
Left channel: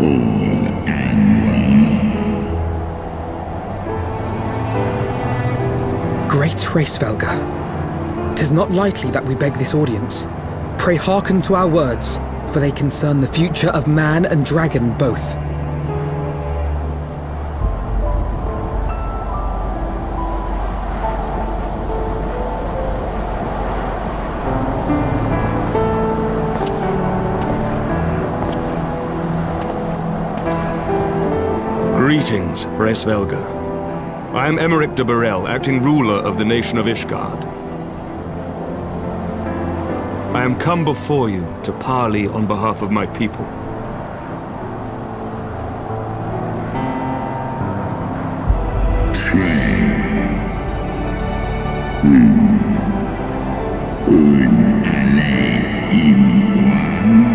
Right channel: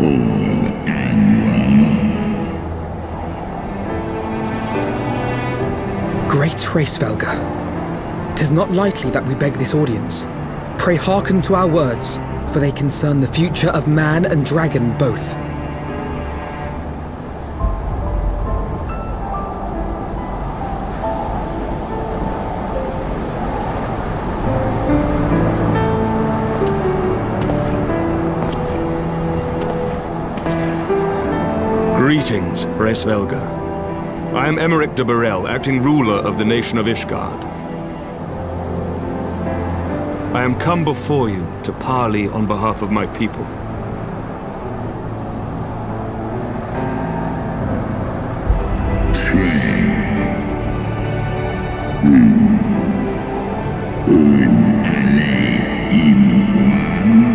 All and Great Hraesvelga, 'tis not lightly that we beg this audience. Pray hearken to our words, for they concern the future of man and dragon both. Greetings, Hraesvelga. I am Emeric de Burrell, acting ruler of the nation of Ishgard. I am come before you to parley on behalf of my people. Un alle in one,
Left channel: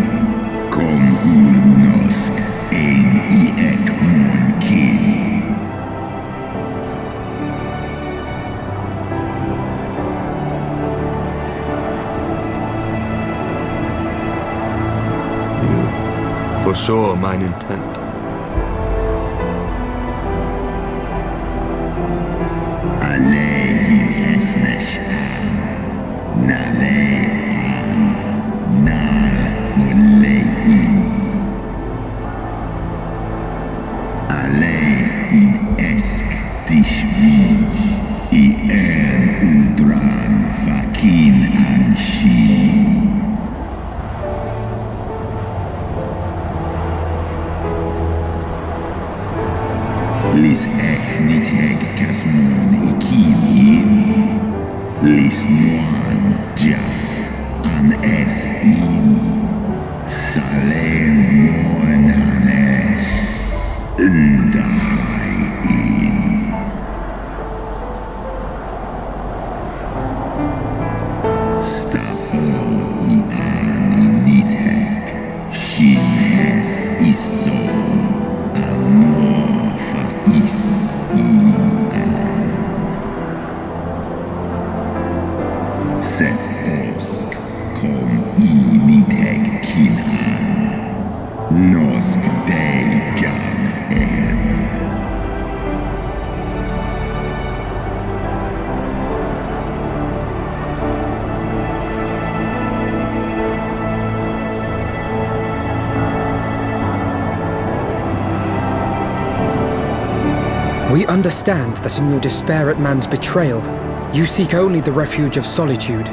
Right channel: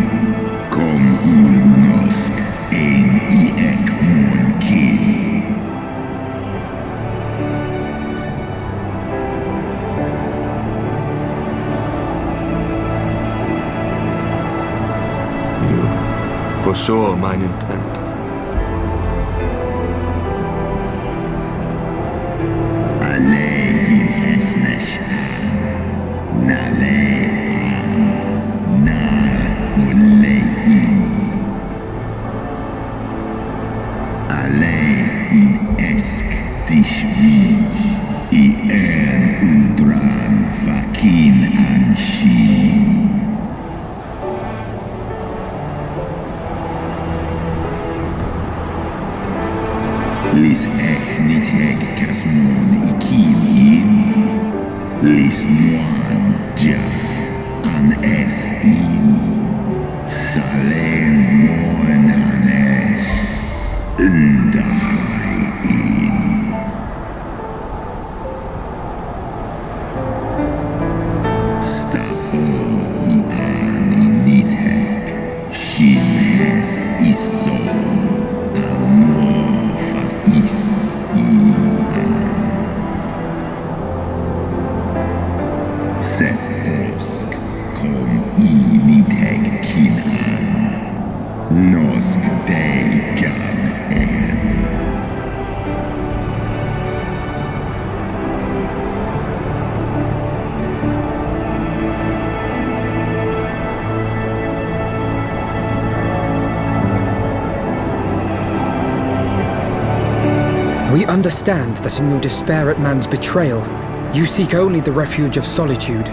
kom ulnosk ein I ekmon kin. You foresaw mine intent. Alle in esnesh nale an nal ulle in. Alle in esk dishvij I uldran fakin an shin. Lis echniteg kasmon ikin in. Lis nuan jas an es in. Salen monanesh ndahai in. Stapol I an initeg. Shin hes isom. Al nuofa is in an. Seth osk kom initeg kin an. Nosk dei gan en. We understand that in your despair at man's betrayal, you seek only the refuge of solitude.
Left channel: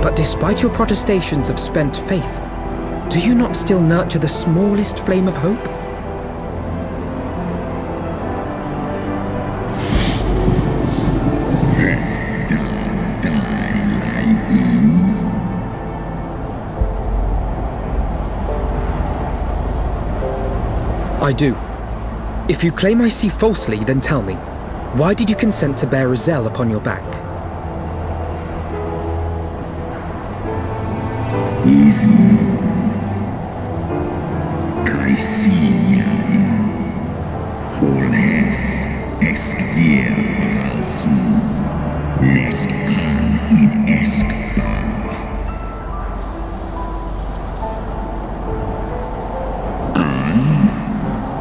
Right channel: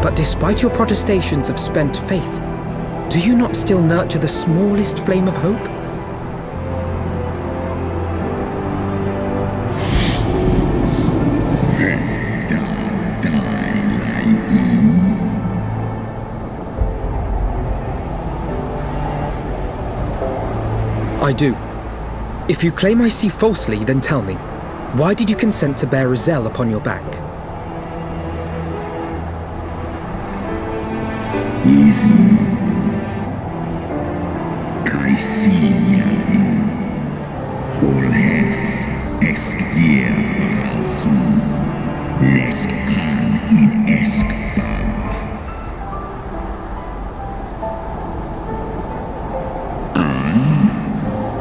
But despite your protestations of spent faith, do you not still nurture the smallest flame of hope? I do. If you claim I see falsely, then tell me, why did you consent to bear Rizel upon your back? Is Kaisinia in Holhes Exkdir Valsu Nesk an in Eskbar.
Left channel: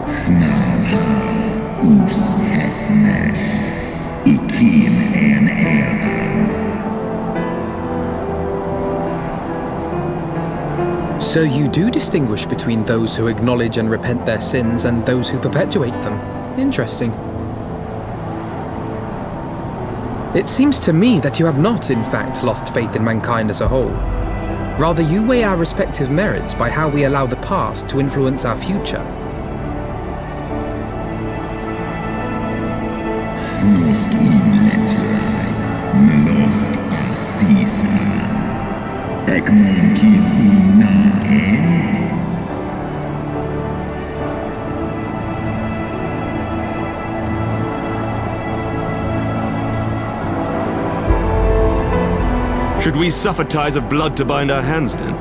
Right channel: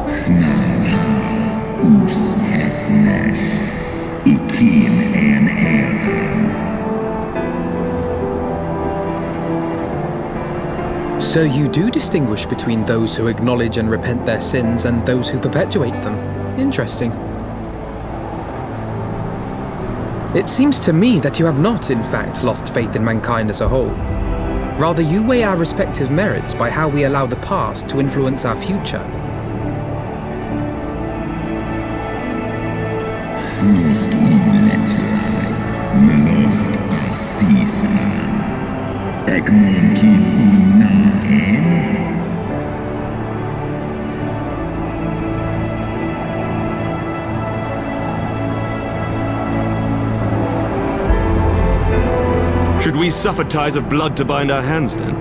Snarhau us hesnesh ikin en eran. So you do distinguish between those who acknowledge and repent their sins and those who perpetuate them. Interesting. It seems to me that you have not, in fact, lost faith in mankind as a whole. Rather, you weigh our respective merits by how we allow the past to influence our future. Snosk inletlai, melosk asisa. Ekmon kin una en. Should we suffer ties of blood to bind our hands, then?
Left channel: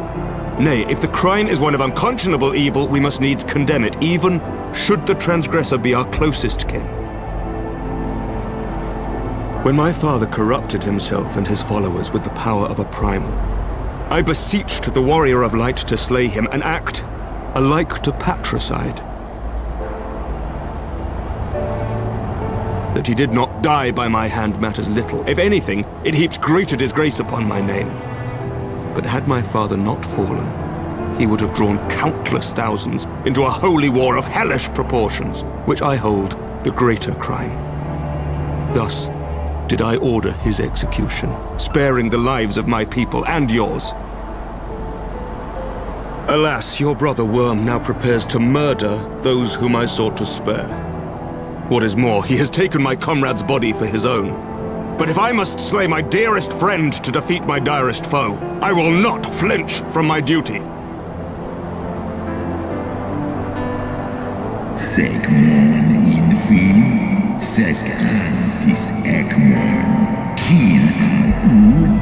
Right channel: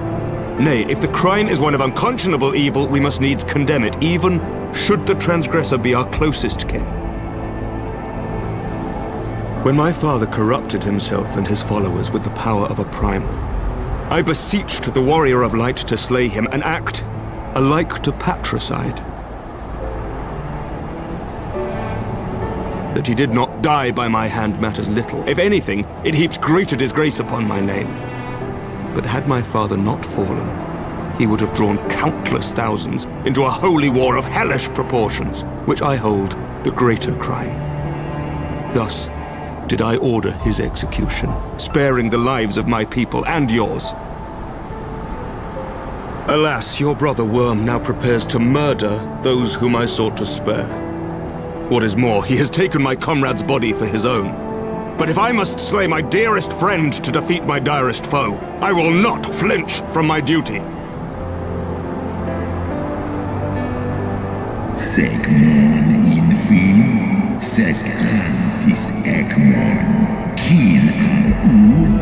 Nay, if the crime is one of unconscionable evil, we must needs condemn it, even should the transgressor be our closest kin. When my father corrupted himself and his followers with the power of a primal, I beseeched the Warrior of Light to slay him, an act alike to patricide. That he did not die by my hand matters little. If anything, it heaps greater disgrace upon my name. But had my father not fallen, he would have drawn countless thousands into a holy war of hellish proportions, which I hold the greater crime. Thus did I order his execution, sparing the lives of my people and yours. Alas, your brother Worm now prepares to murder those whom I sought to spare. What is more, he has taken my comrade's body for his own. But if I must slay my dearest friend to defeat my direst foe, I will not flinch from my duty. Segmon infin, sesk antis ekmon, kin al ud.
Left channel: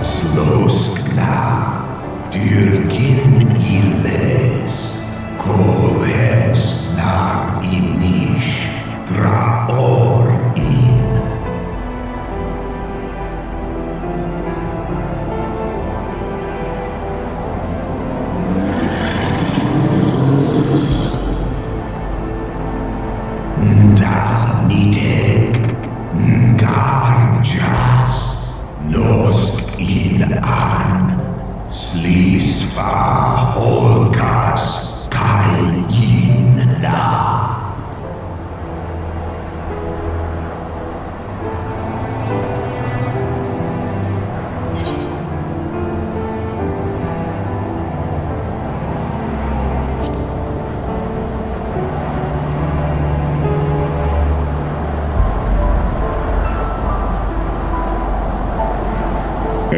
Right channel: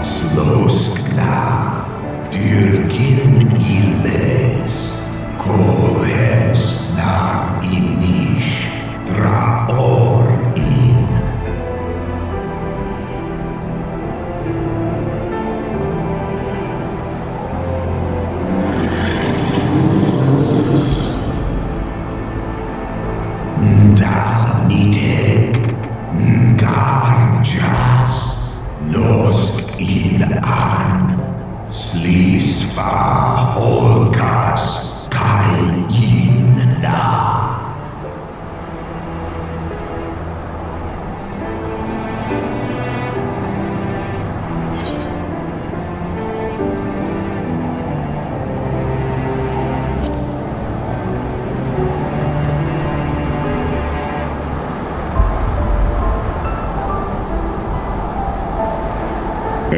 Sloskna, dyrkin illes, kolhes nar inish, draor in. Da niteg, ngarjas, nosk in an, slisva holkas, kail in na.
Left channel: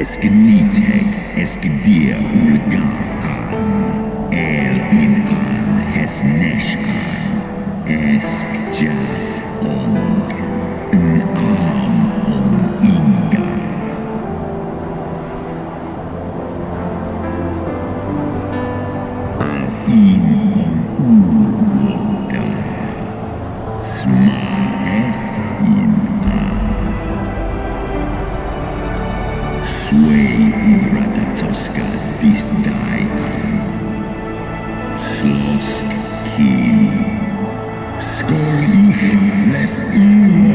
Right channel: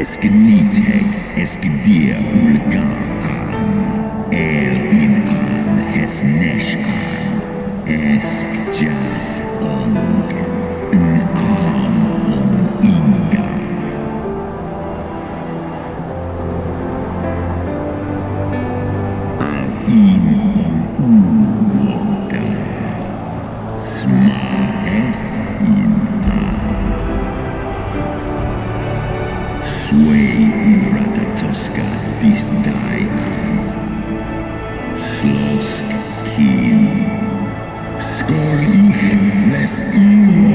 Esgniteg, esgdia ulga an, el in an, hes nesh an, esk jas ong, n am on inga. Al in on ulwoga, smahes in an. Sway in Ratatoska dis die an. Slosk kin. Skor ich les imo.